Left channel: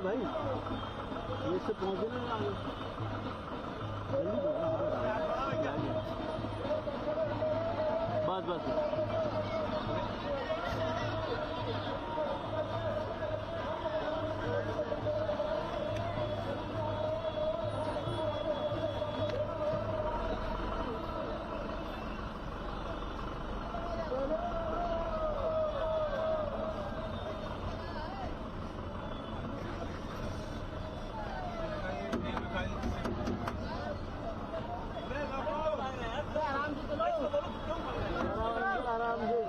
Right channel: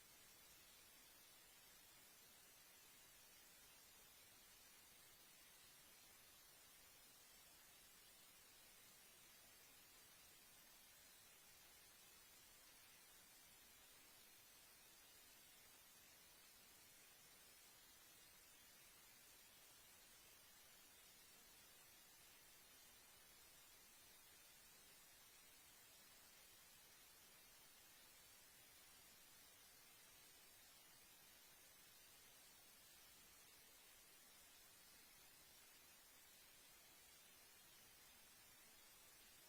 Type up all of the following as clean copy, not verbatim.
यार भाई ये इससे पहुँचे ना आगे जल्दी बस आराम से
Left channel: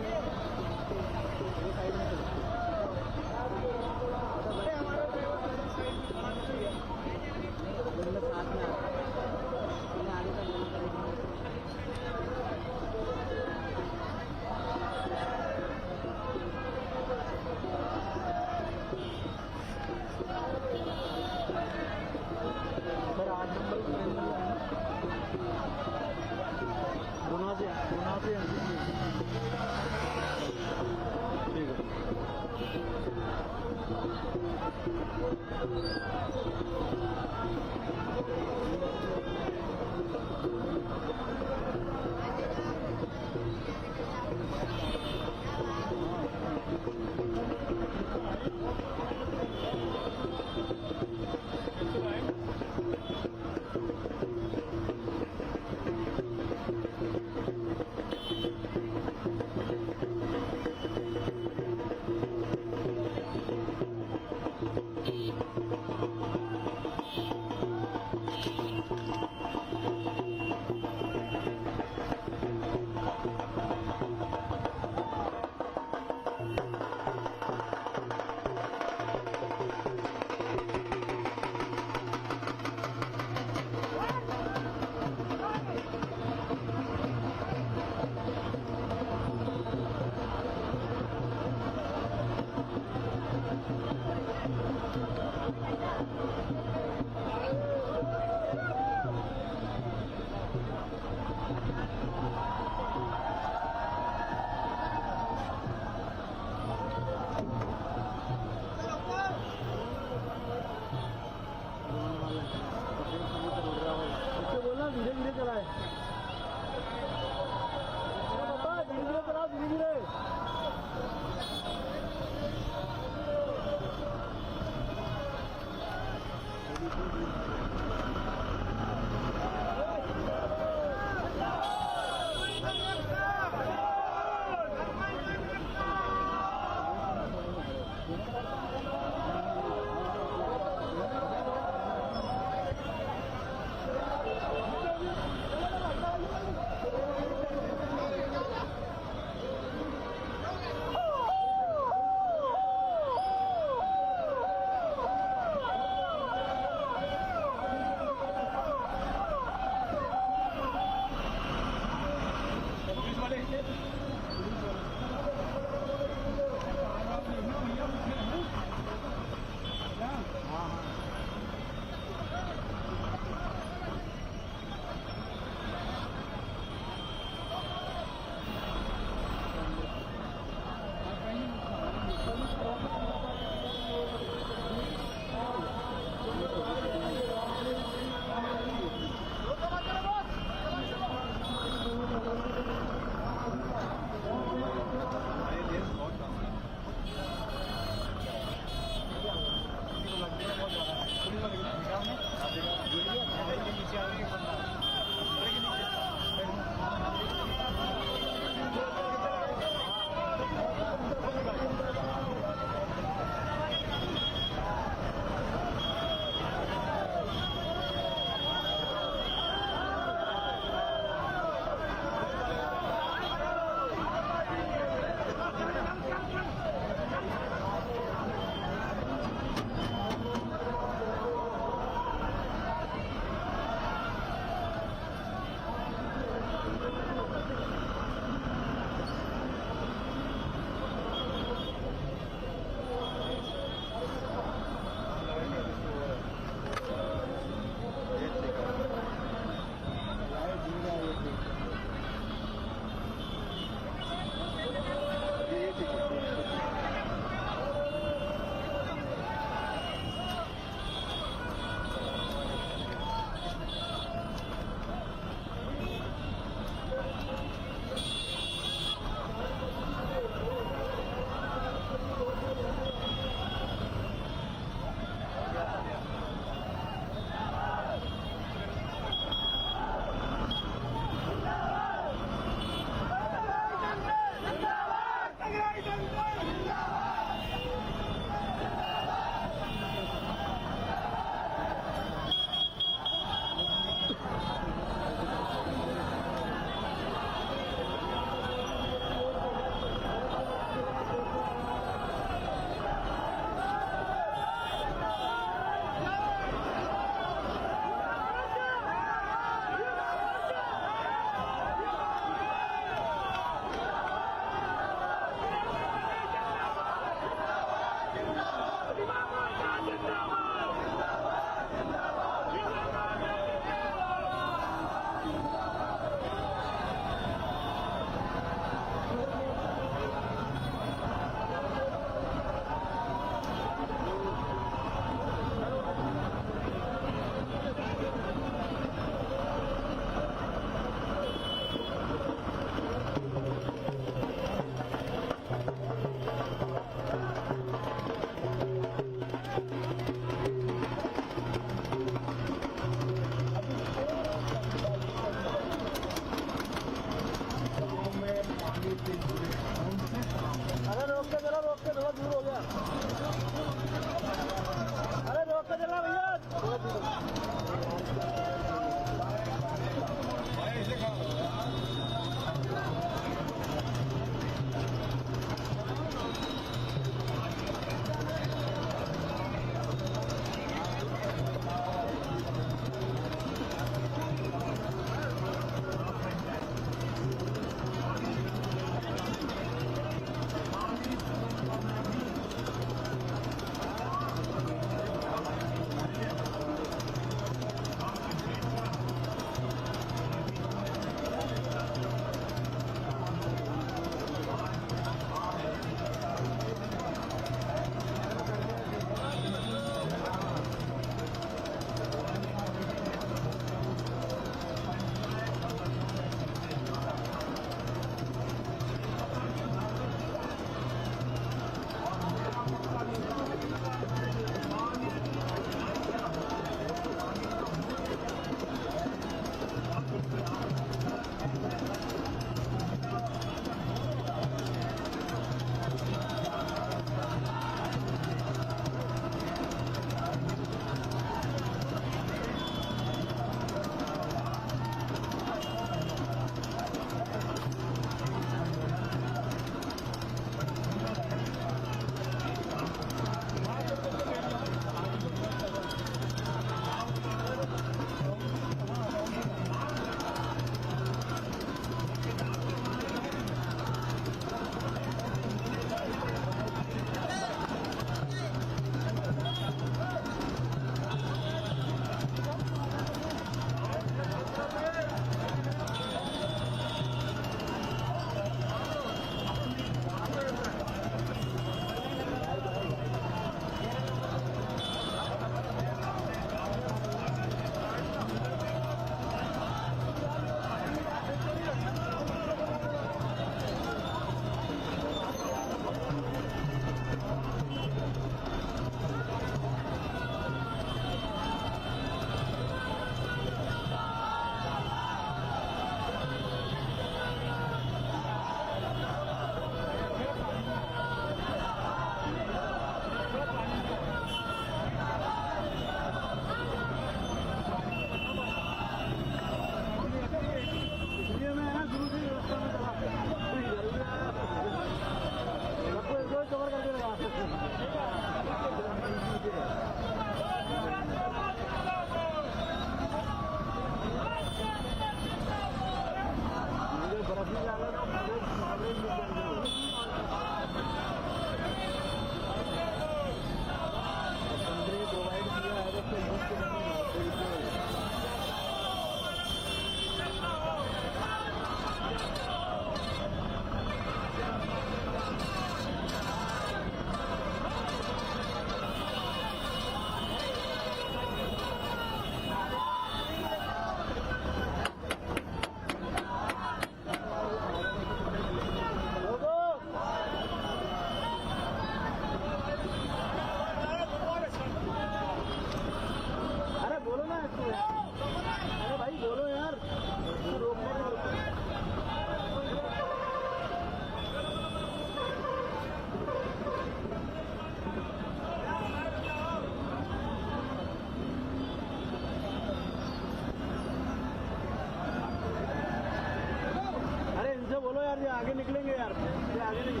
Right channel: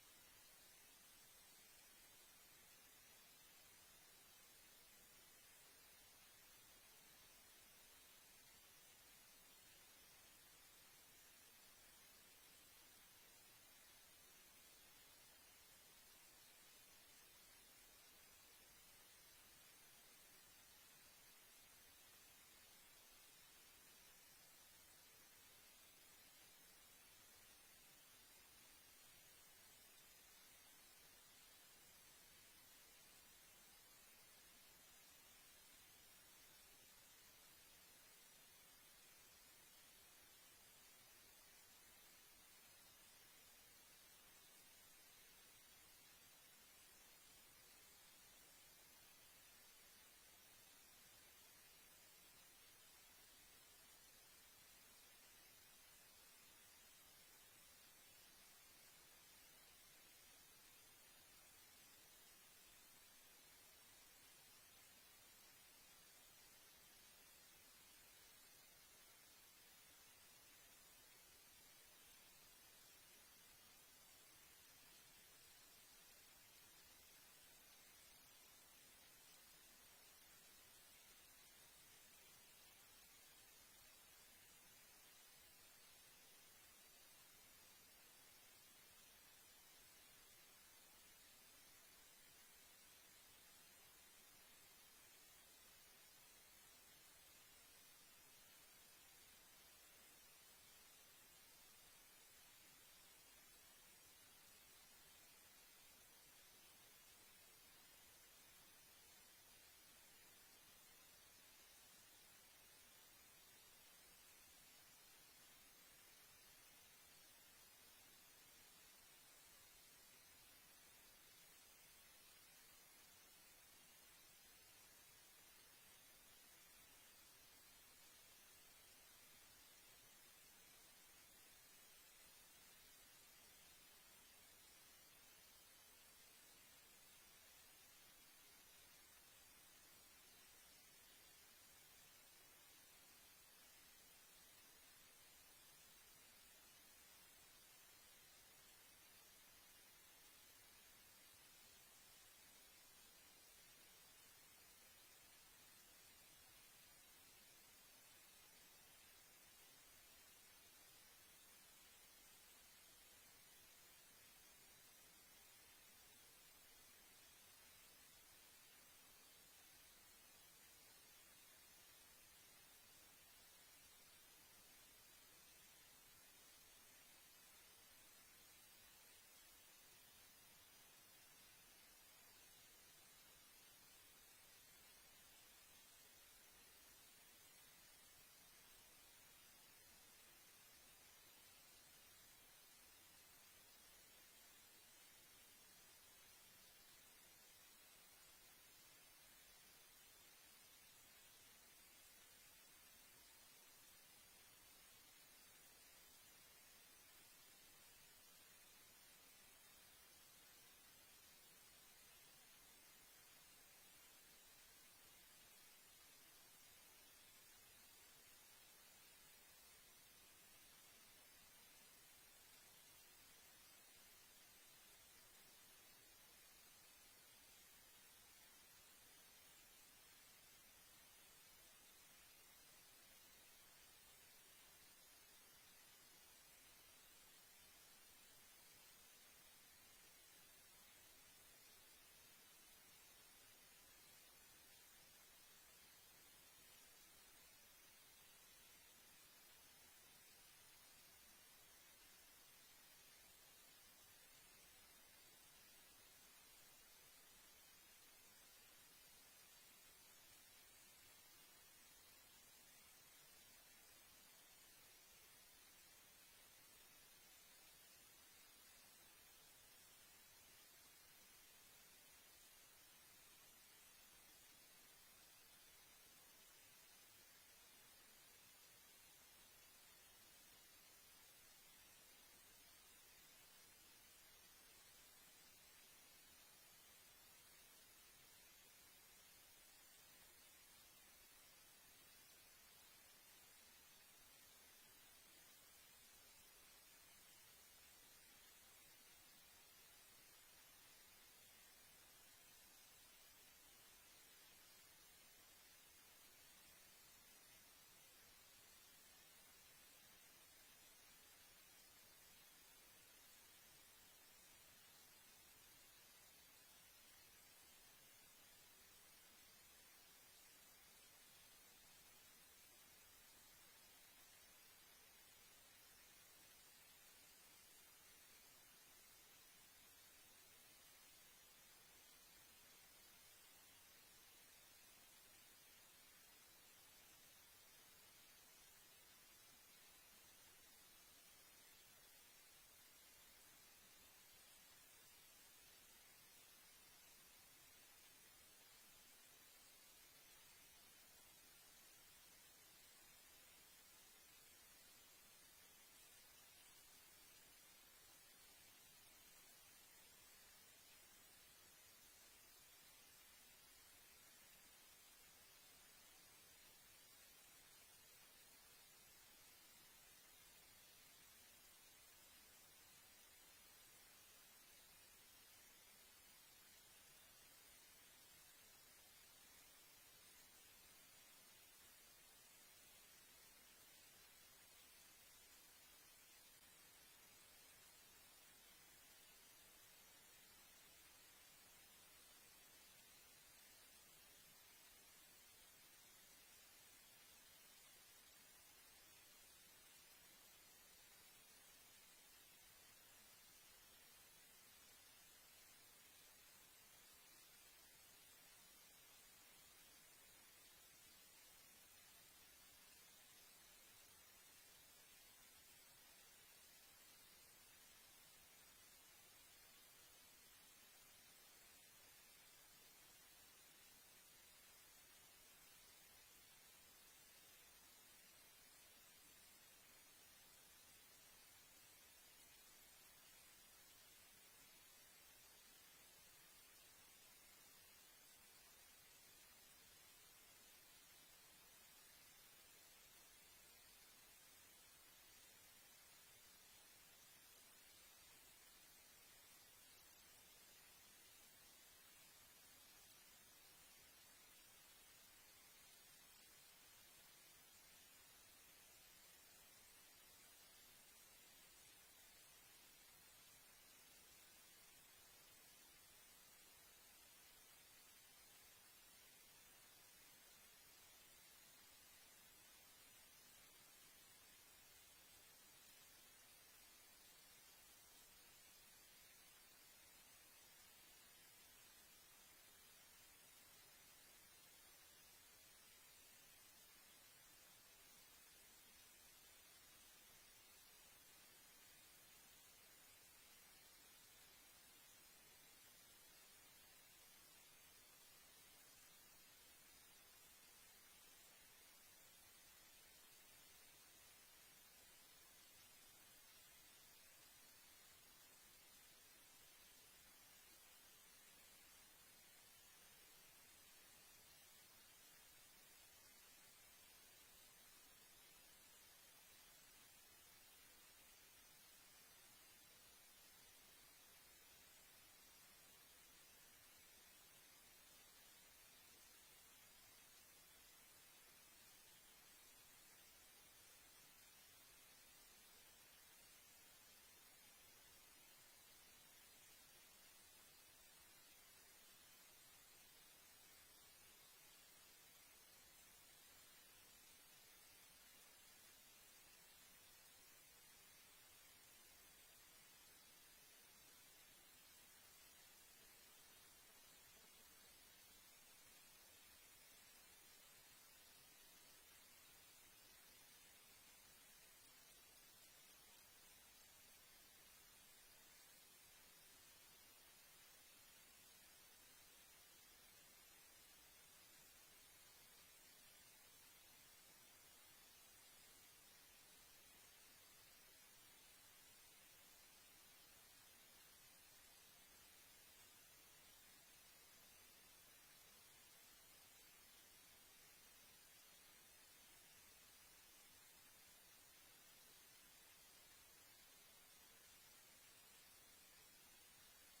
आगे निकलेंगे यार, ये आगे नहीं।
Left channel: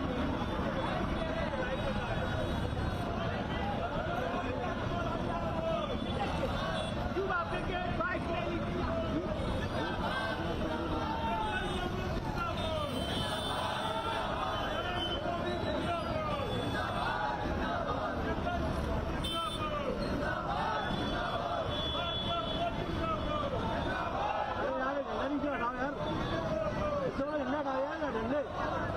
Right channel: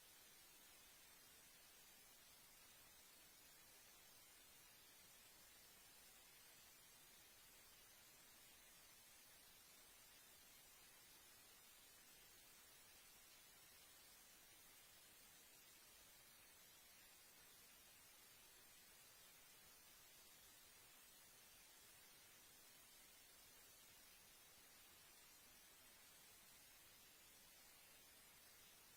अरे यार, झंडा नीचे हटाओ यार, इससे बड़ा झंडा हटाओ यार, झंडे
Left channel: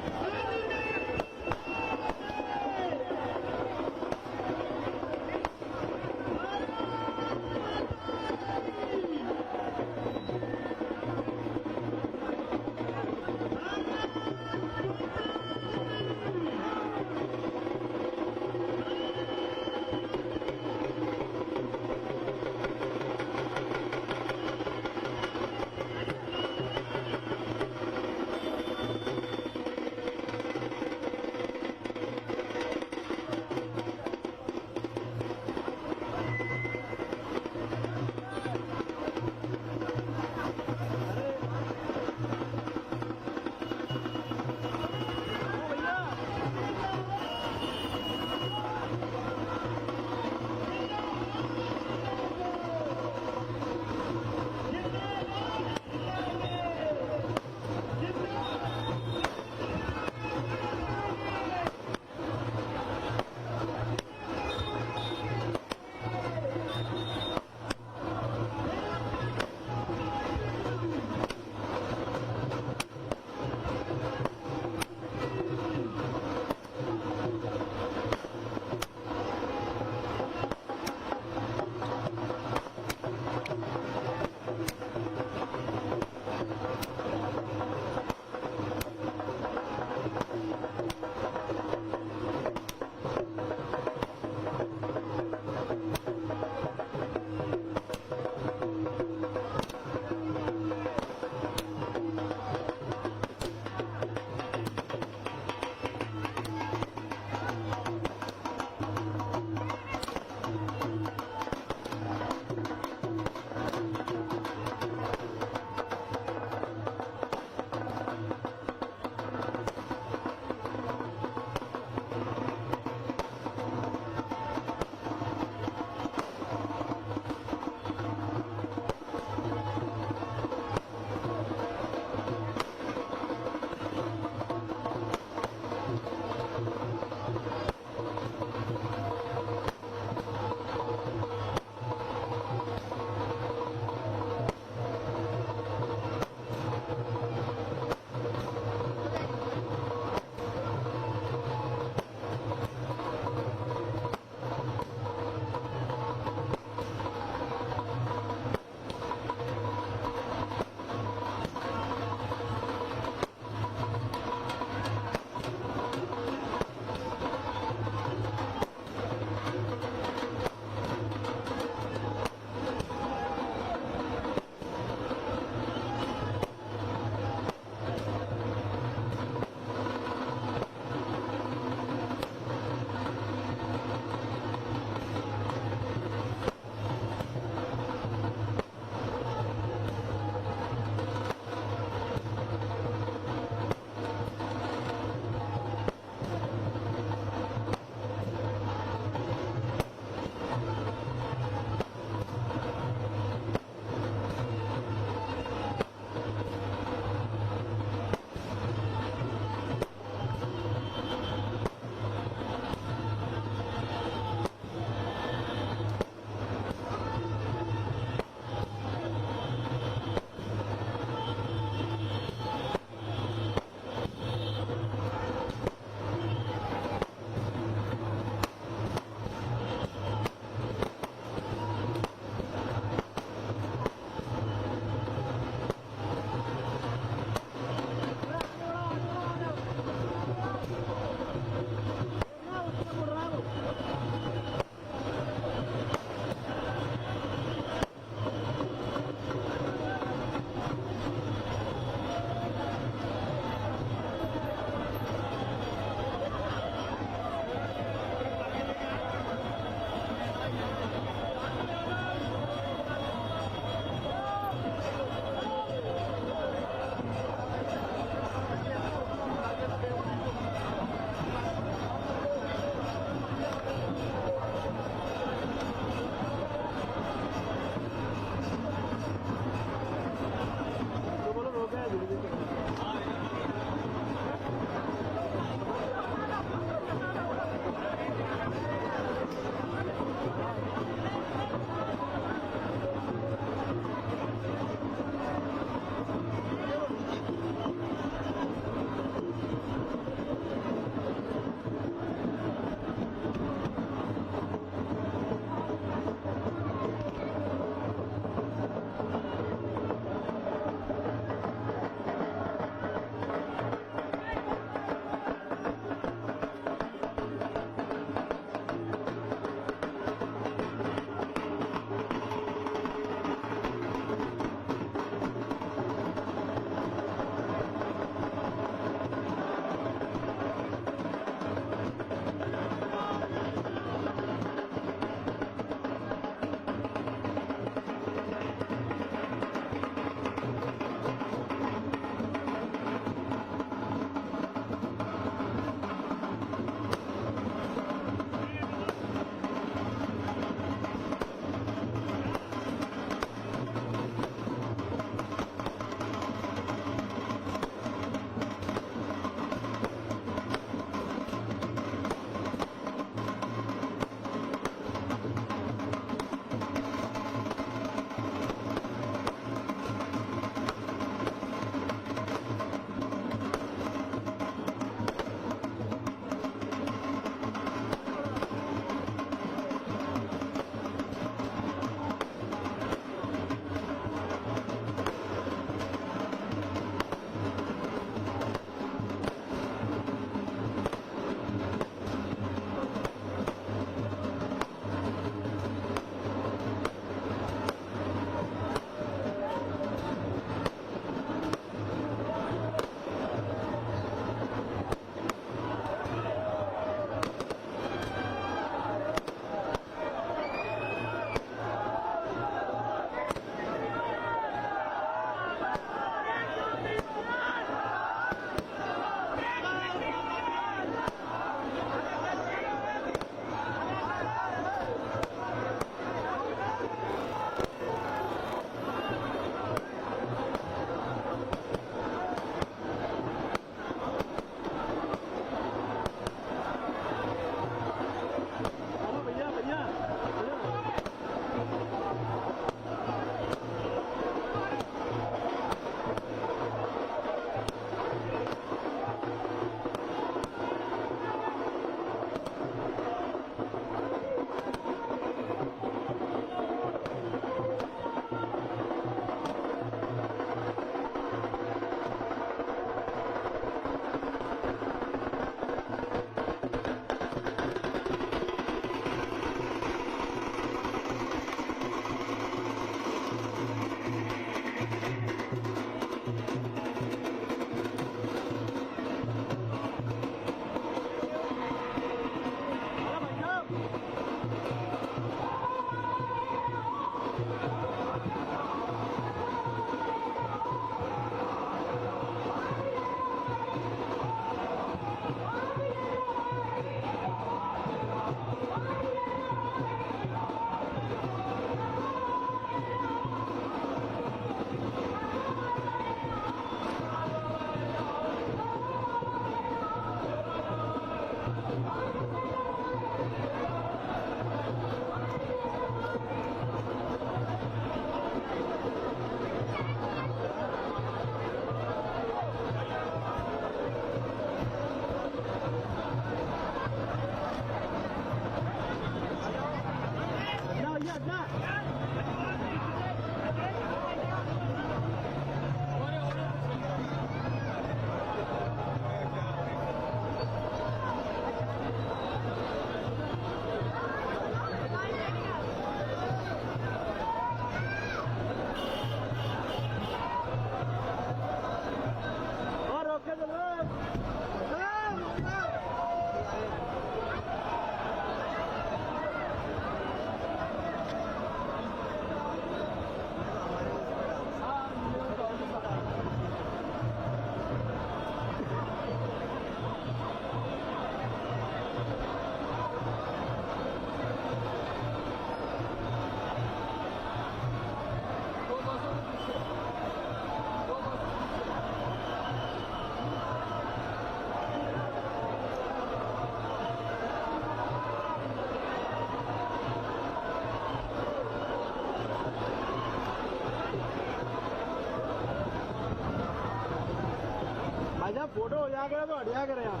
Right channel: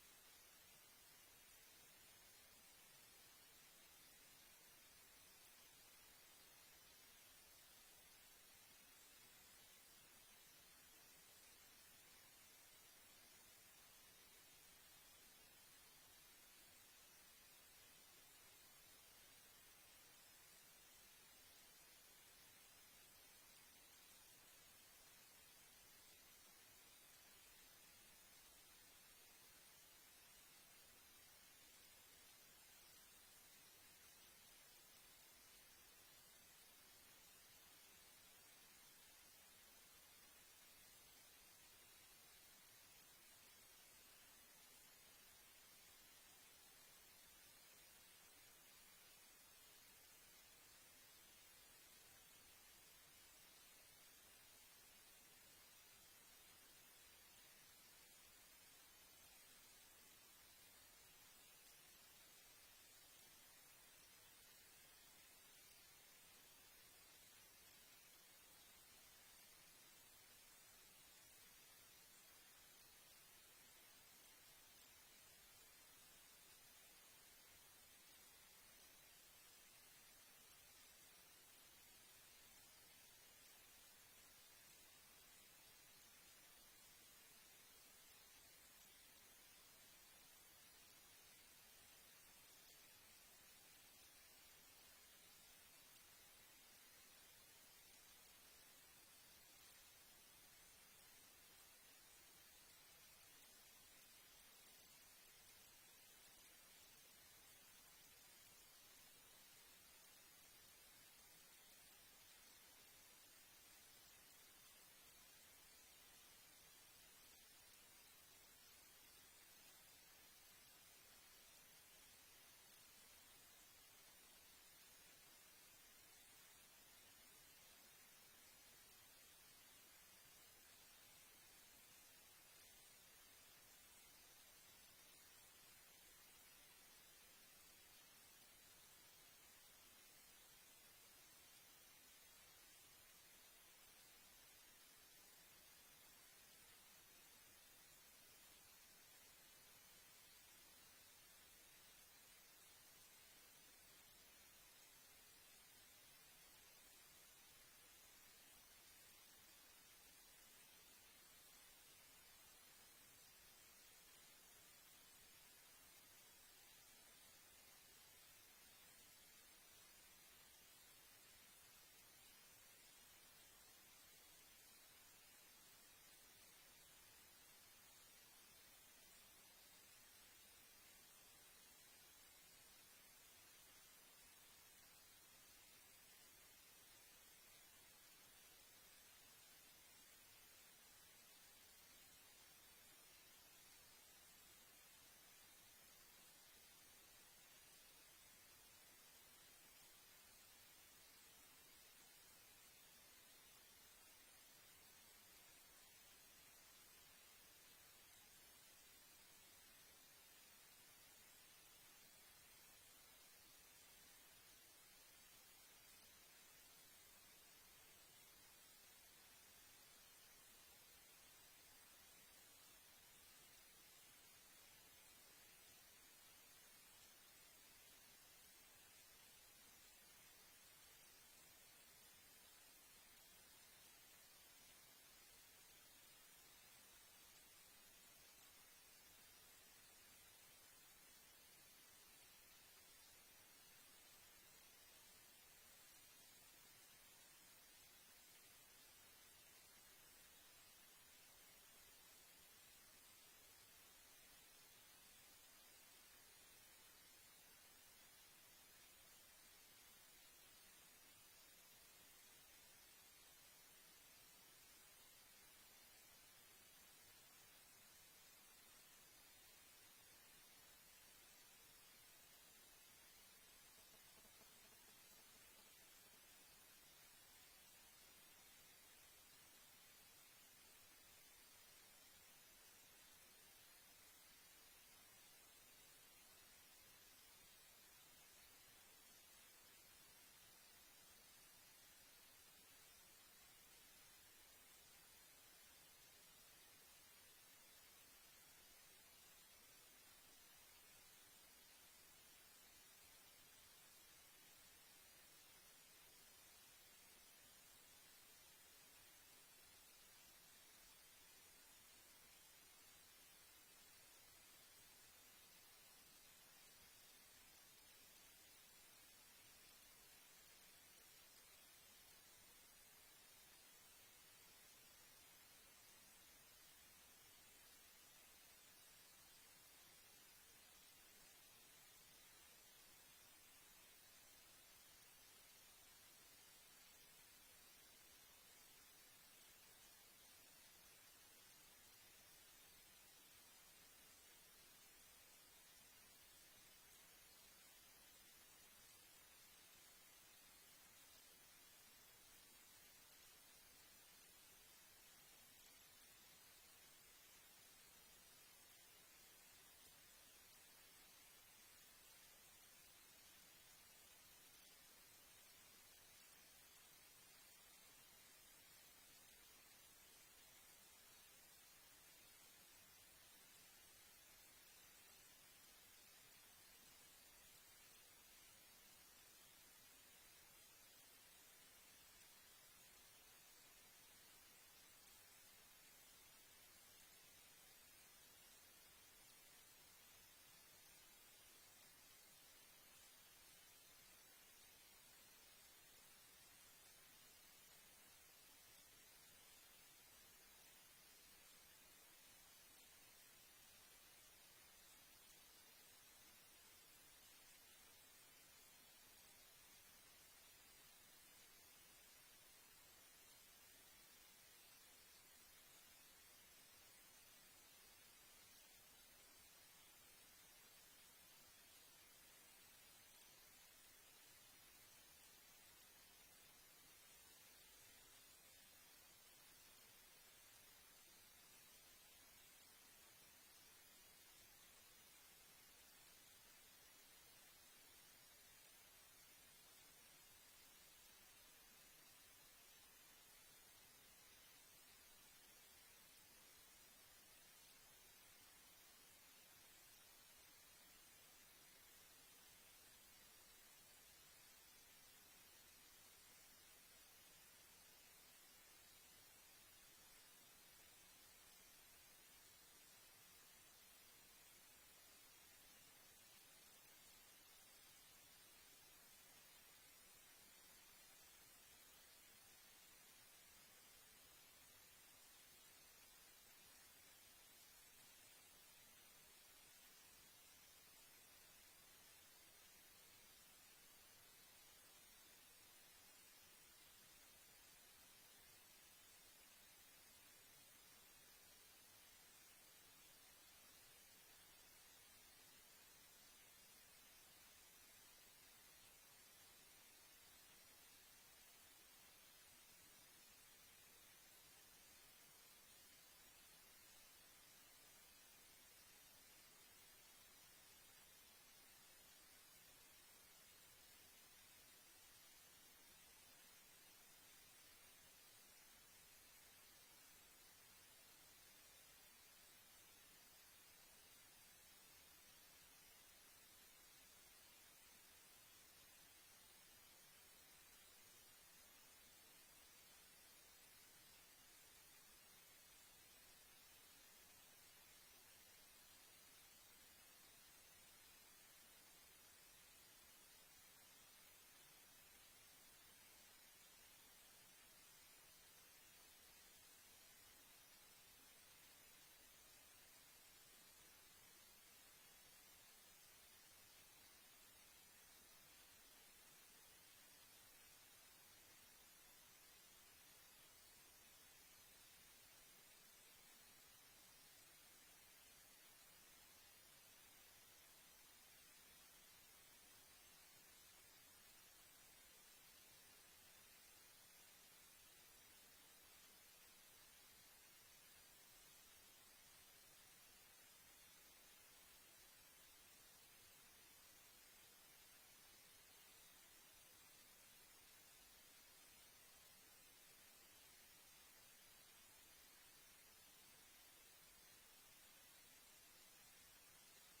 फोटो हो जा करे तो हटिया करे आप।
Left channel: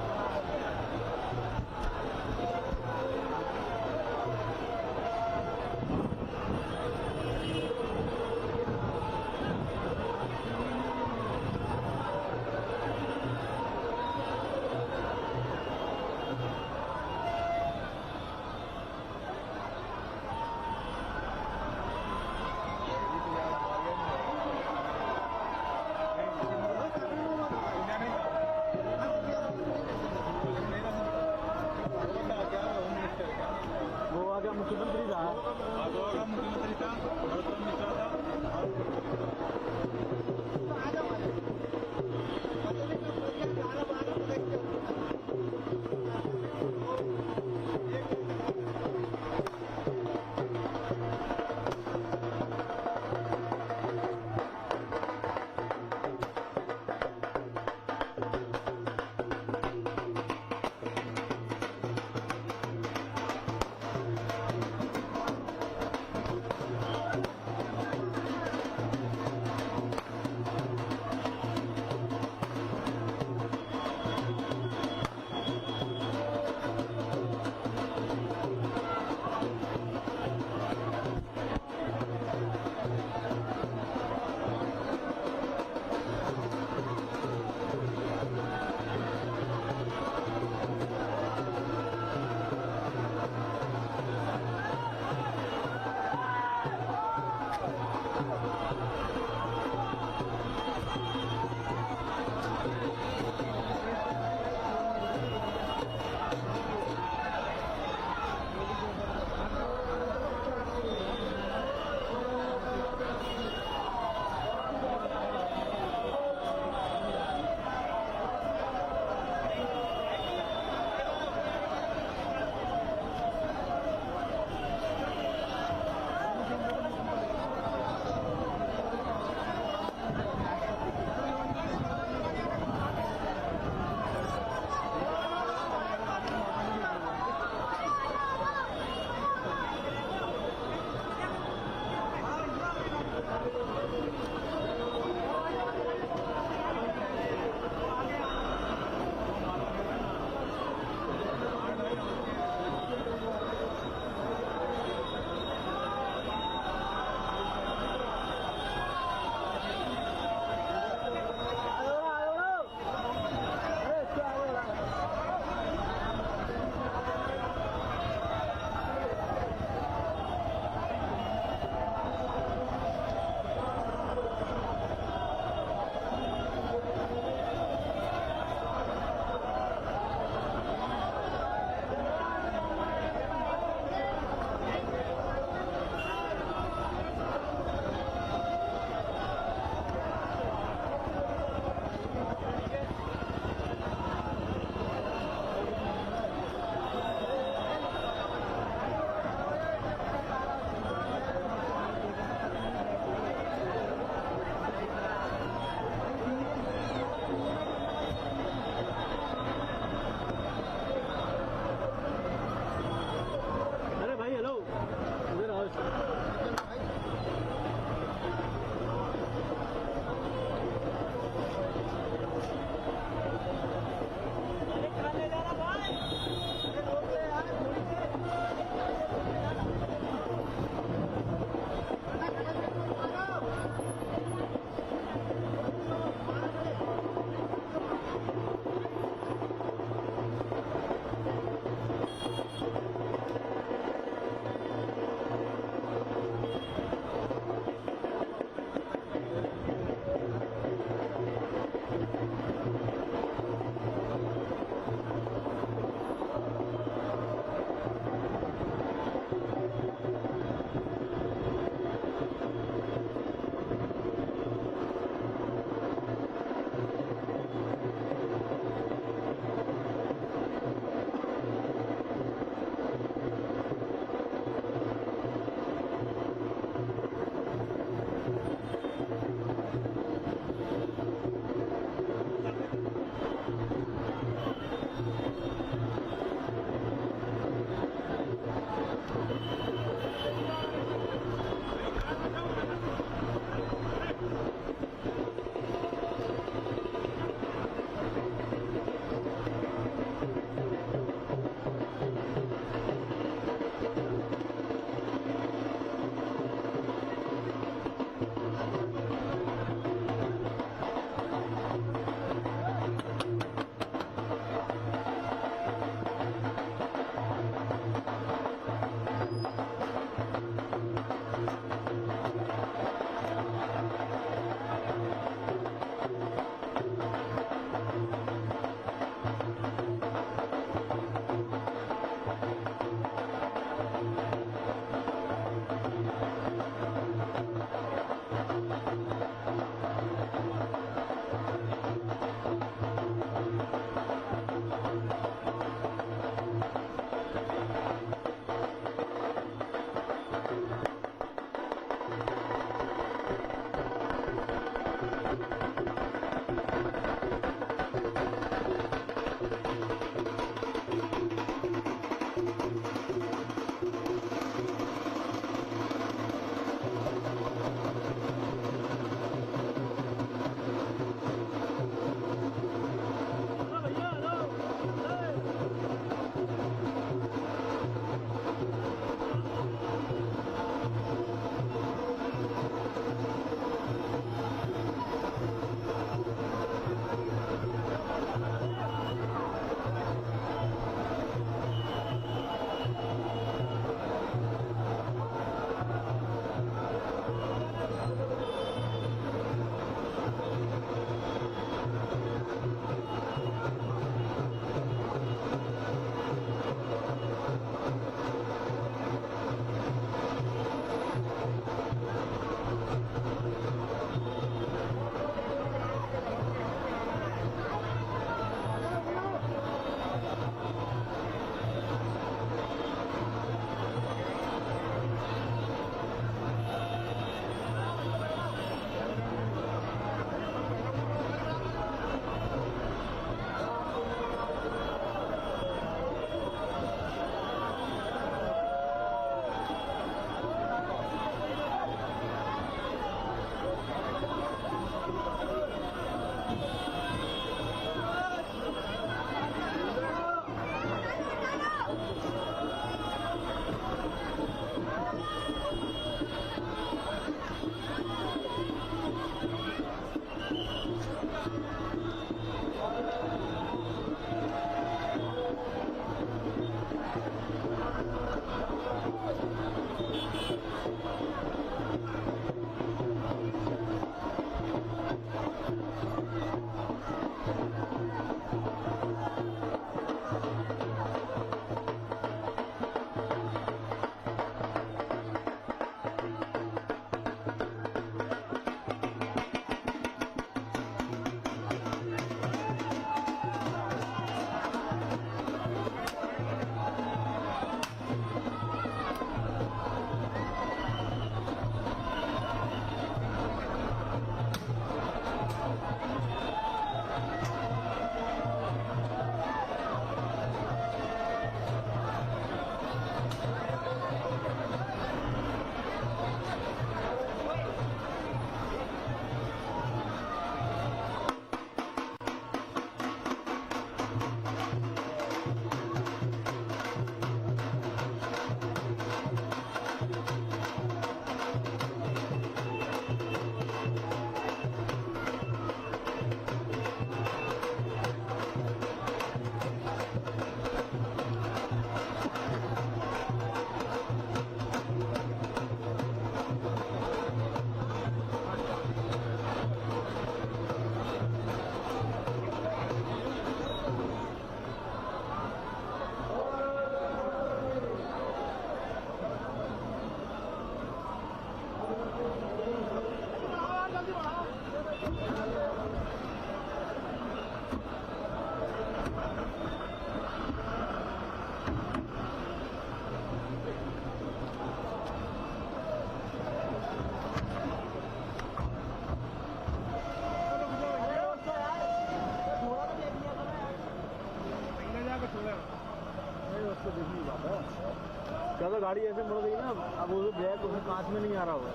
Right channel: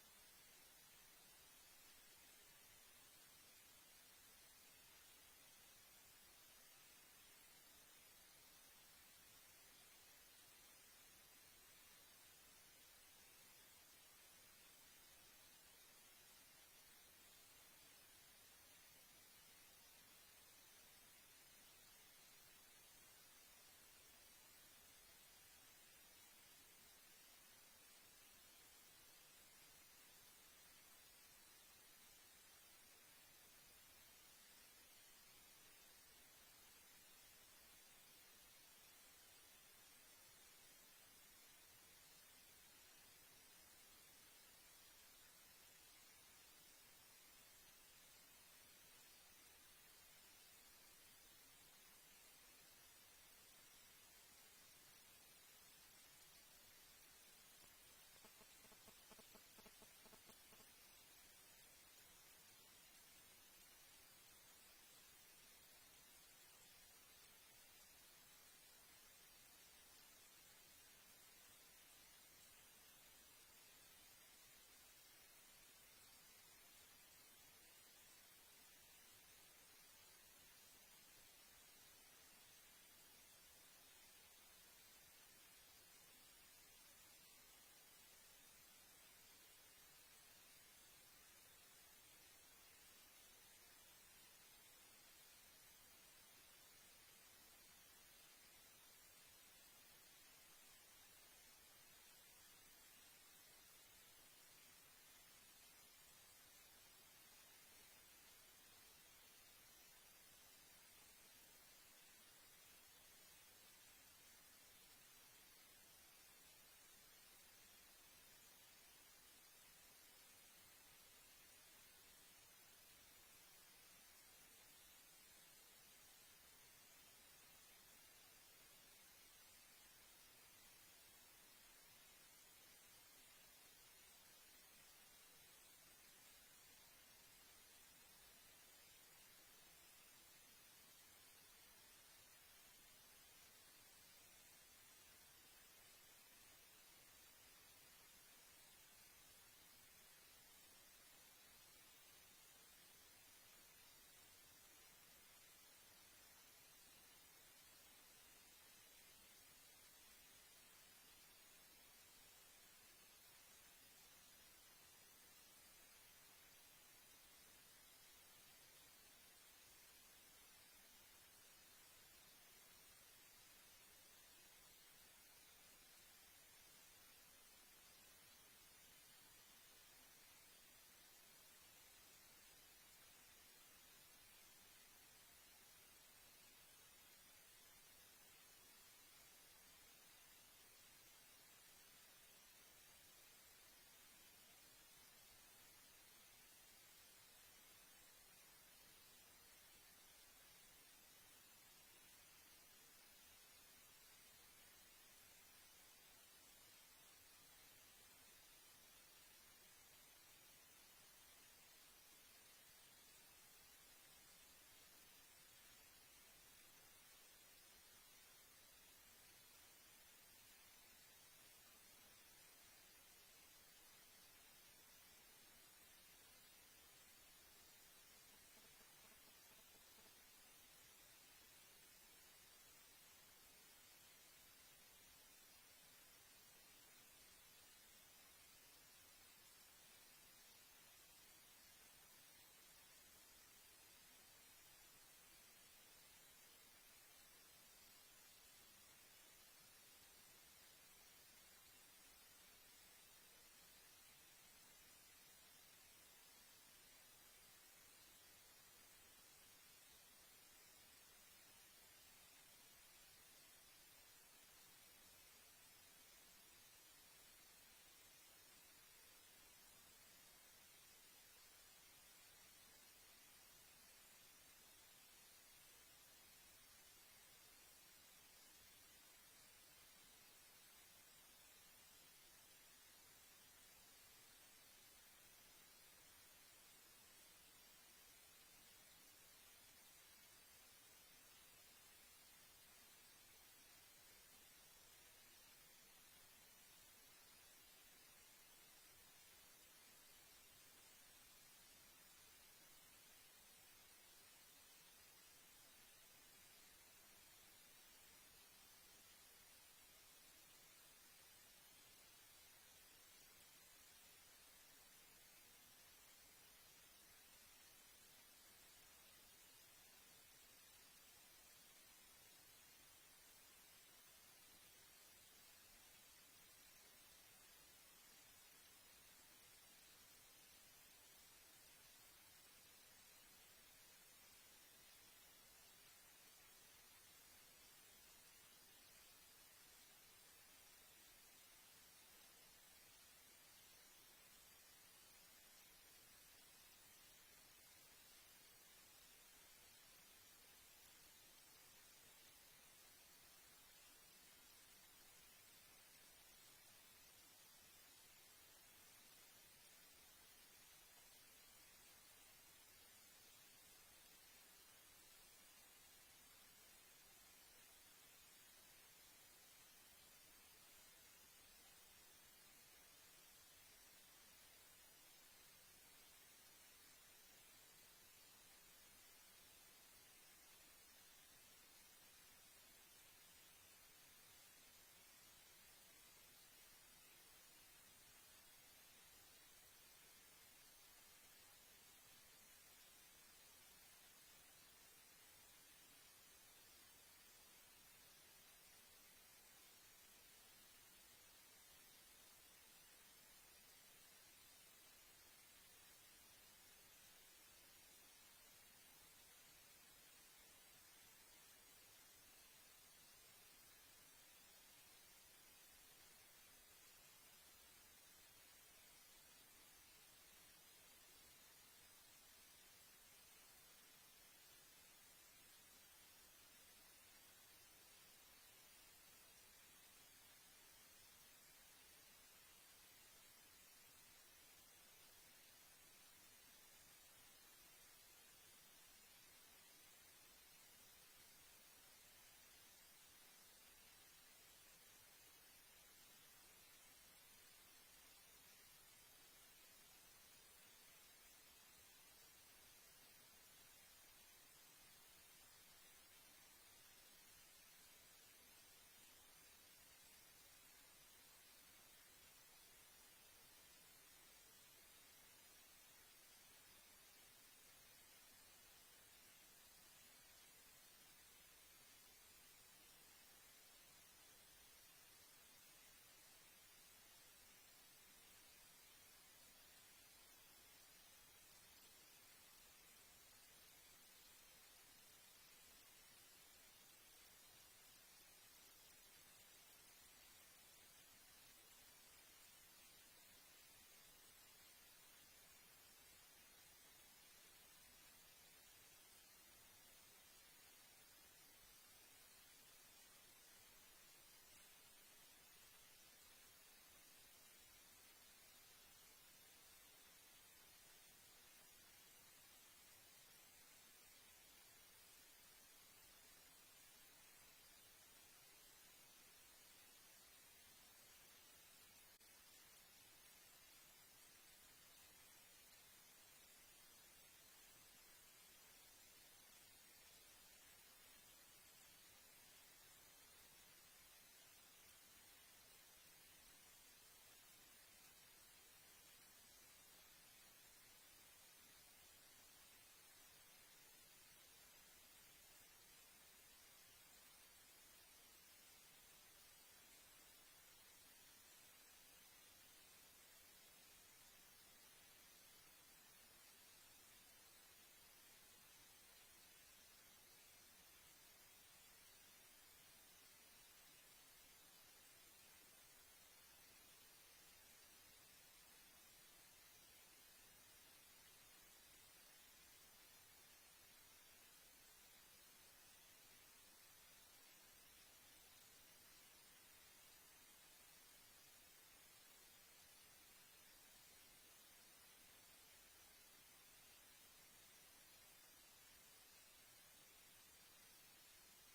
गाड़ी ऐसे मुड़ गई ना, अब वो ब्रेक उसमें कांच में नहीं आ रहा होगा।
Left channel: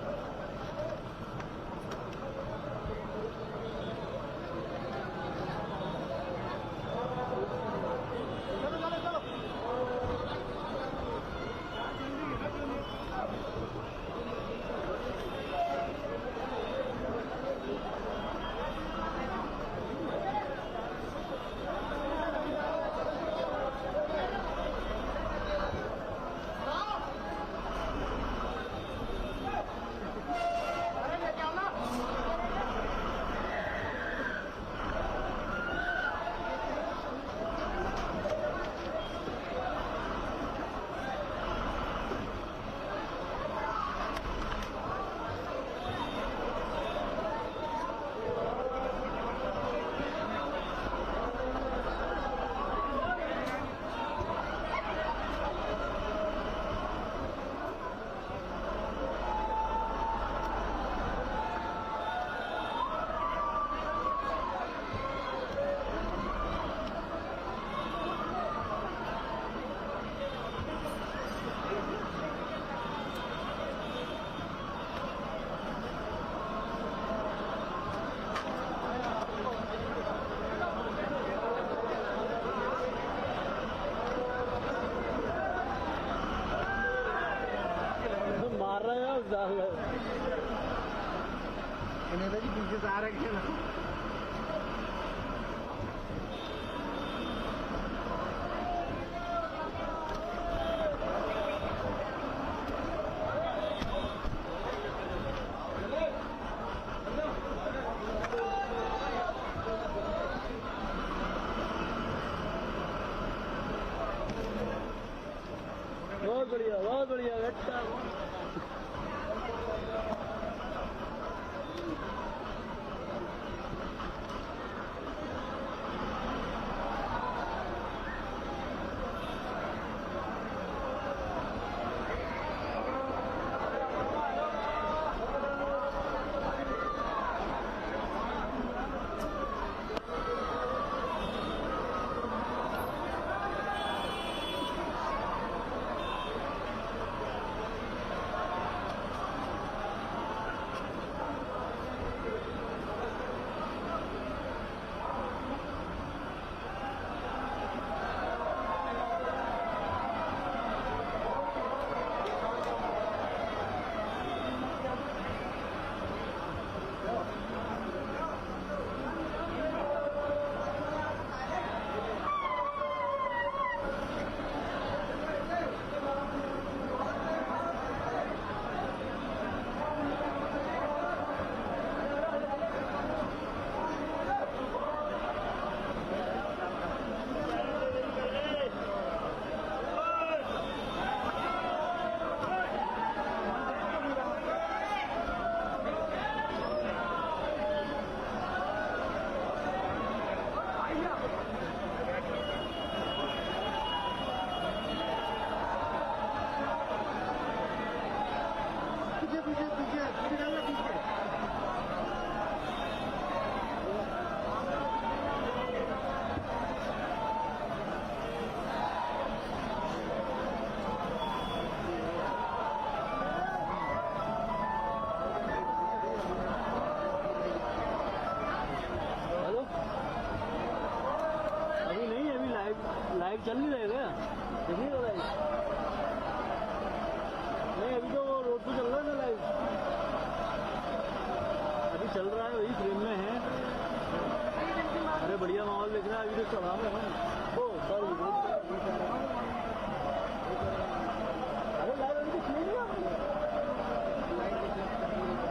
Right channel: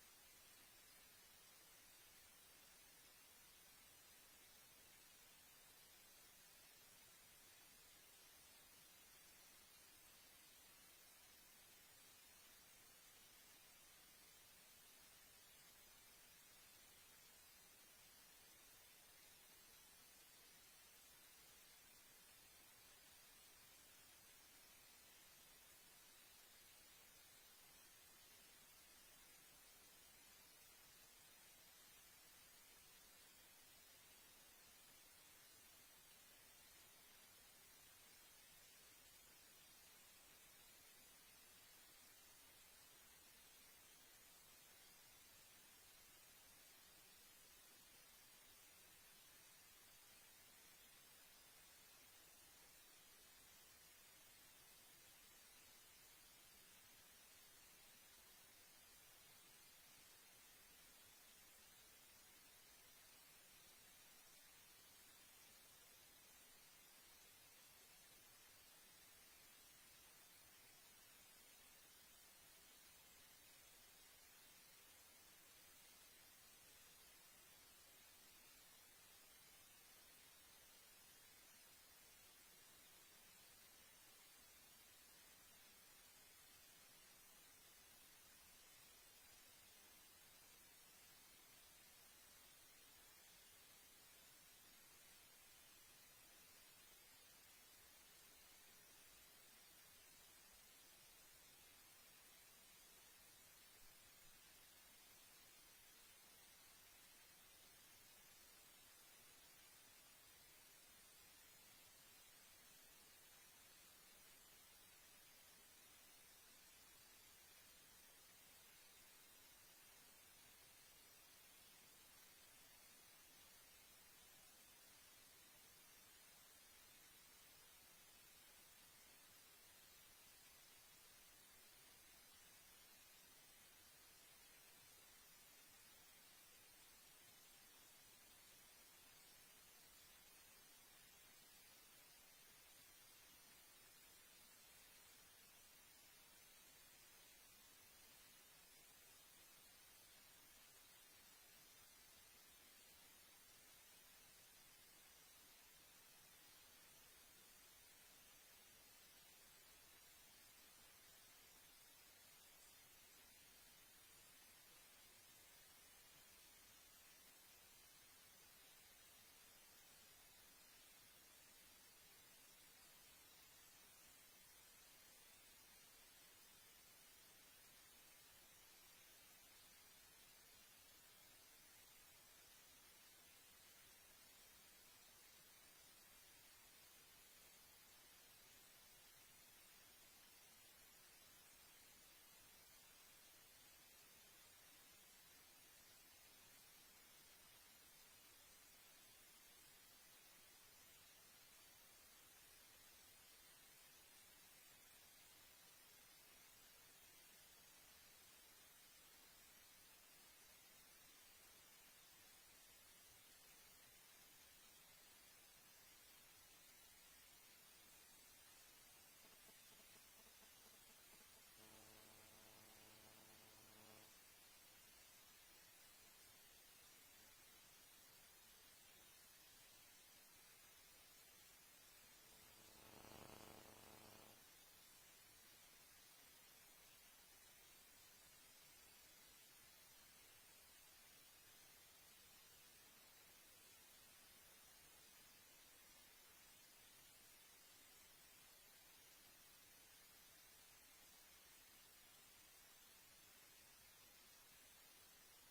मार रहे हैं जी पीछे से आ रहे हैं ना। बहुत बढ़िया बेटा। लाइव चल नहीं रहेगा, देखिए लाइव नहीं, अभी तो रोड पे चल रहा है ना लाइव, अभी चल रहा है, वही फ्रेम में है। अरे बढ़िया माहौल दिख रहा है, अभी तो चढ़ा में हम ओ सर अरे लाइव अभी तो नहीं है।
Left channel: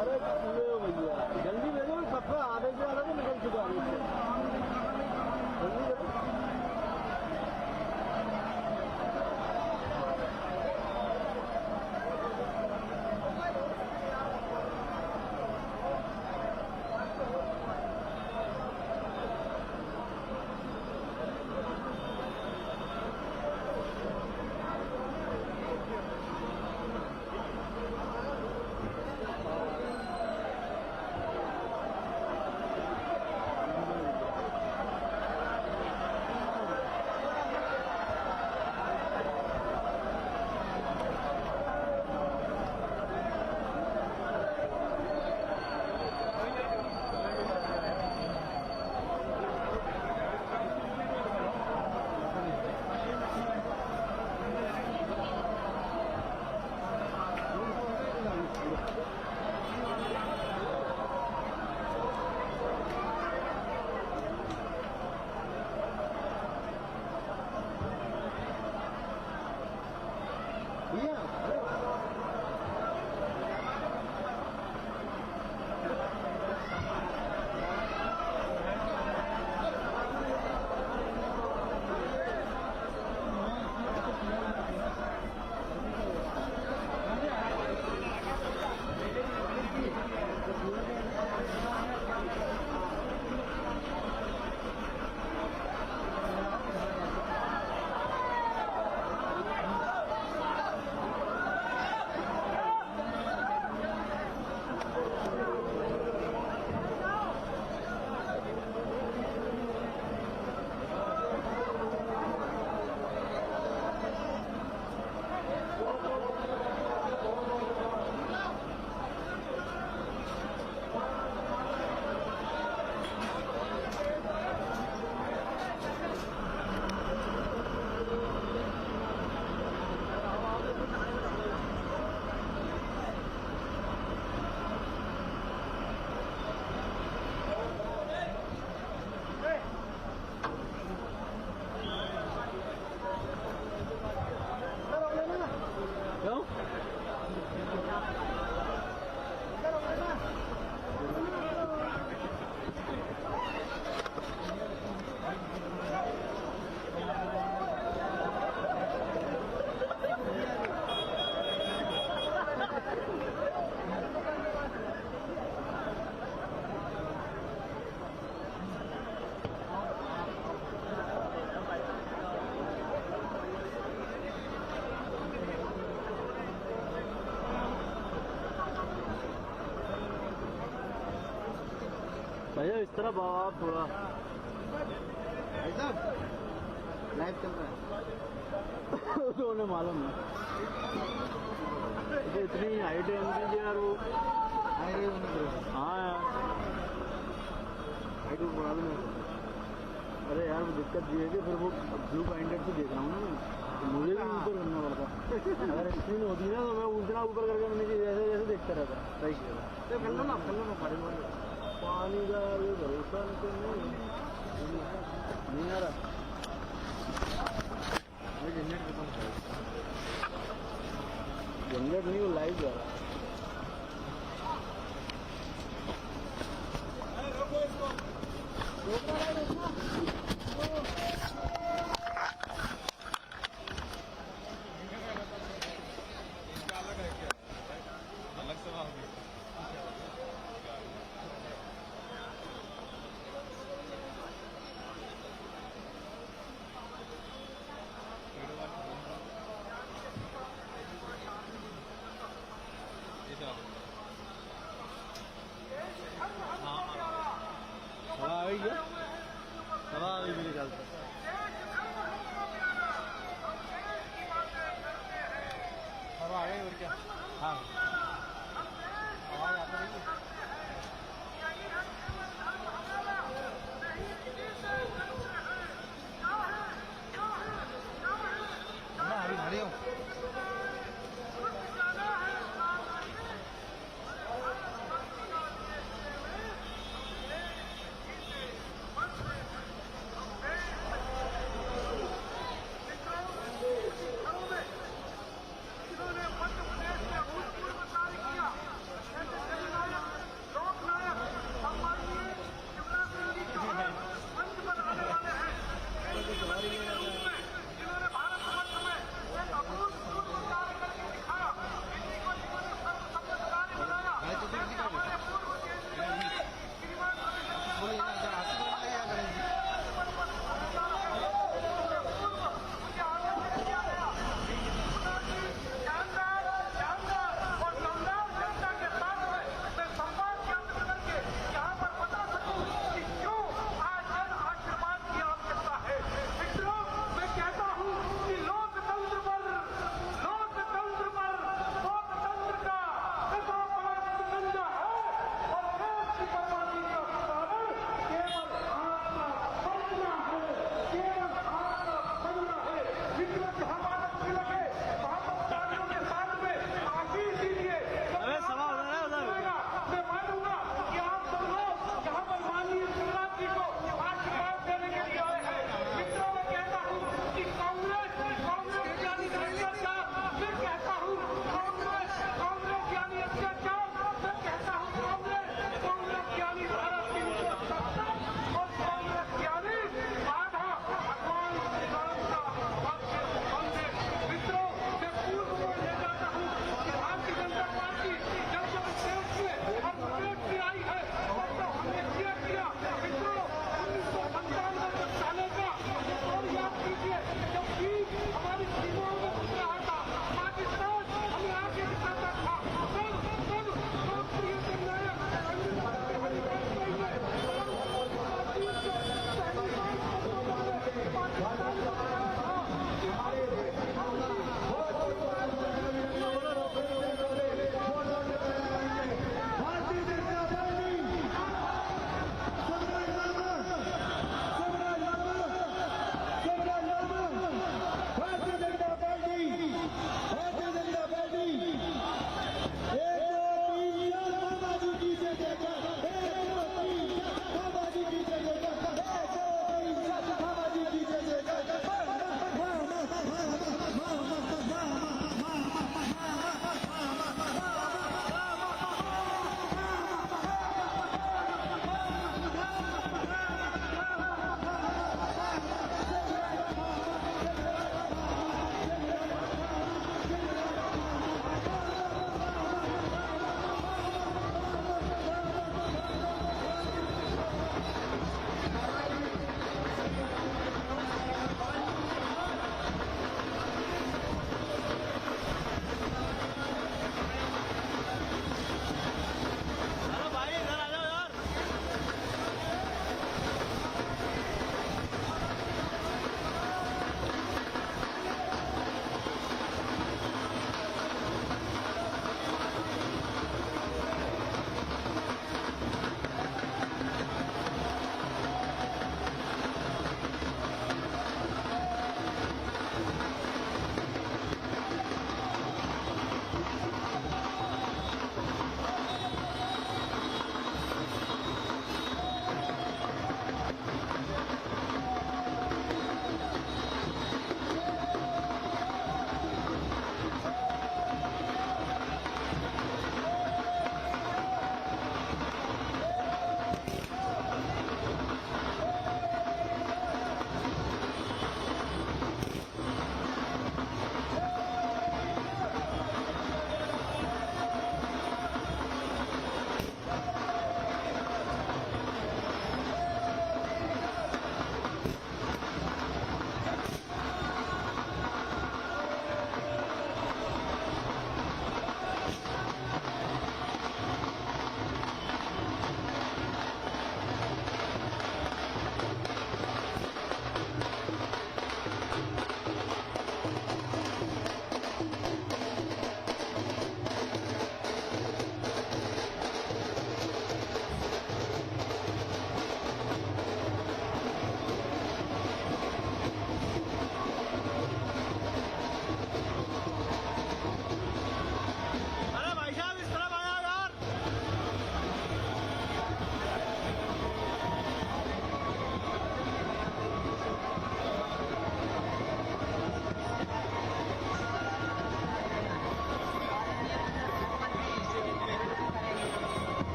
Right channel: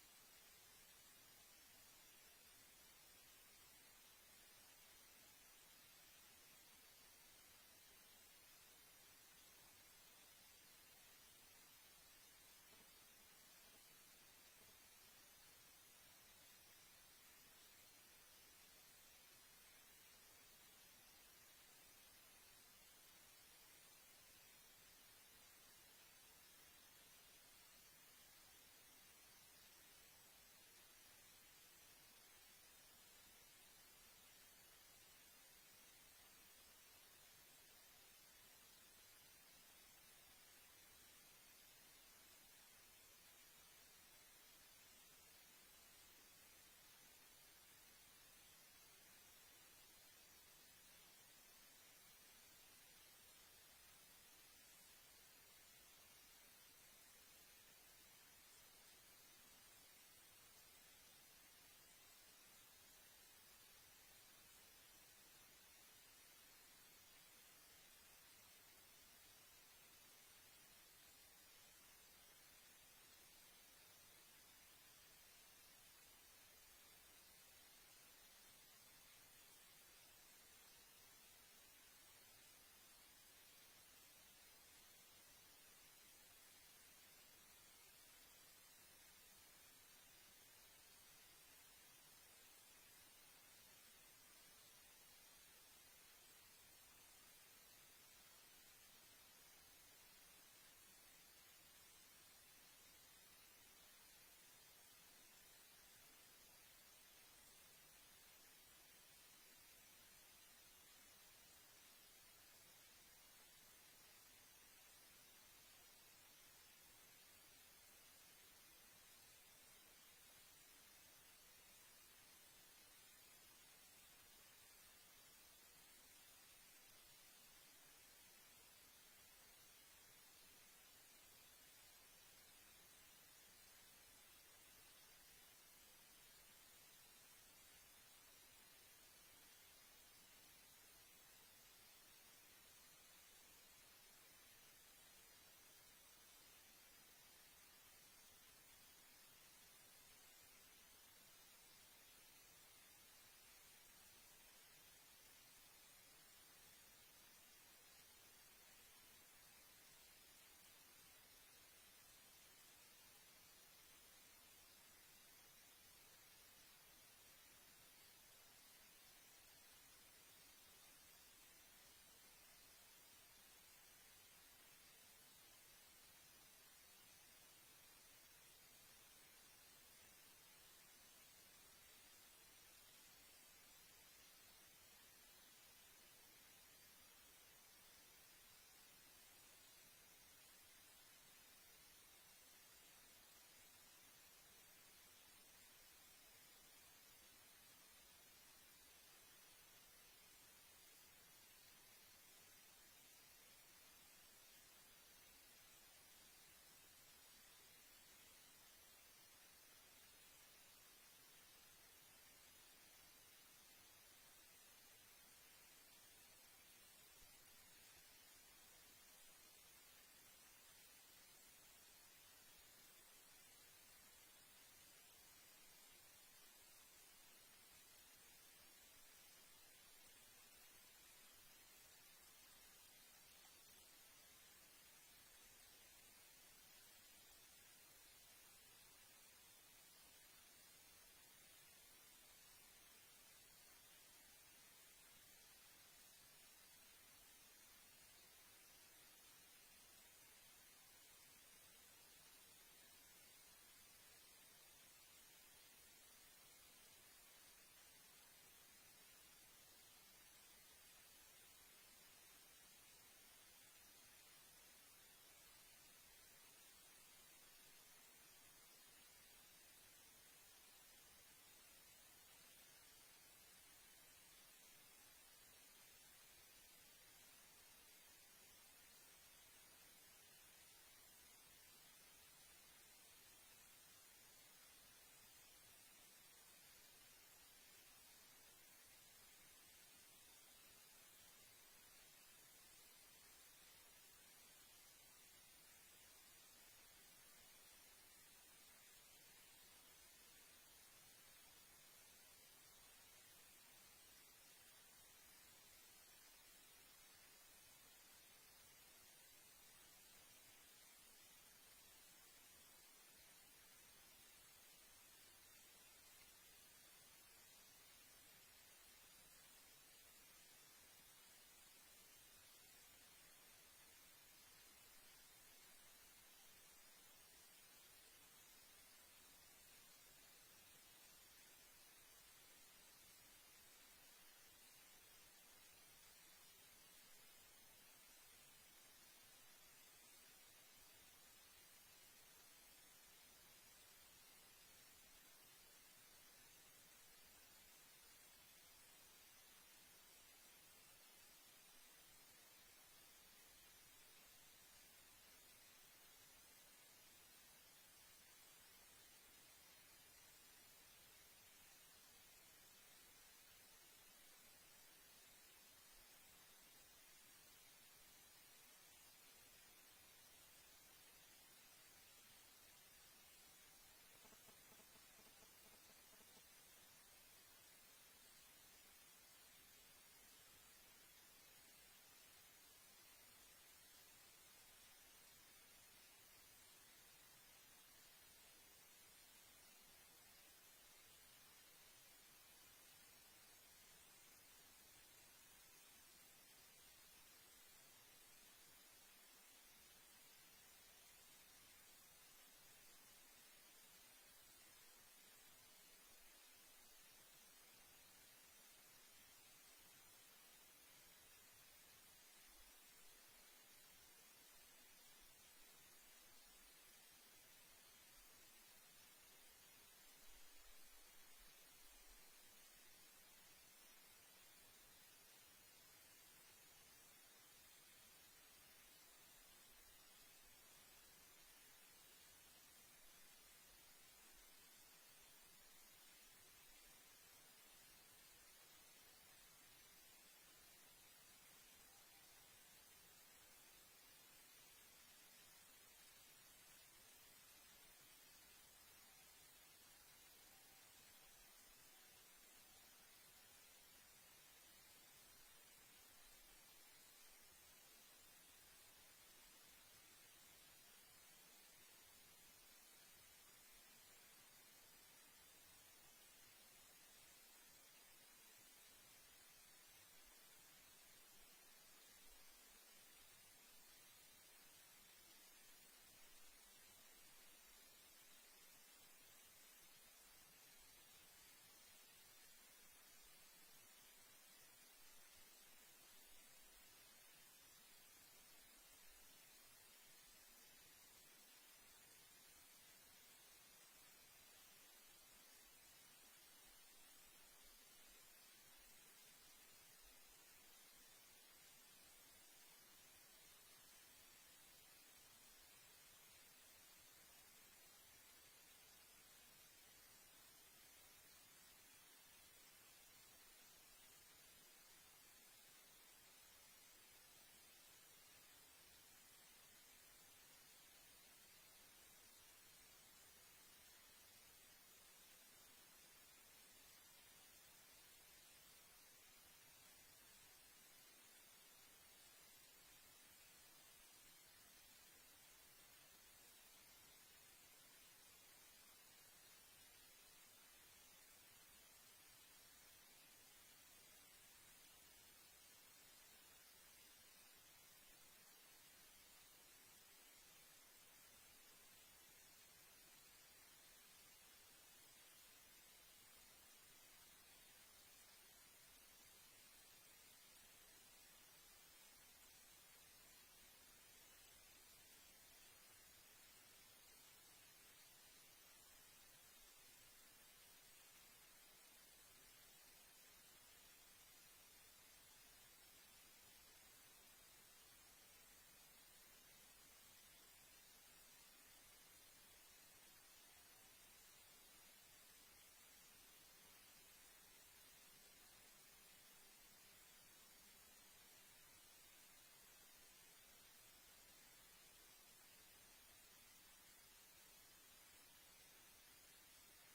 अरे भैया जल्दी ले लो, सबका आधे से आधा तो निकल चुका है, जल्दी करो। भैया इस तरह भाव आप थोड़ा ऐसा लाइव चल रहा है। तो उन्हें मालूम है तो इतनी हाइट है उनकी यार वो। अरे हाँ यार हाइट मालूम है। अरे यार वो दिक्कत ये है कि फिर वो ब्लू बाइंडेड से देख रहा हूँ ना मैं, तो मुझे भी ऊपर करना पड़ता। अगर स्क्रीन होती ना तो मैं उतना ऊपर करके मैंने जैसे जैसे देखता रहता। सही किया तो कर लो ना पानी वाले पानी का ये भरोसा तो नहीं आ रहा। जनरेट खत्म हो जनरेट नहीं वो लाइव जा रहा। अलग से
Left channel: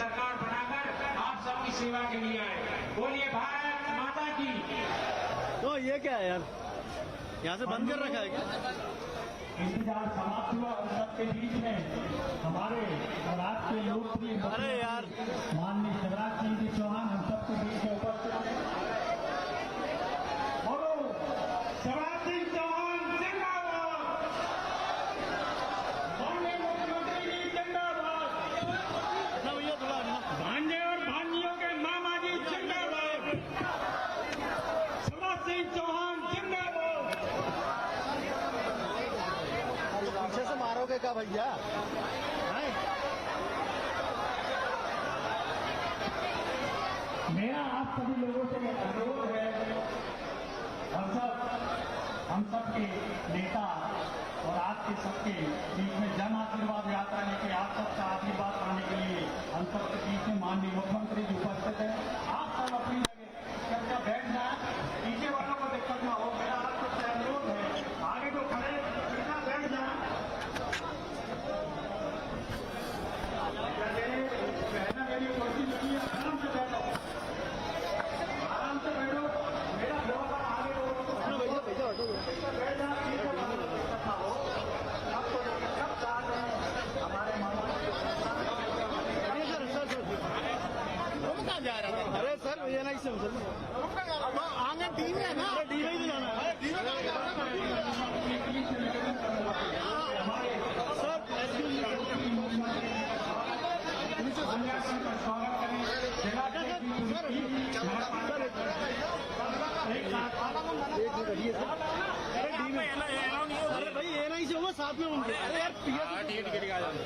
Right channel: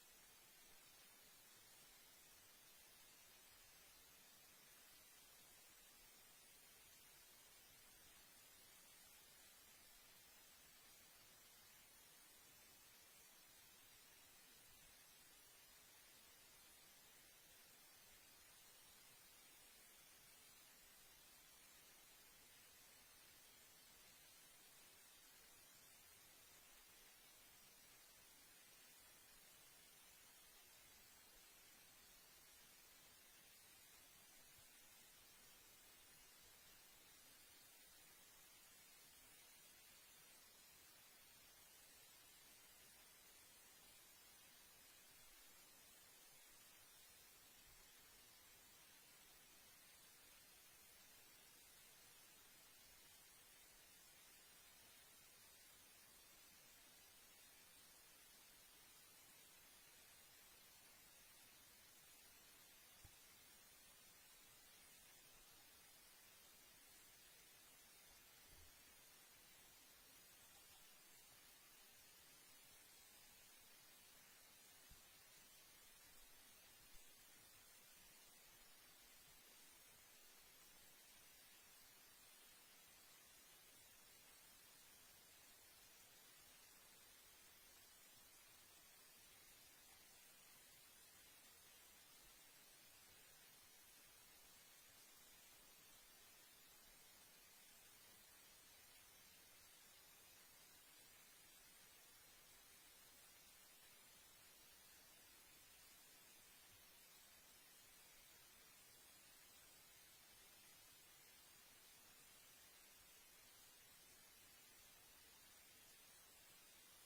सरकार बनाकर आप सबकी सेवा के लिए आए। बोलिए भारत माता की। तो ये क्या है यार, यहाँ से बंद कर रखा है क्या? इंतजार समाप्त हुआ और सबके बीच में हमारे राज्य के लोकप्रिय अरे यार, माननीय शिवराज सिंह जी चौहान हम सबके बीच में उपस्थित हैं। बोलो शिवराज सिंह चौहान जिंदाबाद। माननीय मुख्यमंत्री जी जिंदाबाद। ना भैया थोड़ा ना। भांजे और भांजियों के मामा जी जिंदाबाद। शिवराज सिंह चौहान जिंदाबाद। पीछे से मारोगे क्या भैया? हैं? मेरा आप सभी लोगों से अनुरोध है, हम सबके नेता और आपके सबके बीच में जन आशीर्वाद यात्रा लेके आप सबका आशीर्वाद पाने के लिए हम सबके बीच में माननीय मुख्यमंत्री जी उपस्थित हैं। आप सब अपनी जगह बैठ जाए, पीछे वालों को दिक्कत ना हो। मेरा आप सबसे अनुरोध है, आगे जो खड़े सीधा बैठ जाए। कहना मेरी कुर्सी लगी है, आराम से बैठो, आराम से बैठो। मेरा व्यवहार आगे ना भैया भैया हटो। बैठ जाए, पीछे वालों को दिक्कत ना हो। सबको सब चाहते हैं हमारे अरे सर तुम कहाँ जा रहे थे? अरे सर ये ना इससे आंगन डी में है ना, डी में ही तो जाना है। अरे भाई ये ना इसे होगा साथ में उनके। अरे यार टिकट आ जाना।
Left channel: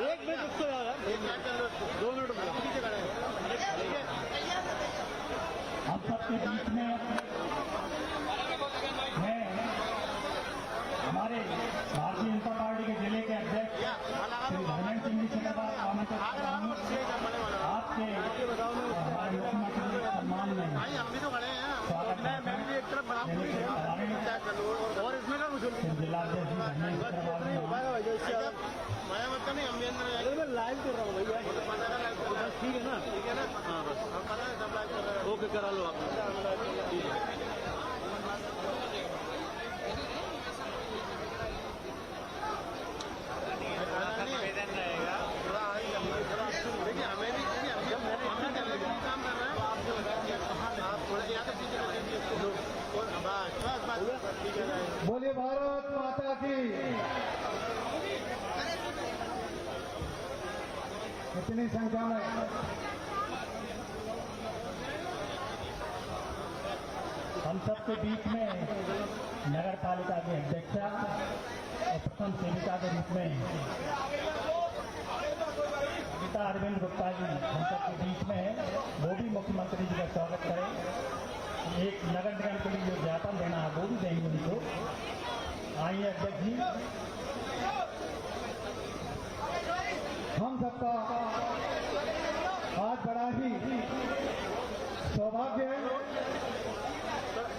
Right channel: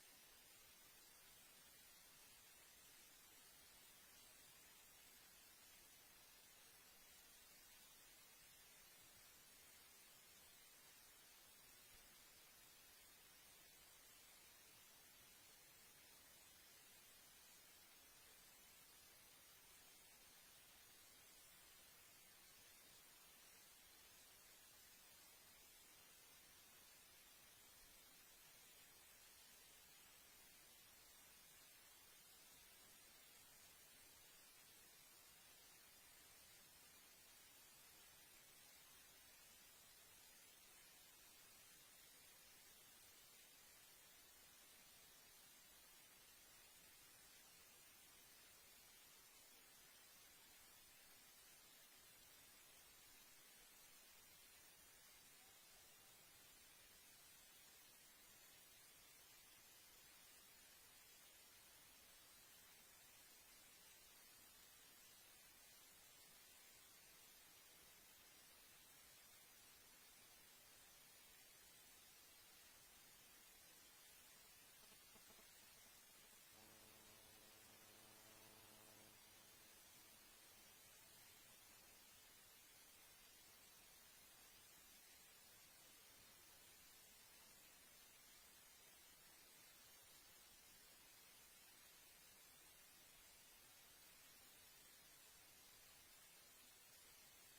एक मिनट रुको यार, 2 मिनट रुको। हम सबके बीच में है हमारे भारतीय जनता पार्टी के जिले के अध्यक्ष श्री धर्मेंद्र सिंह जी से आमंत्रित करता हूं। आपके हमारे मुख्यमंत्री के सम्मान में स्वागत मैं भी एक तरफ बना और इसमें का कुछ जिलाध्यक्ष धर्मेंद्र माया मतलब नहीं, हम मैं लाइव कर रहा हूँ भैया। बस ठीक है ना? ठीक है ना? हाँ बस ओके करा लो आप। ठीक है। निवेदन रहेगा थोड़ा, देखिए हमें भी जब मैंने इतना काम कर रहा है आपसे बता आप थोड़ा ज़्यादा ठीक है। बोलिए भारत माता की। इतनी संख्या में हम सबके बीच में नगर पालिका के अध्यक्षा और प्रथम सेविका के रूप में गीता अरविंद गुप्ता जी हम सबके बीच में है। वो भी मुख्यमंत्री जी का स्वागत करें। एक नगर निगम के लिए जो ज्ञापन देना है वो भी देंगे उनको। आइए अध्यक्ष जी। हम सबका आज बड़ा ही सौभाग्य है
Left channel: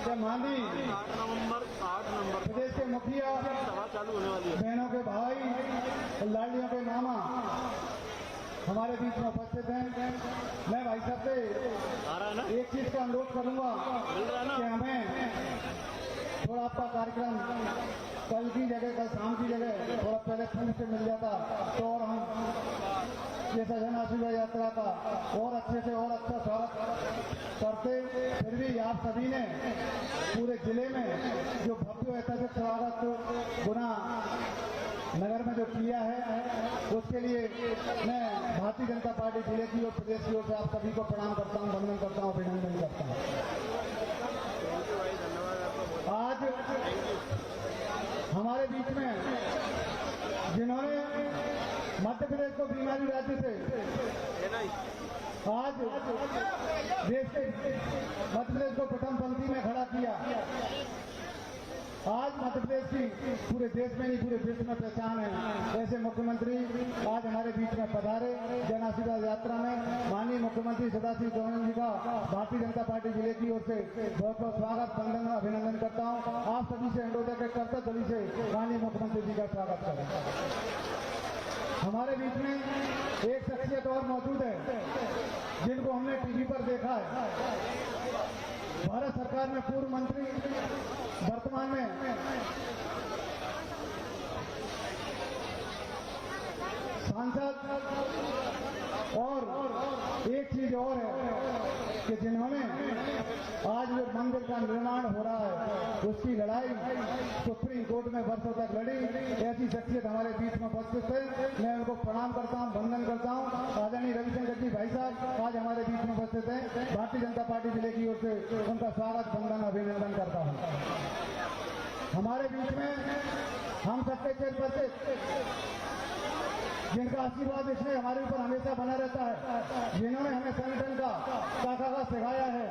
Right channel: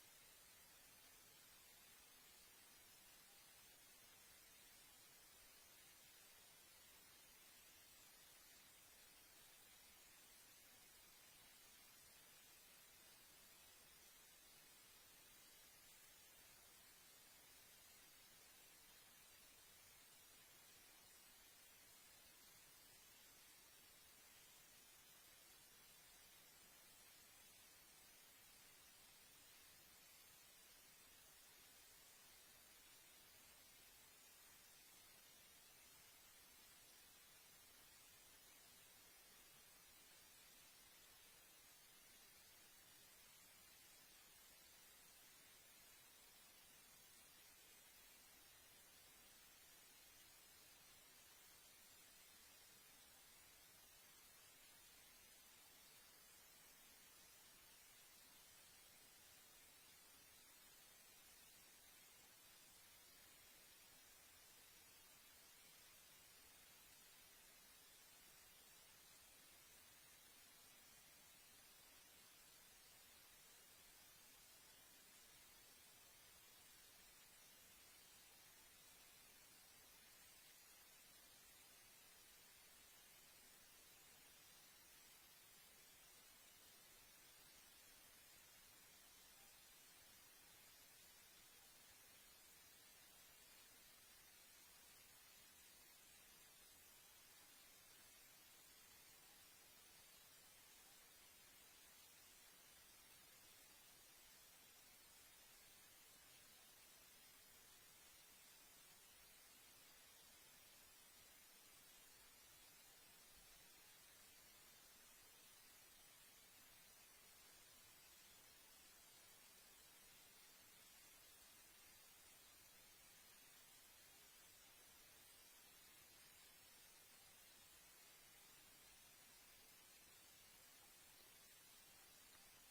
कि माननीय 8 नवंबर प्रदेश के मुखिया, सभा चालू होने वाली है। बहनों के भाई, लाड़ियों के मामा हमारे बीच में उपस्थित हैं। मैं भाई साहब से आ रहा है ना? एक चीज का अनुरोध करूंगा मिल रहा है ना? कि हमें थोड़ा आपका कार्यक्रम कल की जगह, कल शाम की जगह थोड़ा पहले फंड से मिल जाता तो और हम ये जन आशीर्वाद यात्रा का और अच्छे से और अच्छा स्वागत करते। फिर भी आप सभी ने पूरे जिले में जो भव्य ऐतिहासिक स्वागत गुना नगर में जो किया है उसके लिए मैं भारतीय जनता पार्टी जिले की और प्रदेश की ओर से आप सभी को प्रणाम करता हूँ, वंदन करता हूँ, अभिनंदन करता हूँ। आज हमारे बीच में जिन्होंने मध्य प्रदेश प्रदेश को बीमारी राज्य से आज देश के मध्य प्रदेश को प्रथम पंक्ति में खड़ा किया। आज मध्य प्रदेश की पूरे देश में नहीं पूरे विश्व में पहचान है। ऐसे मुख्यमंत्री आज हमारे बीच में पधारे। जन आशीर्वाद यात्रा में माननीय मुख्यमंत्री सदाशिव गौतम जी का भारतीय जनता पार्टी जिले की ओर से बहुत बहुत स्वागत वंदन अभिनंदन करता हूँ। आप सभी से अनुरोध है कि कर्तव्य गली से माननीय मुख्यमंत्री जी का स्वागत करें। हमारे बीच में एक शख्सियत और मौजूद है जिनको हमने टीवी पर देखा है। भारत सरकार में पूर्व मंत्री, वर्तमान में सांसद, और एक चीज और है कि जिन्होंने आज जो मंदिर का निर्माण हो रहा है उसकी लड़ाई सुप्रीम कोर्ट में वर्षों तक लड़ी, ऐसी शख्सियत हमारे बीच में उपस्थित है। मैं उनको प्रणाम करता हूं, वंदन करता हूं। आदरणीय रविशंकर जी भाई साहब आज हमारे बीच में उपस्थित हैं। भारतीय जनता पार्टी जिले की ओर से उनका स्वागत वंदन अभिनंदन करता हूं। हमारे बीच में हम सबके चेयरपर्सन जिनका आशीर्वाद इसमें हमारे ऊपर हमेशा बना रहता है, जिन्होंने हमें संगठन का ताकत सिखाया है,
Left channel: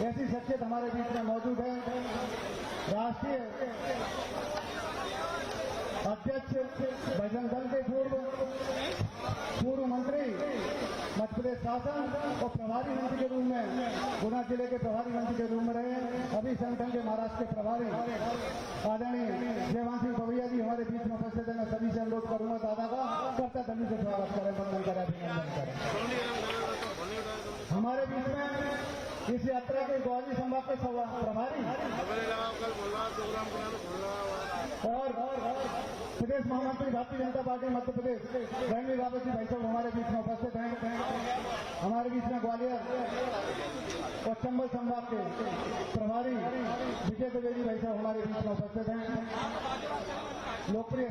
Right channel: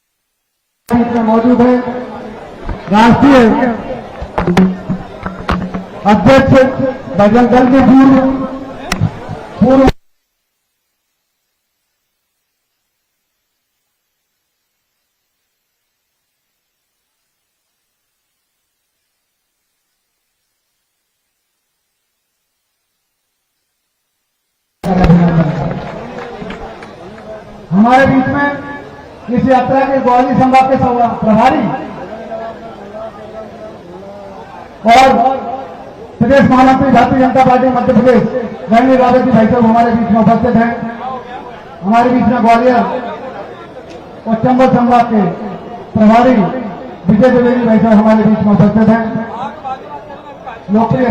ऐसी शख्सियत हमारे बीच में मौजूद है। राष्ट्रीय अध्यक्ष बजरंग दल के पूर्व मंत्री, मध्य प्रदेश शासन और प्रभारी मंत्री के रूप में गुना जिले के प्रभारी मंत्री के रूप में रहे। अभी संगठन के महाराष्ट्र के प्रभारी आदरणीय देवांशी भवैया जी हमारे बीच में उपस्थित है। मैं सभी से अनुरोध करूंगा दादा का कर्ता तभी से स्वागत करें। हमारे बीच में इस यात्रा के ग्वालियर संभाग के प्रभारी और प्रदेश महामंत्री भारतीय जनता पार्टी मध्य प्रदेश रणवीर रावत जी भाई साहब हमारे बीच में उपस्थित हैं। हमारे बीच में ग्वालियर और चंबल संभाग के प्रभारी विजय द्विवेदी भाई साहब हमारे बीच में उपस्थित हैं। लोकप्रिय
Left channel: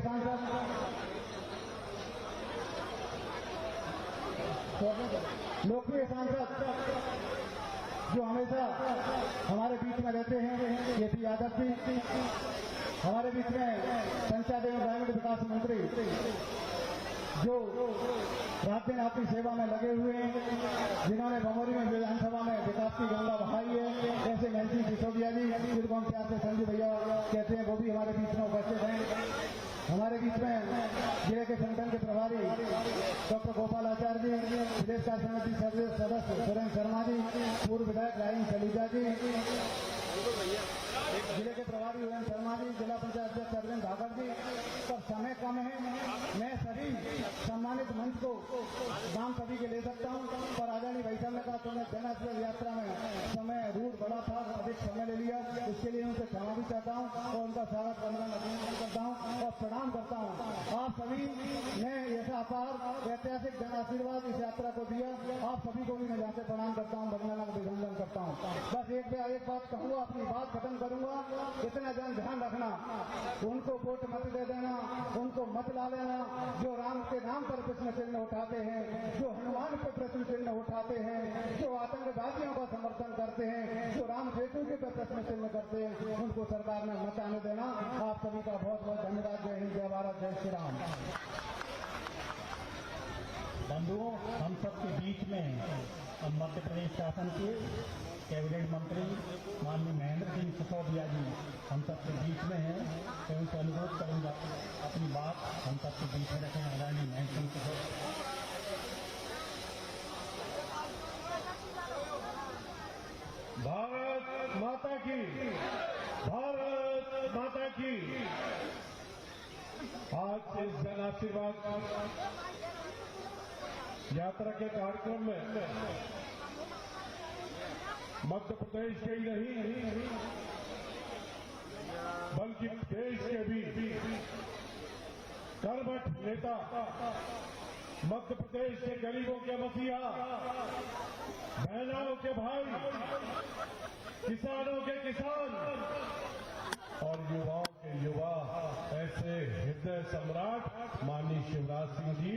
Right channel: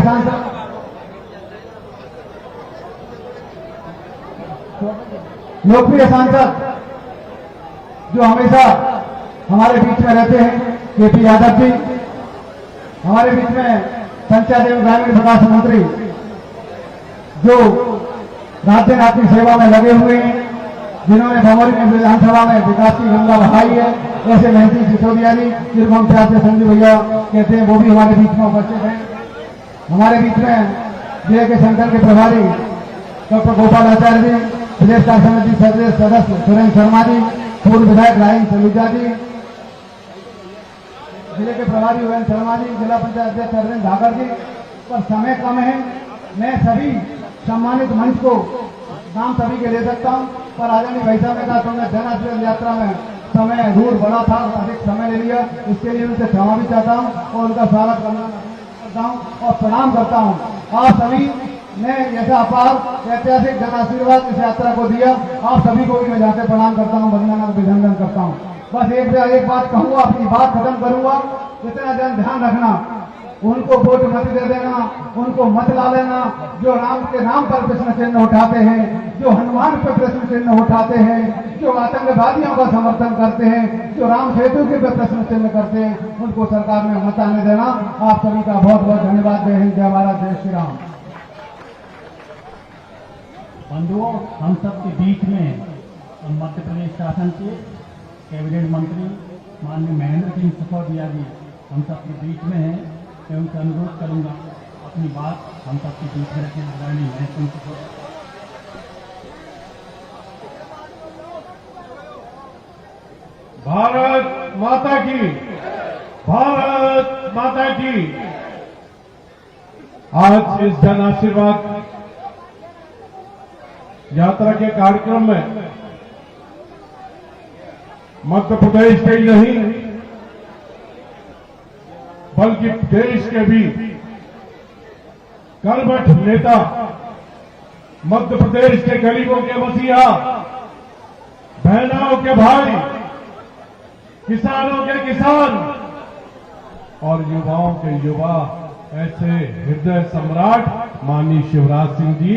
सांसद जो हमेशा हमारे बीच में रहते हैं, केपी यादव जी। हमारे बीच में पंचायत एवं ग्रामीण विकास मंत्री जो रात दिन आपकी सेवा में लगे हुए हैं, जिन्होंने भमोरी में विधानसभा में विकास की गंगा बहाई है, ऐसे महंती सिसोदिया जी जिनको हम प्यार से संजू भैया कहते हैं, वो भी हमारे बीच में उपस्थित हैं। हमारे बीच में जिले के संगठन के प्रभारी डॉक्टर गोपाल आचार्य जी, प्रदेश कार्य समिति सदस्य सुरेंद्र शर्मा जी, पूर्व विधायक रायन सलूजा जी, जिले के प्रभारी ओएन शर्मा जी, जिला पंचायत अध्यक्ष अरविंद धाकर जी। पर समय कम है, मैं सभी सम्मानित मंच को नाम सभी के ले सकता हूं, पर आदरणीय भाई साहब ने कहा तो मैं जन आशीर्वाद यात्रा में समय दूर बड़ा था, अधिक समय ले लिया, इसके लिए उनसे क्षमा भी चाहता हूं और उनका स्वागत करता हूं और प्रणाम करता हूं। आप सभी ने ऐसा अपार ऐतिहासिक जन आशीर्वाद इस यात्रा को दिया, आप सभी को भी मैं जाकर प्रणाम करता हूं, वंदना अभिनंदन करता हूं। बस एक बात कहूंगा, अपनी बात खत्म करूंगा। इतना ध्यान रखना, उनको वोट मत दे देना, उनको मत ला लेना जो राम के नाम पर प्रश्न चिन्ह उठाते हैं, जो हनुमान पर प्रश्न चिन्ह उठाते हैं, जो आतंकवादियों का समर्थन करते हैं, जो राम सेतु के पे प्रश्न चिन्ह करते हैं, उनको सरकार में मत आने देना। आप सभी का बहुत बहुत धन्यवाद। जय हिंद, जय भारत, जय श्री राम। बंधुओं, हम सबके बीच में मध्य प्रदेश शासन के कैबिनेट मंत्री माननीय महेंद्र सिंह सिसोदिया जी हम सबके बीच में हैं। मैं उनसे अनुरोध करूंगा अपनी बात हम सबके बीच में रखें। आदरणीय महेंद्र सिंह सिसोदिया। भारत माता की, भारत माता की। आज इस जन आशीर्वाद यात्रा के कार्यक्रम में मध्य प्रदेश के ही नहीं बल्कि देश के भी कर्मठ नेता, मध्य प्रदेश के गरीबों के मसीहा, बहनों के भाई, किसानों के किसान और युवाओं के युवा, ऐसे हृदय सम्राट माननीय शिवराज सिंह जी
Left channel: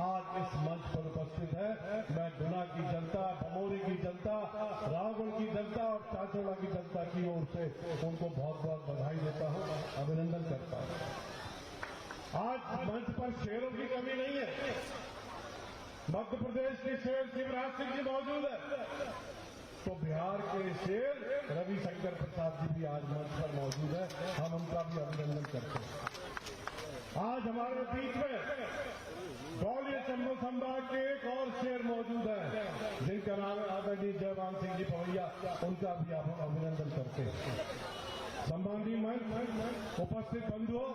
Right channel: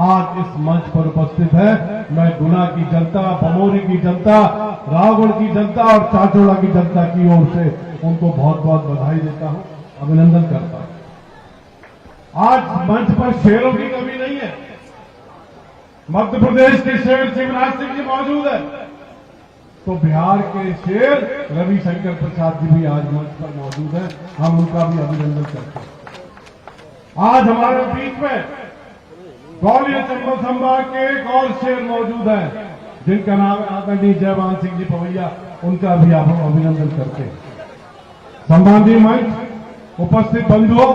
आज इस मंच पर उपस्थित है। मैं गुना की जनता, बमोरी की जनता, रावगढ़ की जनता और चाचोड़ा की जनता की ओर से उनको बहुत बहुत बधाई देता हूं, अभिनंदन करता हूं। आज मंच पर शेरों की कमी नहीं है, मध्य प्रदेश के शेर शिवराज सिंह जी मौजूद है, तो बिहार के शेर रविशंकर प्रसाद जी भी आज मंच पर मौजूद हैं। हम उनका भी अभिनंदन करते हैं। आज हमारे बीच में ग्वालियर चंबल संभाग के एक और शेर मौजूद हैं, जिनका नाम है आदरणीय जयवान सिंह जी पवैया। उनका भी आप अभिनंदन करते हैं। सम्माननीय मंच, उपस्थित बंधुओं,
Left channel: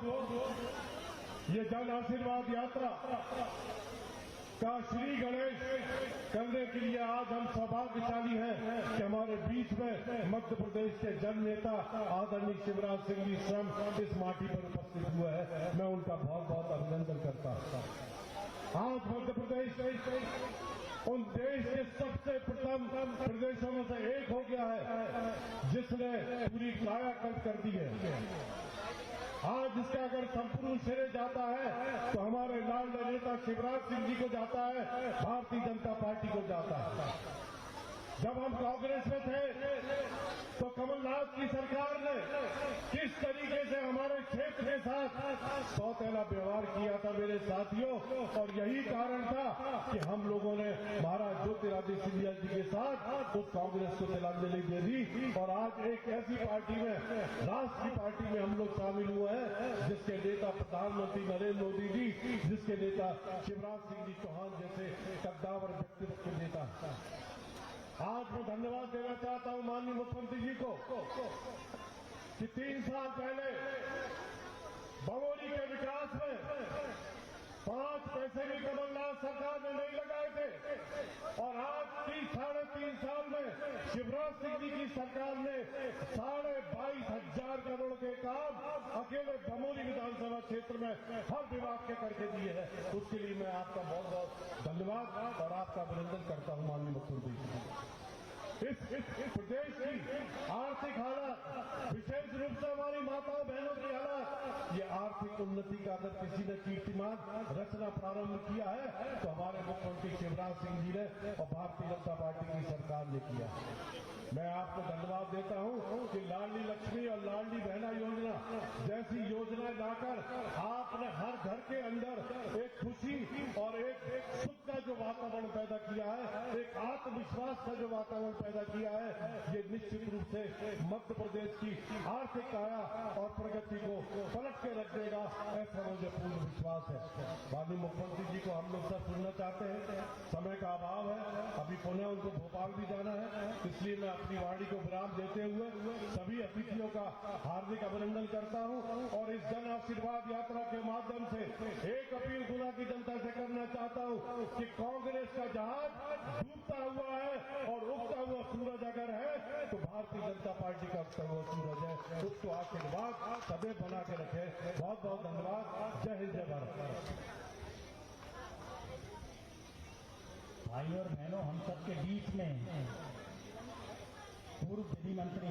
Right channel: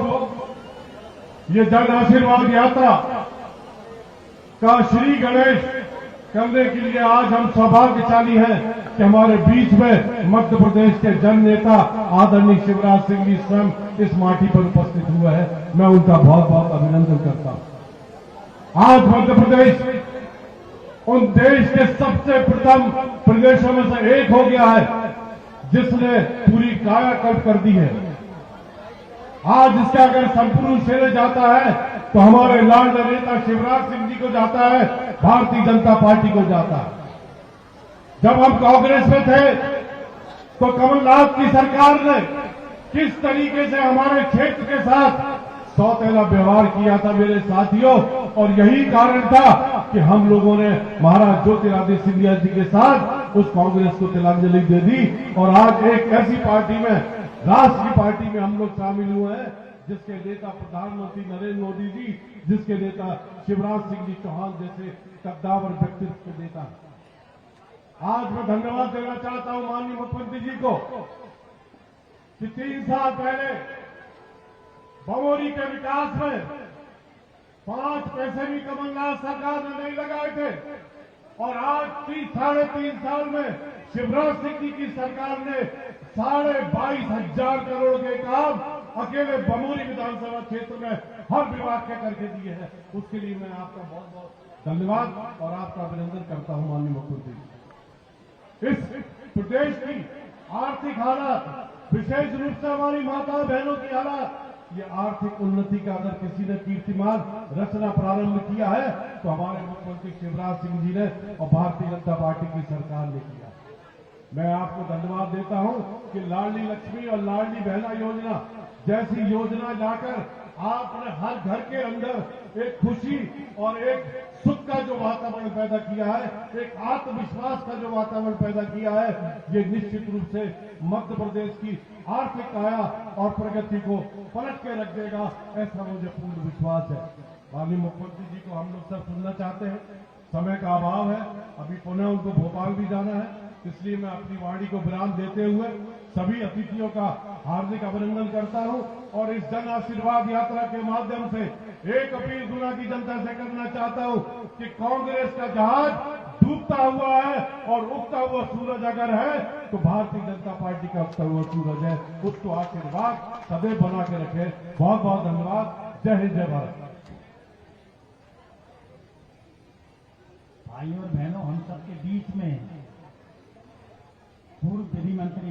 ये जन आशीर्वाद यात्रा का श्री गणेश करने के लिए आज हम सौभाग्यशाली हैं कि हमारे बीच में मध्य प्रदेश के जन नेता आदरणीय शिवराज सिंह जी स्वयं इस माटी पर उपस्थित हुए हैं। मैं उनका बहुत बहुत अभिनंदन करता हूं। आज मध्य प्रदेश उन देश के सबसे प्रथम प्रदेशों में से एक हो गया है जिसने पूरी कायाकल्प कर दी है। आज इसका अगर संपूर्ण श्रेय जाता है तो हमारे लाडले नेता शिवराज सिंह जी को जाता है, भारतीय जनता पार्टी को जाता है। जब हम कांग्रेस में थे तो कमलनाथ की सरकार ने किस तरीके से हमारे क्षेत्र के साथ सौतेला व्यवहार किया था मेरे साथियों, और यही कारण था कि हम लोगों ने महाराज ज्योतिरादित्य सिंधिया जी के साथ उस कांग्रेस को तिलांजलि दे दी। और आज एक ऐसी पार्टी में, राष्ट्र की पार्टी में हम लोग शामिल हुए हैं जिसके नेता प्रधानमंत्री नरेंद्र मोदी जी, जिसके नेता शिवराज सिंह जी चौहान जैसे कद्दावर व्यक्तित्व के नेता। आज मैं धन्यवाद देना चाहता हूं माननीय मुख्यमंत्री जी को कि 3 साल पहले बमोरी के विकास में 5 पैसे भी कमलनाथ सरकार ने नहीं लगाए थे, और आज 3.5 साल में शिवराज सिंह जी की सरकार ने 22,500 करोड़ के काम अकेले बमोरी विधानसभा क्षेत्र में हर विभाग के करके दिए हैं। उसके लिए मैं आपका बहुत बहुत धन्यवाद और आपका अभिनंदन करता हूं माननीय मुख्यमंत्री जी। इस प्रदेश की आर्थिक हालात, विशेष रूप से हमारी माताओं बहनों की हालात, ये आर्थिक उन्नति का अगर किसी ने कीर्तिमान रचना प्रारंभ किया है तो हमारे मुख्यमंत्री शिवराज सिंह जी ने और भारतीय जनता पार्टी की सरकार ने किया। मैं आपको धन्यवाद देता हूं कि लाडली लक्ष्मी और लाडली बहना योजना जैसी योजना लाकर आपने हर घर के अंदर एक खुशी और एक सुख का जो वातावरण पैदा किया है, एक आत्मविश्वास का जो वातावरण पैदा किया है, ये निश्चित रूप से मध्य प्रदेश की आर्थिक काया और प्रगति को पलट के रख देगा, ऐसा मुझे पूर्ण विश्वास है। माननीय मुख्यमंत्री जी को हम लोग सब सुनना चाहते हैं, समय का अभाव है, अभी पुनः उनको भोपाल भी जाना है, इसलिए मैं अपनी वाणी को विराम देते हुए सभी अतिथियों का हार्दिक अभिनंदन करता हूं और इस जन आशीर्वाद यात्रा के माध्यम से एक अपील गुना की जनता से करना चाहता हूं कि कांग्रेस का जहाज डूबता हुआ है और उगता हुआ सूरज अगर है तो भारतीय जनता पार्टी का उगता हुआ सूरज है, उसको आशीर्वाद सदैव बना के रखे। बहुत बहुत धन्यवाद। जय हिंद, जय भारत। भाइयों और बहनों, हम सबके बीच में पूर्व विधि मंत्री,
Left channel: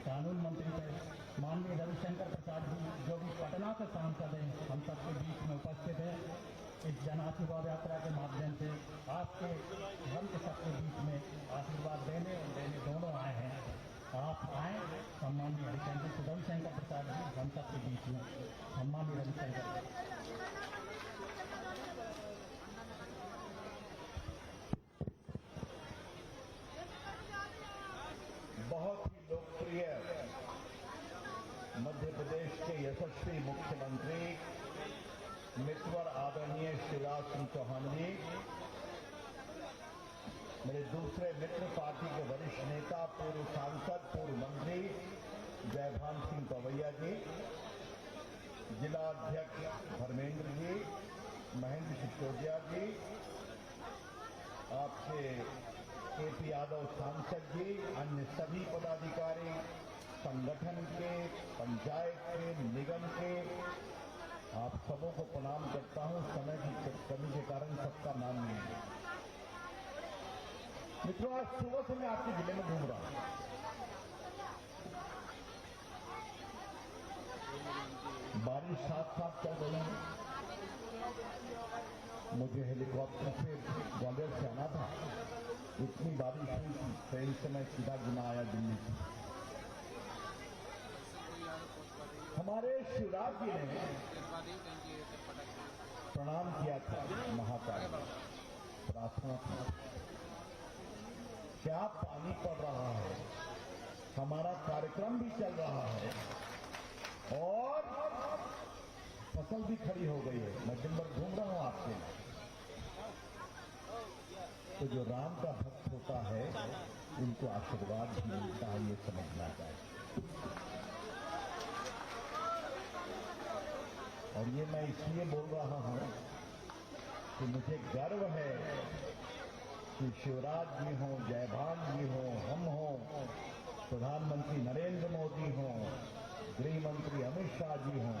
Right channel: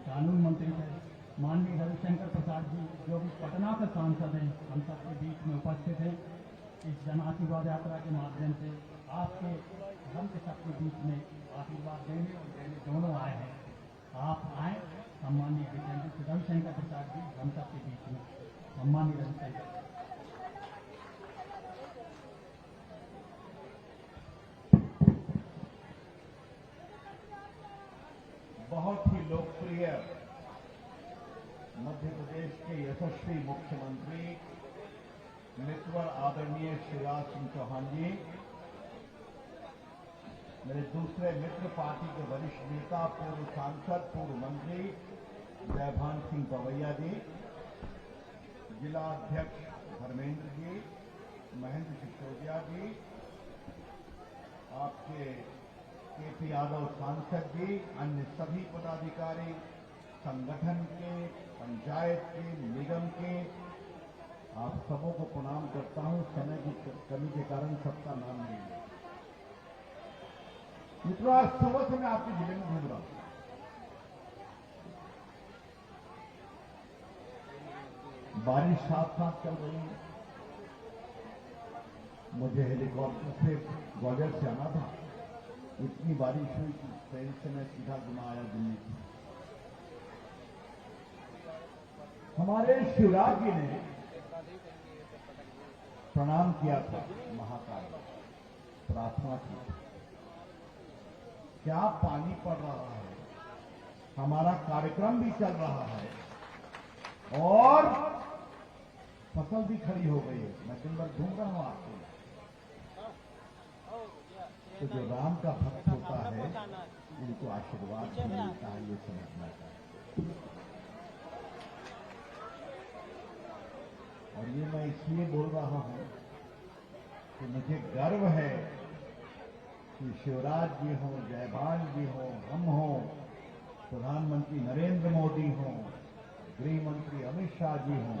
कानून मंत्री थे माननीय रविशंकर प्रसाद जी, जो भी पटना से सांसद हैं, हम सबके बीच में उपस्थित हैं। इस जन आशीर्वाद यात्रा के माध्यम से आपके हम के सबके बीच में आशीर्वाद देने और देने दोनों आए हैं। आप आए, सम्माननीय रविशंकर प्रसाद जी हम सबके बीच में। सम्माननीय रविशंकर, बहुत ही लोकप्रिय मध्य प्रदेश के यशस्वी मुख्यमंत्री मित्र आदरणीय शिवराज सिंह चौहान जी, मेरे दूसरे मित्र पार्टी के वरिष्ठ नेता पूर्व सांसद पूर्व मंत्री जयभान सिंह पवैया जी, जिला अध्यक्ष धर्मेंद्र जी, महेंद्र सिसोदिया जी, आपके केपी यादव सांसद जी, अन्य सभी पदाधिकारी, संगठन के, पंचायत के, निगम के, आप सबों को प्रणाम करता हूं। समय की कमी के कारण सबका नाम नहीं है। मित्रों, आज सुबह से मैं आपके जिले में घूम रहा हूं। बारिश साथ साथ चल रही है। मुझे हेलीकॉप्टर से ग्वालियर से आना था, इतनी बारिश हुई कि ट्रेन से मैं सीधा गुना आया दिल्ली से। हमारे शिवराज जी ने प्रणाम किया था महाकाल, प्रार्थना थी। क्या पानी पड़ रहा है, हमारा कार्यक्रम भी चल रहा है और फसल भी खड़ी हो गई है। मैं दिन भर घूम रहा हूं आपके लिए। तो जो राम का भक्त होता है उनको आशीर्वाद भी मिलता है, ये समझना चाहिए। और ये मैं इसलिए बोल रहा हूं कि मुझे गर्व है कि शिवराज जी हों, जयभान जी हों, हम हों, प्रधानमंत्री नरेंद्र मोदी हों, गृह मंत्री अमित शाह जी हों,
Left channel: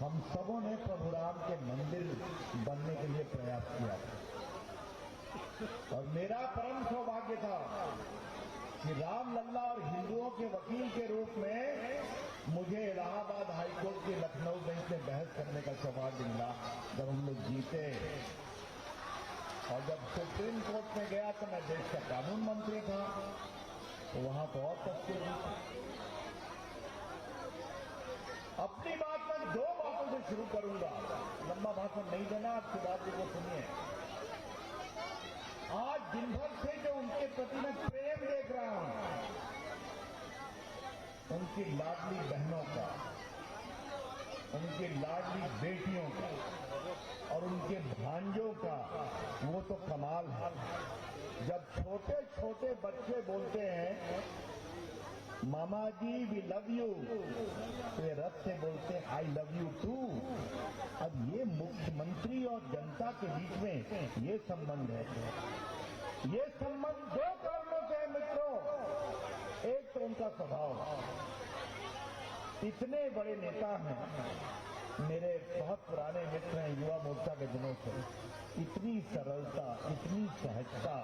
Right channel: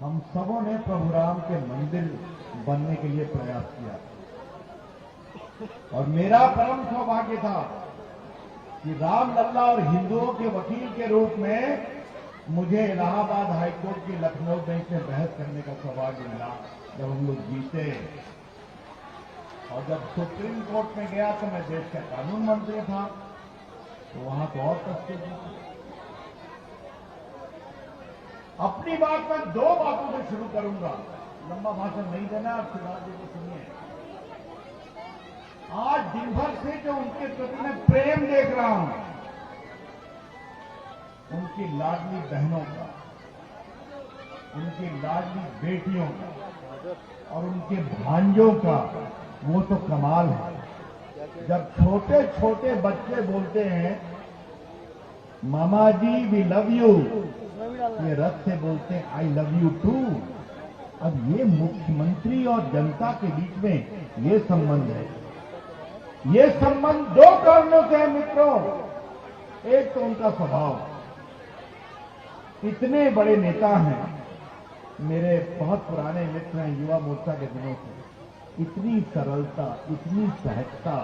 हम सबों ने प्रभु राम के मंदिर बनने के लिए प्रयास किया। और मेरा परम सौभाग्य था कि रामलला और हिंदुओं के वकील के रूप में मुझे इलाहाबाद हाईकोर्ट की लखनऊ बेंच में बहस करने का सौभाग्य मिला जब हम लोग जीते। और जब सुप्रीम कोर्ट में गया तो मैं देश का कानून मंत्री था, तो वहां तो और तस्वीर थी। अपनी बात मैं 2 बातों से शुरू करूंगा, लंबा भाषण नहीं देना। आप शिवराज जी को सुनिए। आज दिन भर से जो उनके प्रति मैं प्रेम देख रहा हूं, उनकी लाडली बहनों का, उनकी लाडली बेटियों का और उनके भांजों का, वो तो कमाल है। जब छोटे छोटे बच्चे बोलते हैं मामा जी वी लव यू, ये रथ से बोलते हैं आई लव यू टू। अब ये मुख्यमंत्री और जनता के बीच में ये संबंध है। ये संबंध 2 कारणों से है मित्रों। एक तो उनका स्वभाव, इतने बड़े नेता हैं, मेरे बहुत पुराने मित्र हैं युवा मोर्चा के दिनों से, इतनी सरलता, इतनी सहजता।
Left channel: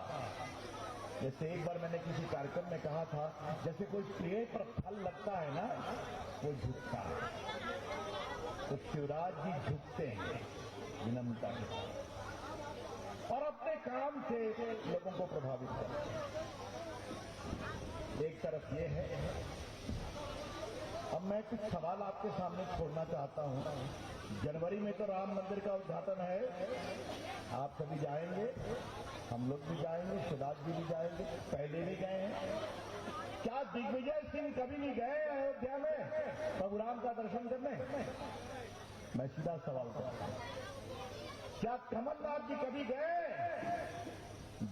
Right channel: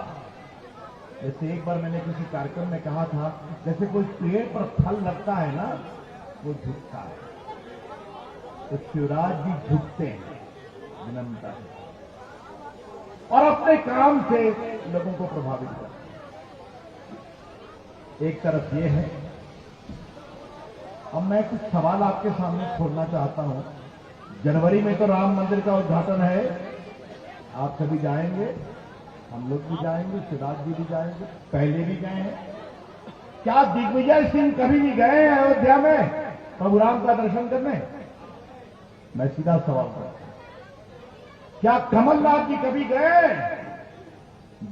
जैसे एक बार मैंने किसी कार्यक्रम में कहा था, जैसे कोई पेड़ पर फल लगता है ना, वो झुकता है, तो शिवराज जी झुकते हैं विनम्रता से और अपने काम से लोगों को प्रभावित करते हैं। एक तरफ ये है। अब मैं कुछ सवाल आपके सामने छोड़ना चाहता हूं। जनवरी में तो राम मंदिर का उद्घाटन है, आप सभी जाएंगे, हम लोग भी जाएंगे, शिवराज जी भी जाएंगे, पहले भी गए हैं। क्या दिग्विजय सिंह कभी भी गए हैं अयोध्या में प्रभु राम का दर्शन करने? मैं सीधा सवाल करता हूं, क्या कमलनाथ जी कभी गए?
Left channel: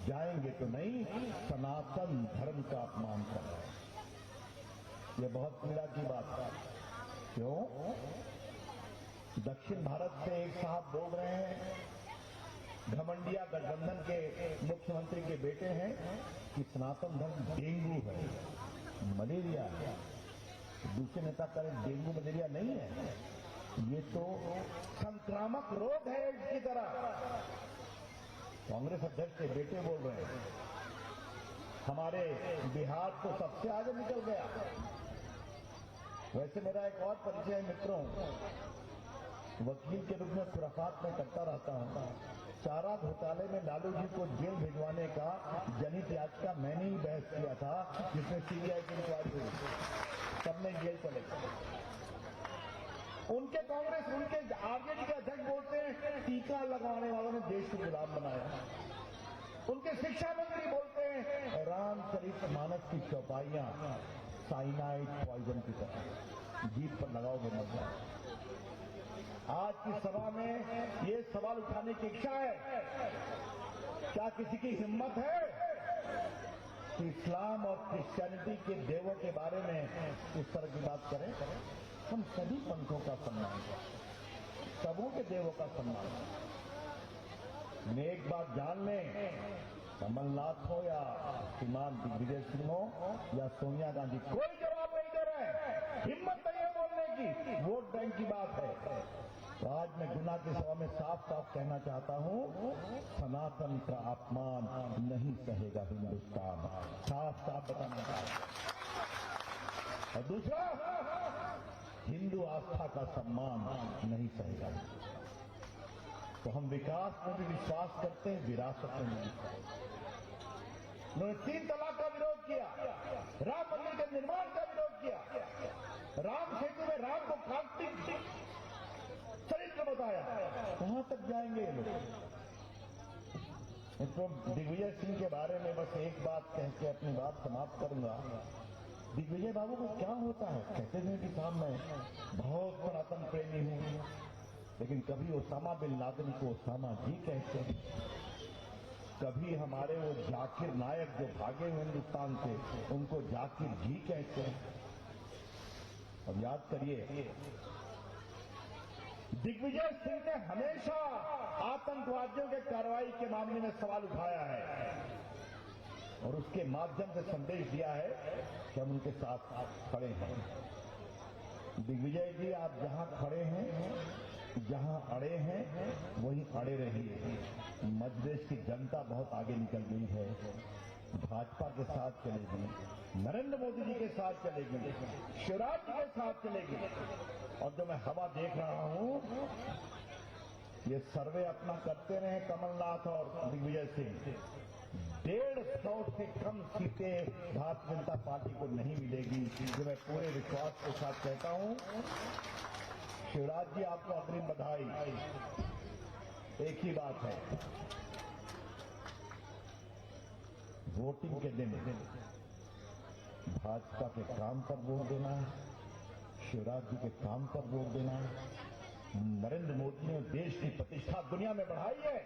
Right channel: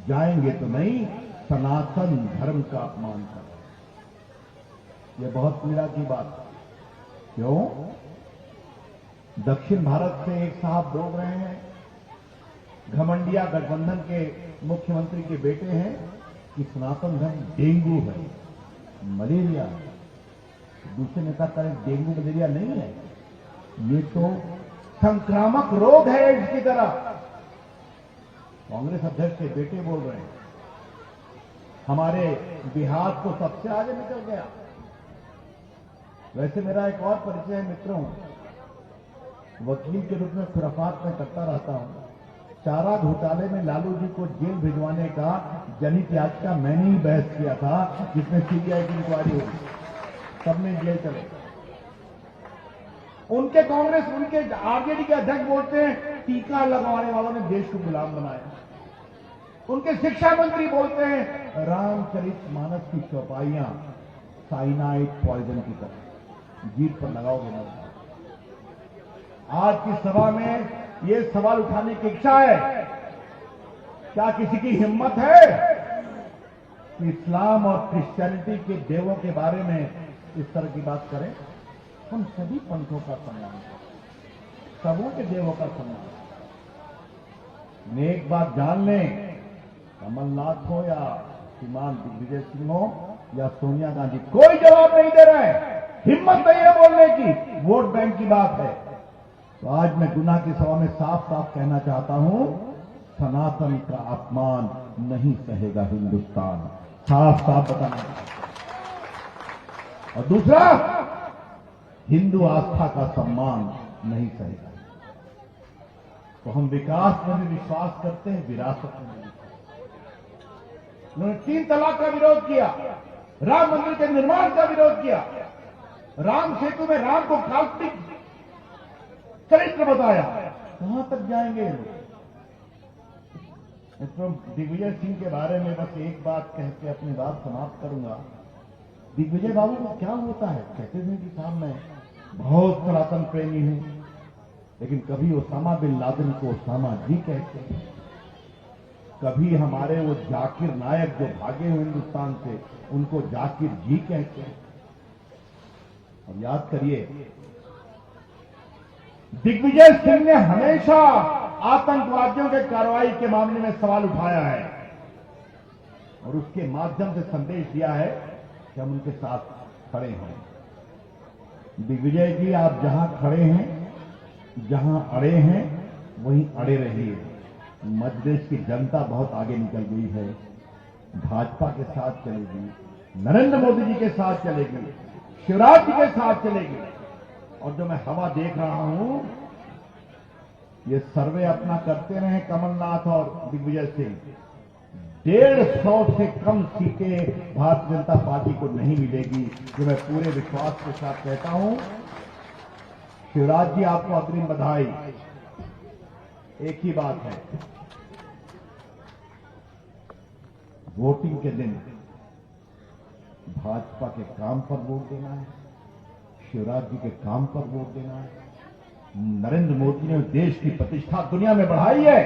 जाएंगे तो नहीं, सनातन धर्म का अपमान कर रहे हैं। यह बहुत पीड़ा की बात है। क्यों? दक्षिण भारत से एक साहब बोल रहे हैं, घमंडिया गठबंधन के मुख्यमंत्री के बेटे हैं, कि सनातन धर्म डेंगू है, मलेरिया है। दूसरे नेता करें डेंगू मलेरिया नहीं है, ये तो संक्रामक रोग है एड्स की तरह। कांग्रेस अध्यक्ष के बेटे बोल रहे हैं। हमारे बिहार तो सबसे आगे निकल गया। वैसे मेरा एक और परिचय है मित्रों, वकील के रूप में खुराफात में करता रहता हूं। चारा घोटाले में लालू जी को जेल भिजवाने का जनहित याचिका मैंने ही बहस किया था, जिसमें सीबीआई की इंक्वायरी हुई, सबने जेल चले। उनके कांग्रेस, उनके आरजेडी के अध्यक्ष बोलते हैं टीका लगवाने वालों ने देश को गुलाम बनाया। उनके शिक्षा मंत्री बोलते हैं रामचरितमानस की चौपाइयां साइनाइड पॉइजन की तरह, जीभ पर लगाओगे मत जाओ। आज की सभा में ये सवाल उठाने की इच्छा है, क्या किसी की हिम्मत है कि इस्लाम और क्रिश्चियनिटी के देवों के बारे में इस तरह की बात करें? हम सभी पंथों का सम्मान करें, सबों के देवों का सम्मान करें। एक बात जान लें, कमलनाथ हो या श्रीमान दिग्विजय सिंह हो या सोनिया गांधी, कोई जवाब नहीं दे रहा है, हिम्मत नहीं है बोलने की। वोट बैंक की बात है। तो आज मैं गुना की सभा में साफ साफ कहना चाहता हूं, सनातन का अपमान नहीं सहेगा हिंदुस्तान, साफ साफ बताना चाहता हूं। और दूसरा, हिंदू आस्था का सम्मान नहीं सहेगा। तो हम विकास में भी विश्वास करते हैं, विरासत में भी विश्वास। उन्होंने 3 तलाक का विरोध किया, राम मंदिर के निर्माण का विरोध किया, राम सेतु में राम को काल्पनिक चरित्र बताया। कहां तक जाएंगे ये लोग? तो दिग्विजय सिंह के बारे में बस एक बात कह के अपनी बात समाप्त करूंगा। दिग्विजय बाबू को क्या होता है, कहते थे कि साहब मैं बहुत सनातन प्रेमी हूं, लेकिन कभी ओसामा बिन लादेन को ओसामा जी कहते हैं, कभी हमारे वो जाकिर नायक जो भागे हुए हिंदुस्तान से उनको जाकिर जी कहते हैं। अब याद करिए, दिग्विजय सिंह ने हमेशा आतंकवादियों के कार्रवाई के मामले में सवाल उठाया है और उसके माध्यम से संदेश दिया है कि हम उनके साथ खड़े हैं। दिग्विजय जी, आप जहां खड़े हैं, जहां अड़े हैं, वहीं अड़े रहिए। मध्य प्रदेश की जनता बहुत आगे निकल गई है, भाजपा के साथ चलेगी, नरेंद्र मोदी जी के साथ चलेगी, शिवराज जी के साथ चलेगी। और जो मैं हवा देख रहा हूं, ये सर्वे अपना करते रहे कमलनाथ और दिग्विजय सिंह, 150 से कम सीटें भारतीय जनता पार्टी को नहीं मिलेगी, जो मैं पूरे विश्वास के साथ कहता हूं। शिवराज जी, आपको अग्रिम बधाई। एक ही बात है, वोटिंग के दिन भाजपा के काम पर वोट देना है, शिवराज जी के काम पर वोट देना है। नरेंद्र मोदी ने देश की प्रतिष्ठा दुनिया में बढ़ाई है,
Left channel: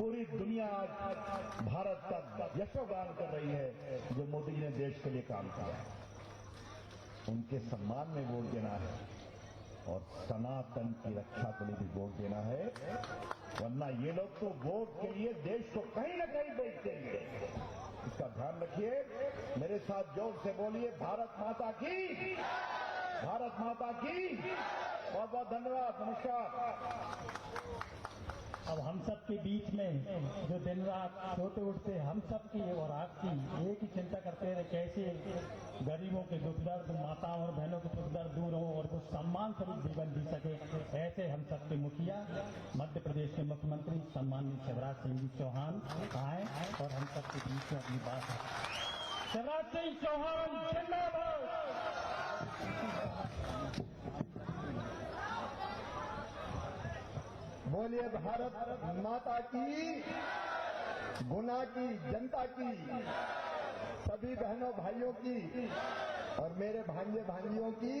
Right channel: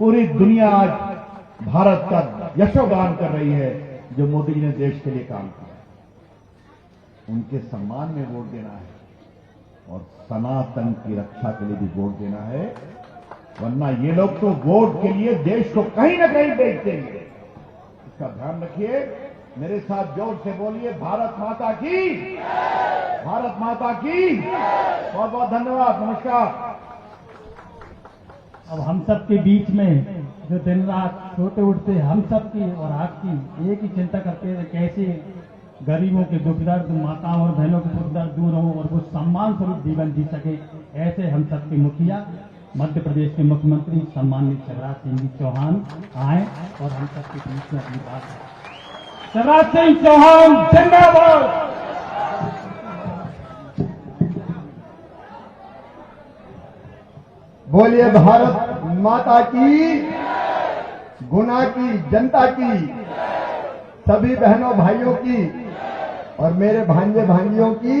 पूरी दुनिया आज भारत का यशोगान कर रही है जो मोदी जी ने देश के लिए काम किया। उनके सम्मान में वोट देना है और सनातन की रक्षा के लिए भी वोट देना है, वरना ये लोग तो वोट के लिए देश को कहीं न कहीं बेच देंगे। इसका ध्यान रखिए। मेरे साथ जोर से बोलिए, भारत माता की, भारत माता की। बहुत बहुत धन्यवाद, नमस्कार। अब हम सब के बीच में जो दिन रात सोते उठते हम सब की और आपकी एक ही चिंता करते हैं, कैसे गरीबों के दुख दर्द, माताओं और बहनों के दुख दर्द दूर हो और वो सम्मान स्वरूप जीवन जी सके, ऐसे हम सब के मुखिया मध्य प्रदेश के मुख्यमंत्री सम्मानित शिवराज सिंह जी चौहान आए और हम सब के बीच में अपनी बात है। शिवराज सिंह चौहान जिंदाबाद। बोलिए भारत माता की, गुना की, जनता की, सभी बहनों भाइयों की और मेरे भांजे भांजियों की।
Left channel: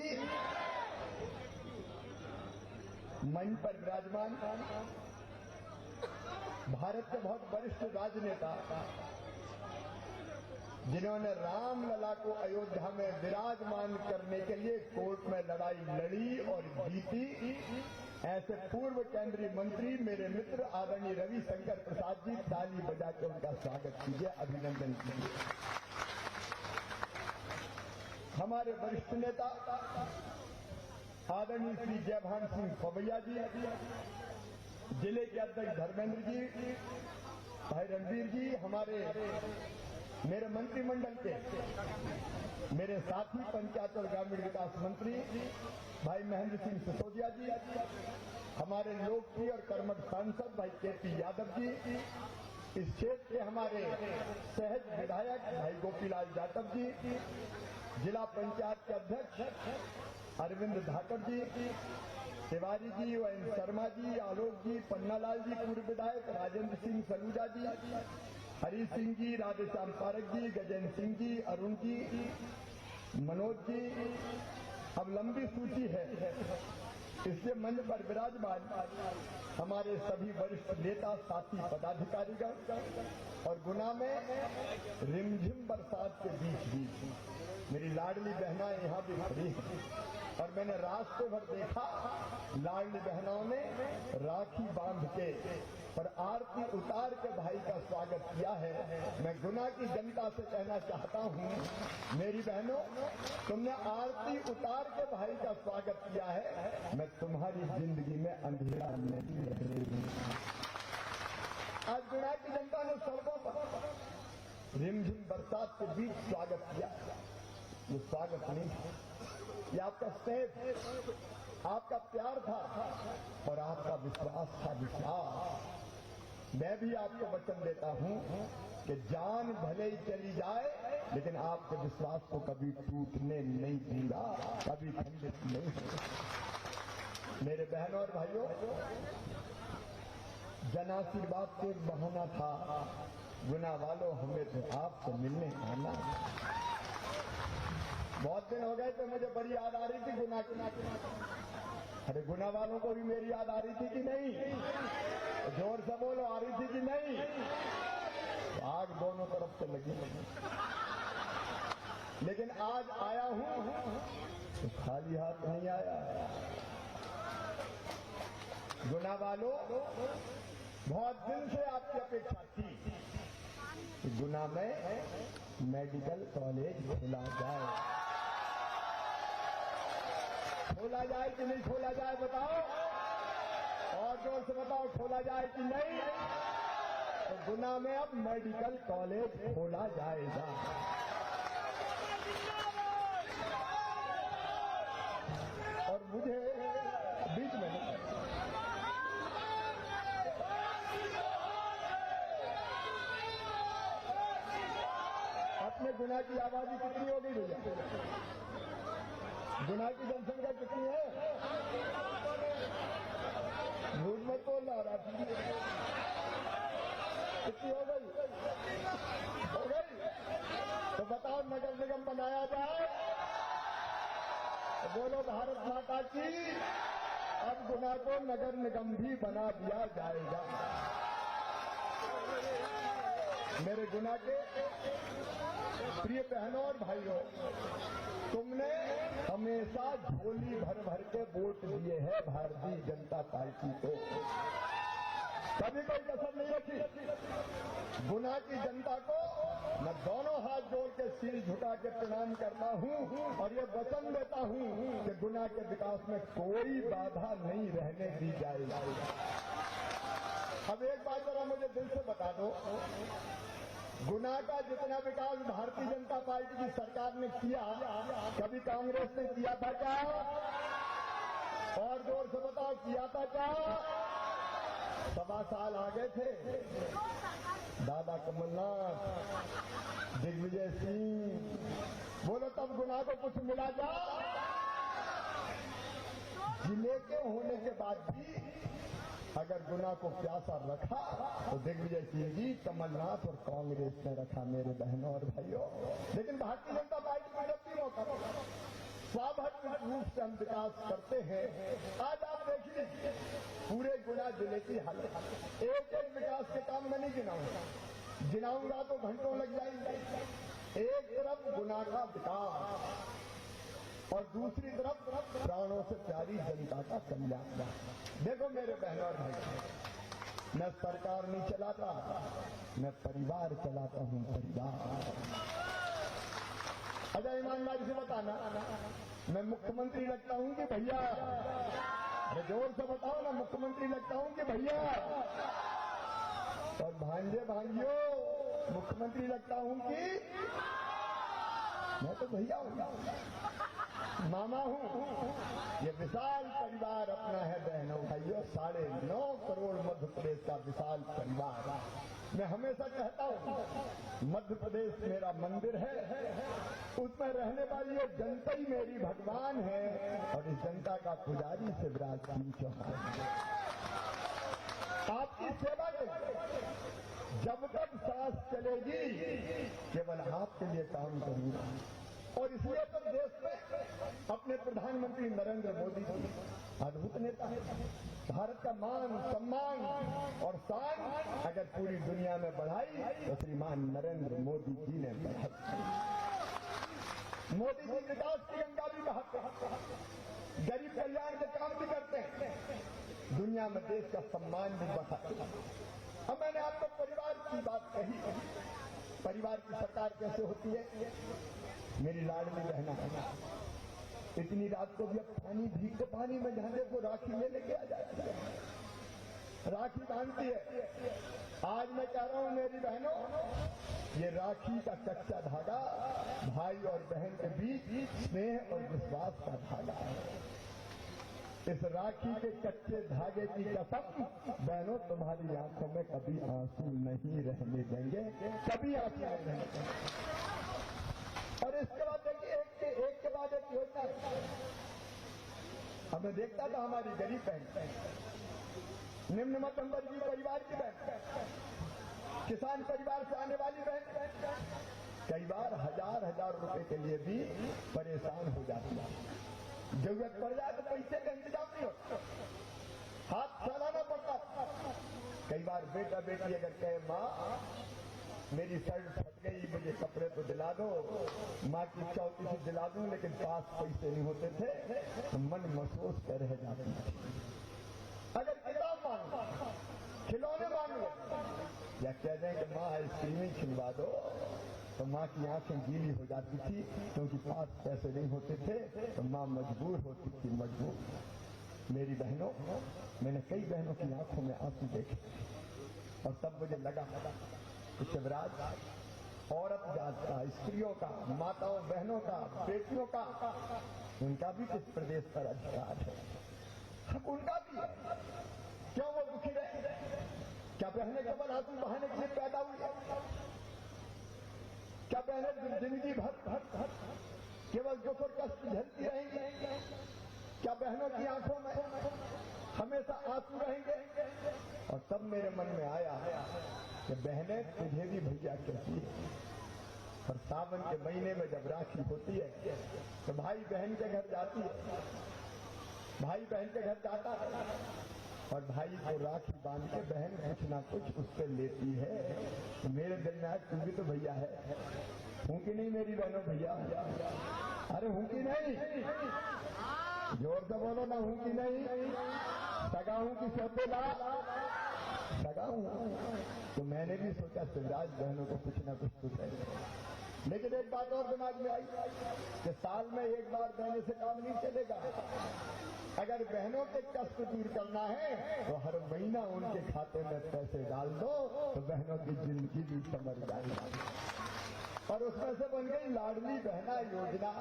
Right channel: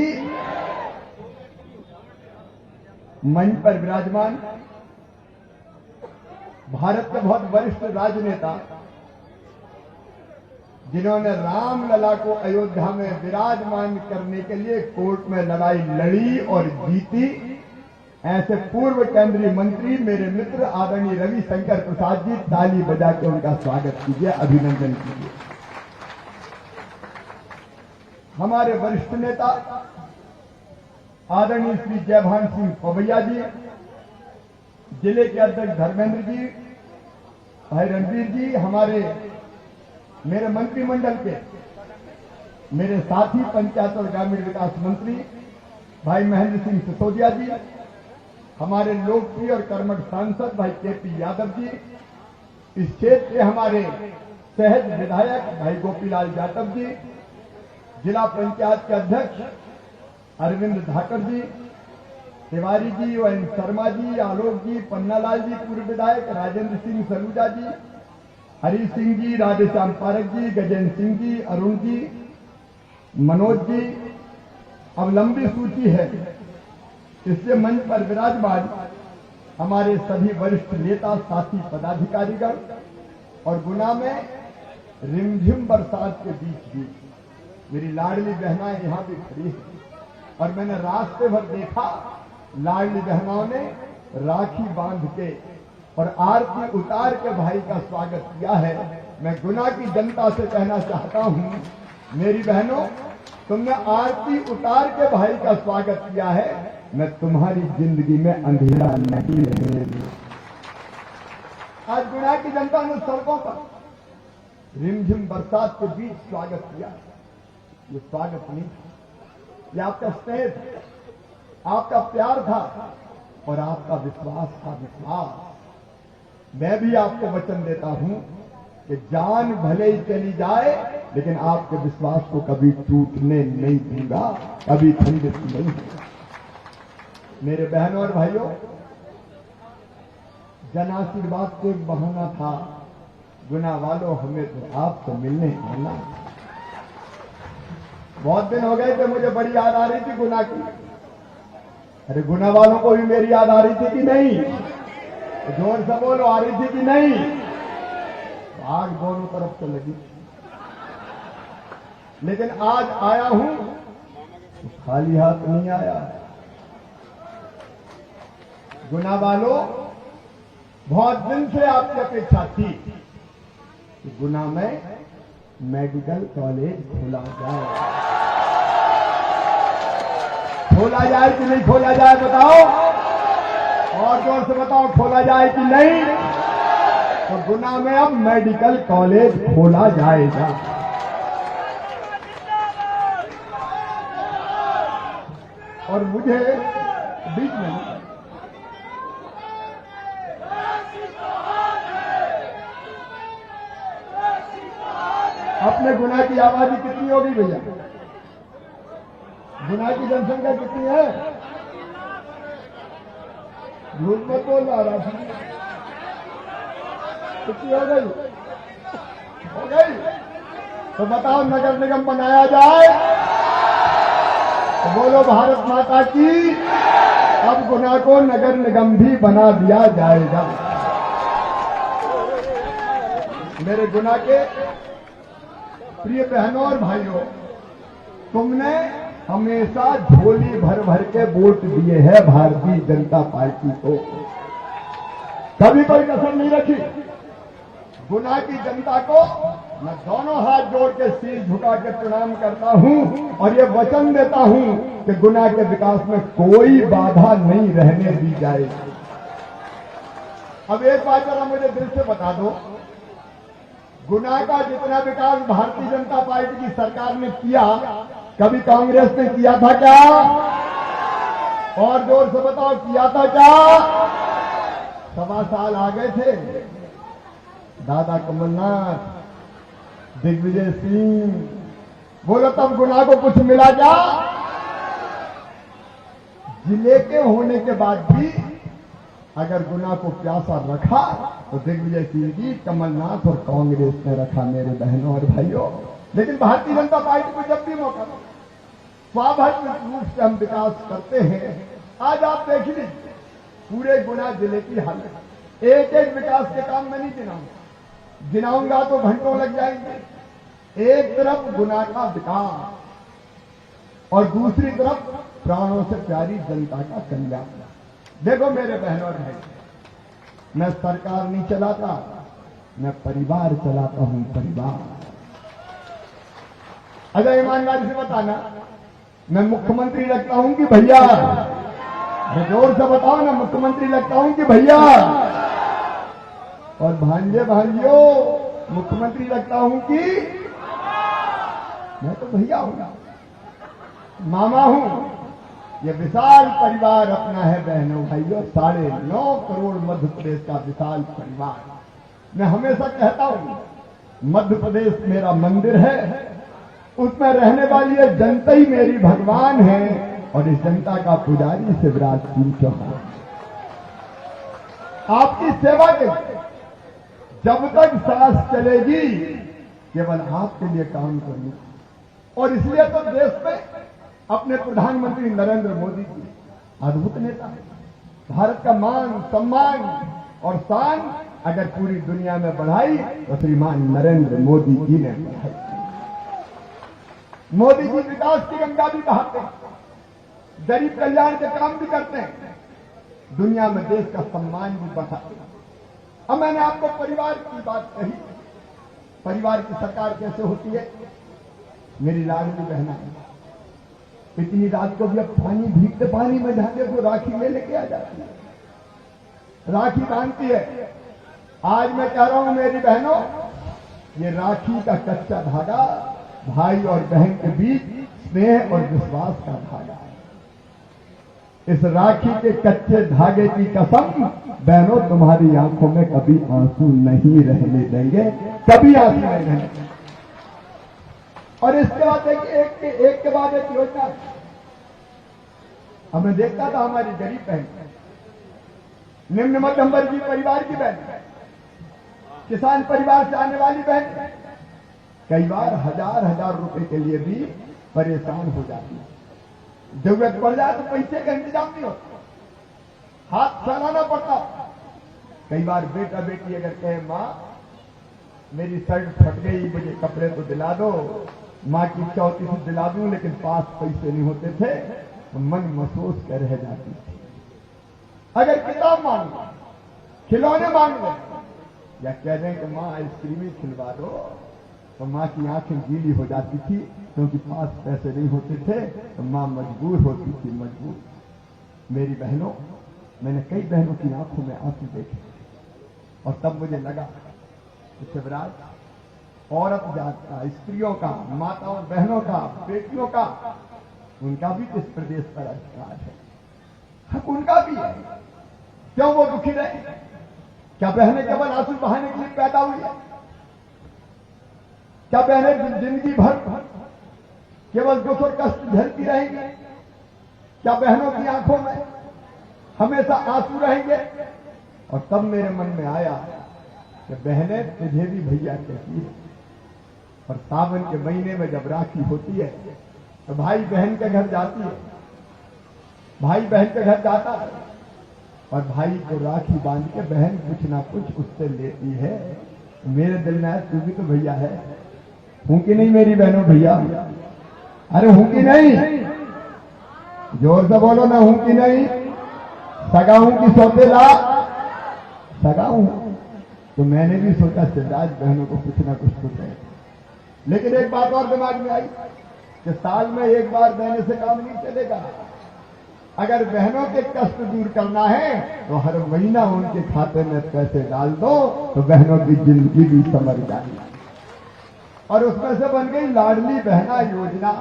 मंच पर विराजमान भारत के बहुत वरिष्ठ राजनेता, जिन्होंने रामलला को अयोध्या में विराजमान करने के लिए कोर्ट में लड़ाई लड़ी और जीती, ऐसे पूर्व केंद्रीय मंत्री मेरे मित्र आदरणीय रविशंकर प्रसाद जी, ताली बजा के उनका स्वागत कीजिए, अभिनंदन कीजिए। हमारे वरिष्ठ नेता आदरणीय श्री जयभान सिंह पवैया जी, जिले के अध्यक्ष धर्मेंद्र जी, भाई रणवीर जी, हमारे मेरे मंत्रिमंडल के मेरे साथी पंचायत और ग्रामीण विकास मंत्री भाई महेंद्र सिंह सिसोदिया जी, हमारे लोकप्रिय और कर्मठ सांसद भाई केपी यादव जी, इस क्षेत्र के हमारे सहज विधायक भाई गोपीलाल जाटव जी, जिला पंचायत के अध्यक्ष अरविंद धाकर जी, तिवारी जी, वन शर्मा जी, आलोक जी, पन्नालाल जी पूर्व विधायक, राजेंद्र सिंह सलूजा जी, हरी सिंह जी, राधेश्याम पारक जी, गजेंद्र सिंह जी, अरुण जी, मनोज जी, अब लंबी सूची है। इससे मंच पर विराजमान हमारे सभी वरिष्ठ नेता, साथी, पदाधिकारीगण और गुना में रिमझिम बरसात के बीच भी मेरी लाडली बहनाएं यहां भी खड़ी हैं और मैंने रास्ते भर देखा लाडली बहनाओं ने राखी बांध के और आरती उतार के भाई का स्वागत किया है। मैं गुना की जनता से कहना चाहता हूं, मेरी बहनों, तुमने आरती उतार के भाई का स्वागत किया है, मैं तुम्हारी जिंदगी में अंधेरा नहीं रहने दूंगा। आज गुना की जनता ने सड़कों पर रिमझिम बरसात के बीच स्वागत किया। ये स्वागत नहीं था, ये आपका स्नेह, आपका प्यार था और आपका विश्वास था। विश्वास मैं भी आपको वचन देता हूं कि जान भले ही चली जाए, लेकिन आपके विश्वास को कभी टूटने नहीं दूंगा, कभी खंडित नहीं होगा। मेरे बहनों और भाइयों, जन आशीर्वाद को एक बहाना था, गुना वालों हमें तो आपसे मिलने आना। बहुत दिन हो गए थे, मुझे बड़ी याद आ रही थी गुना की। अरे गुना वालों को भी मेरी याद आ रही थी कि नहीं? जोर से बोलो, आ रही थी कि नहीं? तो आग दोनों तरफ से लगी, लेकिन आज आया हूं तो खाली हाथ नहीं आया। गुना वालों, बहुत दिन से आपकी अपेक्षा थी कि गुना में मेडिकल कॉलेज खोला जाए। खोला जाए कि नहीं खोला जाए बताओ, और जोर से बताओ, खोला जाए कि नहीं? तो गुना में अब मेडिकल कॉलेज खोला जाएगा। और मुझे बीच में अपने गुना की आबादी कितनी होगी भैया? गुना की जनसंख्या कितनी है? झूठ मत बोल रहा, कितनी हो गई? हो गई? तो बताओ, नगर निगम बनाया जाए तो बोलो भारत माता की। अब गुना को नगर निगम भी बना दिया जाएगा। मेरे गुना के प्रिय बहनों और भाइयों, तुमने हमेशा झोली भर भर के वोट दिए हैं भारतीय जनता पार्टी को, कभी कोई कसर नहीं रखी। गुना की जनता को मैं दोनों हाथ जोड़ के सिर झुका के प्रणाम करता हूं और ये वचन देता हूं कि गुना के विकास में कोई बाधा नहीं रहने दी जाएगी। अब एक बात जरा मुझे दिल से बता दो, गुना का जितना विकास भारतीय जनता पार्टी की सरकार ने किया, कभी कांग्रेस ने किया था क्या? और जोर से बताओ, किया था क्या? 1.25 साल आ गए थे, दादा कमलनाथ, दिग्विजय सिंह, बोलो तब गुना को कुछ मिला क्या? जिले के होने के बाद भी अगर गुना को प्यासा रखा तो दिग्विजय सिंह जी, कमलनाथ और कांग्रेस ने रखा मेरे बहनों और भाइयों। लेकिन भारतीय जनता पार्टी को जब भी मौका स्वाभाविक रूप से हम विकास करते हैं। आज आप देख लीजिए पूरे गुना जिले की हालत, एक एक विकास के काम में नहीं गिनाऊंगा तो घंटों लग जाएंगे। एक तरफ गुना का विकास और दूसरी तरफ प्राणों से प्यारी जनता का कल्याण। देखो मेरे बहनों और भाई, मैं सरकार नहीं चलाता, मैं परिवार चलाता हूं, परिवार। अगर ईमानदारी से बताना, मैं मुख्यमंत्री लगता हूं कि भैया? मैं जोर से बताओ ना, मुख्यमंत्री लगता हूं कि भैया? और भांजे भांजियों, मुख्यमंत्री लगता हूं कि? मैं तो भैया हूं, मामा हूं। ये विशाल परिवार अपना है बहनों भाइयों, 9.5 करोड़ मध्य प्रदेश का विशाल परिवार। मैं हमेशा कहता हूं, मध्य प्रदेश मेरा मंदिर है, उसमें रहने वाली ये जनता ही मेरी भगवान है और इस जनता का पुजारी शिवराज सिंह चौहान। आपकी सेवा के जब तक सांस चलेगी केवल आपके लिए काम करूंगा। और इसलिए तो देश में अपने प्रधानमंत्री नरेंद्र मोदी जी अद्भुत नेता है। भारत का मान, सम्मान और शान अगर पूरी दुनिया में बढ़ाई तो श्रीमान नरेंद्र मोदी जी ने बढ़ाई। मोदी जी विकास की गंगा भी बहाते हैं, गरीब कल्याण के काम भी करते हैं, दुनिया में देश का सम्मान भी बढ़ाते हैं। अब मैंने आपको परिवार की बात कही, परिवार की सरकार कैसे होती है। मेरी लाडली बहना इतनी रात को भी अब पानी भीगते पानी में जाने को राखी में लेके आ जाती है, राखी बांधती है। आज मैं कह रहा हूं मेरी बहनों, ये राखी का कच्चा धागा भाई और बहन के बीच स्नेह और विश्वास का धागा है। इस राखी के कच्चे धागे की कसम बहनों, तुम्हारी आंखों में कभी आंसू नहीं रहने देंगे, कभी आंसू नहीं रहने देंगे। और इसके बाद एक के बाद एक योजना। अब मैं देखता था हमारी गरीब बहन निम्न मध्यम वर्गीय परिवार की बहन, किसान परिवार से आने वाली बहन कई बार हजार हजार रुपए के लिए भी परेशान हो जाती है। जरूरत पड़ जाए तो पैसे का इंतजाम नहीं होता, हाथ फैलाना पड़ता। कई बार बेटा बेटी अगर कहे माँ मेरी शर्ट फट गई, मुझे कपड़े तो दिला दो, माँ की चौथी से दिला दूं, लेकिन पास पैसे नहीं होते थे तो मन महसूस कर रह जाती थी। अगर किताब मांग लो, खिलौने मांग लो, या कह दें कि माँ आइसक्रीम ही खिलवा दो, तो माँ की आंखें गीली हो जाती थी, क्योंकि पास पैसे नहीं होते थे तो माँ मजबूर होती थी, मजबूर। मेरी बहनों, मैंने कई बहनों की आंखों में आंसू देखे और तब मुझे लगा कि शिवराज, औरत जात का, स्त्रियों का, माताओं बहनों का, बेटियों का, उनका भी इस प्रदेश पर अधिकार है, हक उनका भी है। क्यों वो दुखी रहे? क्या बहनें केवल आंसू बहाने के लिए पैदा हुई है? क्या बहनें जिंदगी भर केवल दुख और कष्ट झेलती रहेंगी? क्या बहनों की आंखों में हमेशा आंसू रहेंगे? और तब मेरे मन में आया कि बहनें तुझे भी भैया कहती है, और सावन के महीने में जब राखी होती है तो भाई बहन के घर जाती है, भाई बहन के घर जाता है और भाई को राखी बांध के बहन कुछ ना कुछ उससे लेती है। तो मेरे दिल में आया तू भी तो भैया है, हूं कि नहीं मेरी बहनों भैया? अरे हूं कि नहीं? जोर से बोलो ना, हूं कि नहीं? सगा हूं कि सौतेला? सगा हूं। तो मैंने भी सोचा शिवराज बहनों को कुछ ना कुछ तो कहे, लेकिन एक बात और दिमाग में आई कि साल में एक बार देने से काम नहीं चलेगा। अगर बहनों के कष्ट दूर करना है तो हर महीना उनके खाते में पैसे डाल दो तो बहनों की जिंदगी भी संवर जाएगी। और उसमें से बन गई लाडली बहना योजना।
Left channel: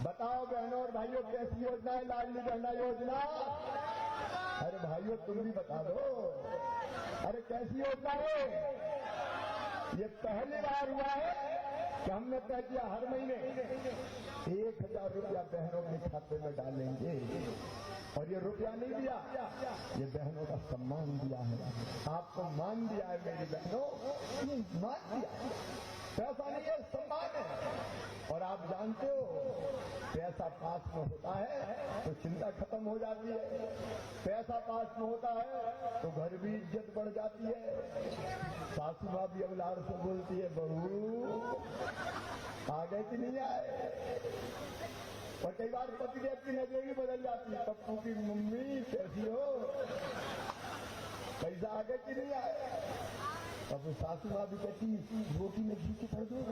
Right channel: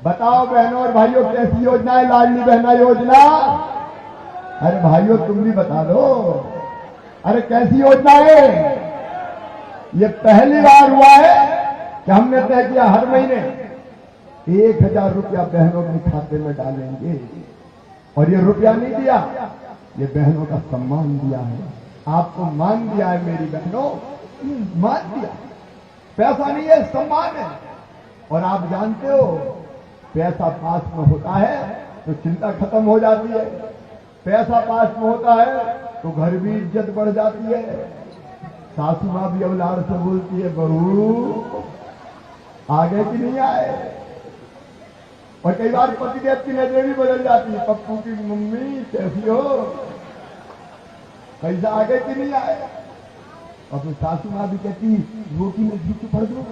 बताओ बहनों और भाइयों, कैसी योजना है लाडली बहना योजना? अरे भाइयों तुम भी बता दो, अरे कैसी योजना है? ये पहली बार हुआ है कि हमने तय किया हर महीने 1000 रुपया बहनों के खाते में डालेंगे। और ये रुपया नहीं दिया, ये बहनों का सम्मान दिया है, आपको मान दिया है मेरी बहनों, मान दिया। पैसा नहीं है, सम्मान है। और आप जानते हो पैसा पास में होता है तो चिंता खत्म हो जाती है, पैसा पास में होता है तो घर भी इज्जत बढ़ जाती है। सासू माँ भी अब लाड़ से बोलती है बहू आगे कि नहीं आए। और कई बार पतिदेव की नजरें भी बदल जाती है, पप्पू की मम्मी कैसी हो, पैसा आगे कि नहीं आए। और फिर सासू माँ भी कहती रोटी में घी पड़ दो,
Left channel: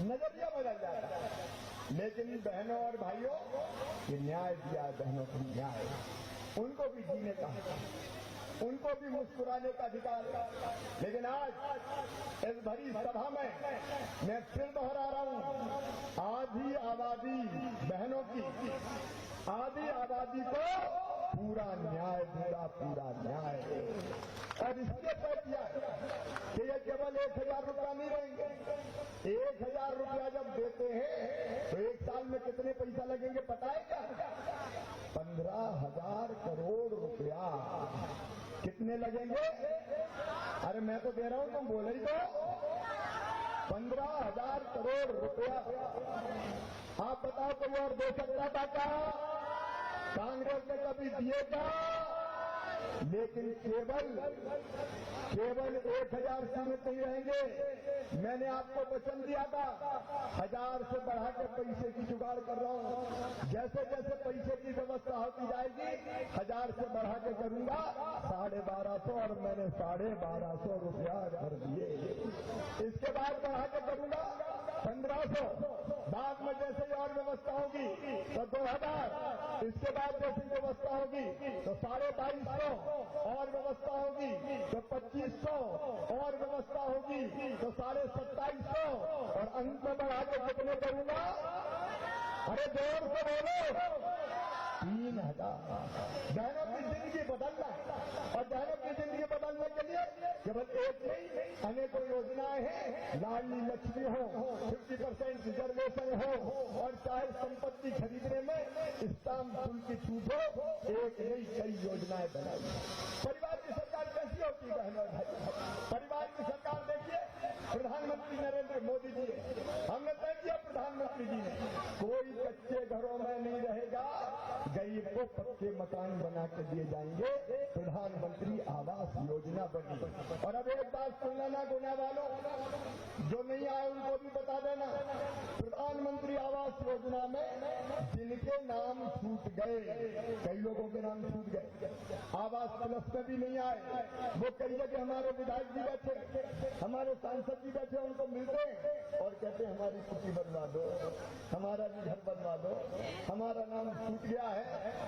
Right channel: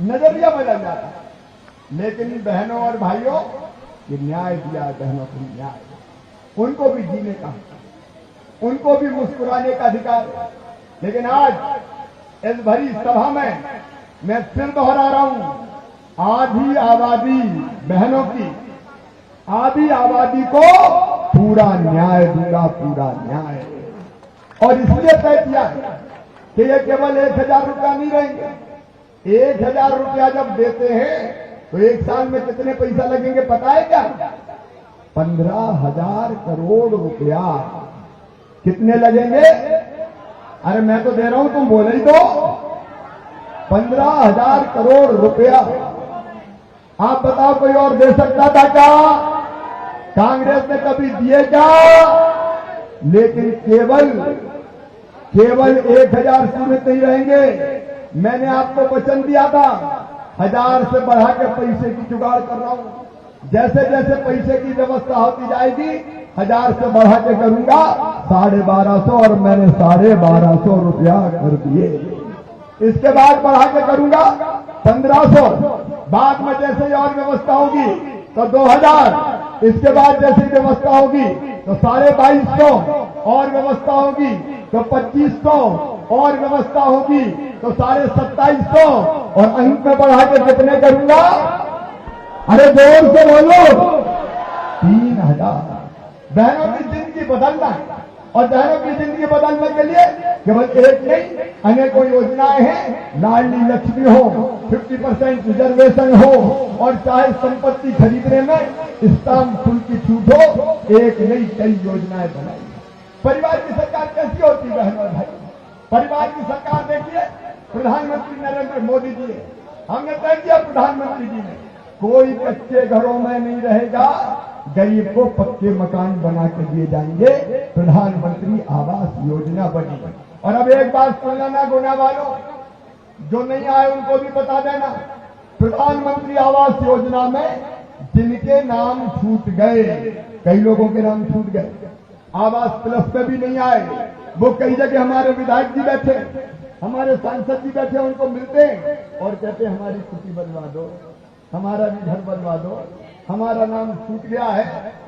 नजरिया बदल जाता है। लेकिन बहनों और भाइयों, ये न्याय दिया है बहनों को, न्याय। उनको भी जीने का, उनको भी मुस्कुराने का अधिकार है। लेकिन आज इस भरी सभा में मैं फिर दोहरा रहा हूं, आधी आबादी बहनों की, आधी आबादी को पूरा न्याय दूंगा, पूरा न्याय। और इसलिए तय किया कि ये केवल 1000 रुपया नहीं रहेंगे। 1000 रुपया जब देते हैं तो एक साल में कितने पैसा लगेंगे पता है क्या? 15,000 करोड़ रुपया। कितने लगेंगे? अरे मैं तो दे रहा हूं, तुम बोले ही तो। 15,000 करोड़ रुपया। आप बताओ कोई और दे सकता था क्या? कांग्रेस ने कभी दिए क्या? लेकिन केवल 1000 सीमित नहीं रहेंगे। मैंने आपको वचन दिया था 1000 से बढ़ा के पैसे की जुगाड़ कर रहा हूं। जैसे जैसे पैसे की व्यवस्था होती जाएगी 1000 से बढ़ा के करूंगा 1250, और मैंने 1250 रुपया कर दिए। इसके बाद बढ़ा के करूंगा 1500, बाद में जैसे और व्यवस्था होगी तो 2000, इसके बाद जैसी व्यवस्था होगी तो 2250, और व्यवस्था होगी तो 2500, और व्यवस्था होगी तो 2750, और अंत में बढ़ा के कितने करूंगा? अरे जोर से बोलो, 3000। बहनों की जिंदगी बदलना है, और बहनों की जिंदगी बदलने के लिए केवल एक नहीं अनेकों योजनाएं हैं। लाडली लक्ष्मी हो, 50% रिजर्वेशन हो, और चाहे संपत्ति खरीदने में स्टाम्प शुल्क की छूट हो, एक नई कई योजनाएं बनाई। परिवार की सरकार कैसी होती है बहनों और भाई? परिवार की सरकार देखिए, प्रधानमंत्री नरेंद्र मोदी जी, हमने तय किया प्रधानमंत्री जी ने, कोई कच्चे घरों में नहीं रहेगा, गरीब को पक्के मकान बना के दिए जाएंगे। प्रधानमंत्री आवास योजना बनी। और अब एक बात सुन लेना गुना वालों, जो नहीं आए उनको भी बता देना, प्रधानमंत्री आवास योजना में जिनके नाम छूट गए, कई लोगों के नाम छूट गए, आवास प्लस में भी नहीं आए, वो कई जगह हमारे विधायक जी बैठे, हमारे सांसद जी बैठे, उनको मिलते हैं और कहते हैं हमारी छुट्टी बनवा दो, हमारा भी घर बनवा दो, हमारा नाम छूट गया है।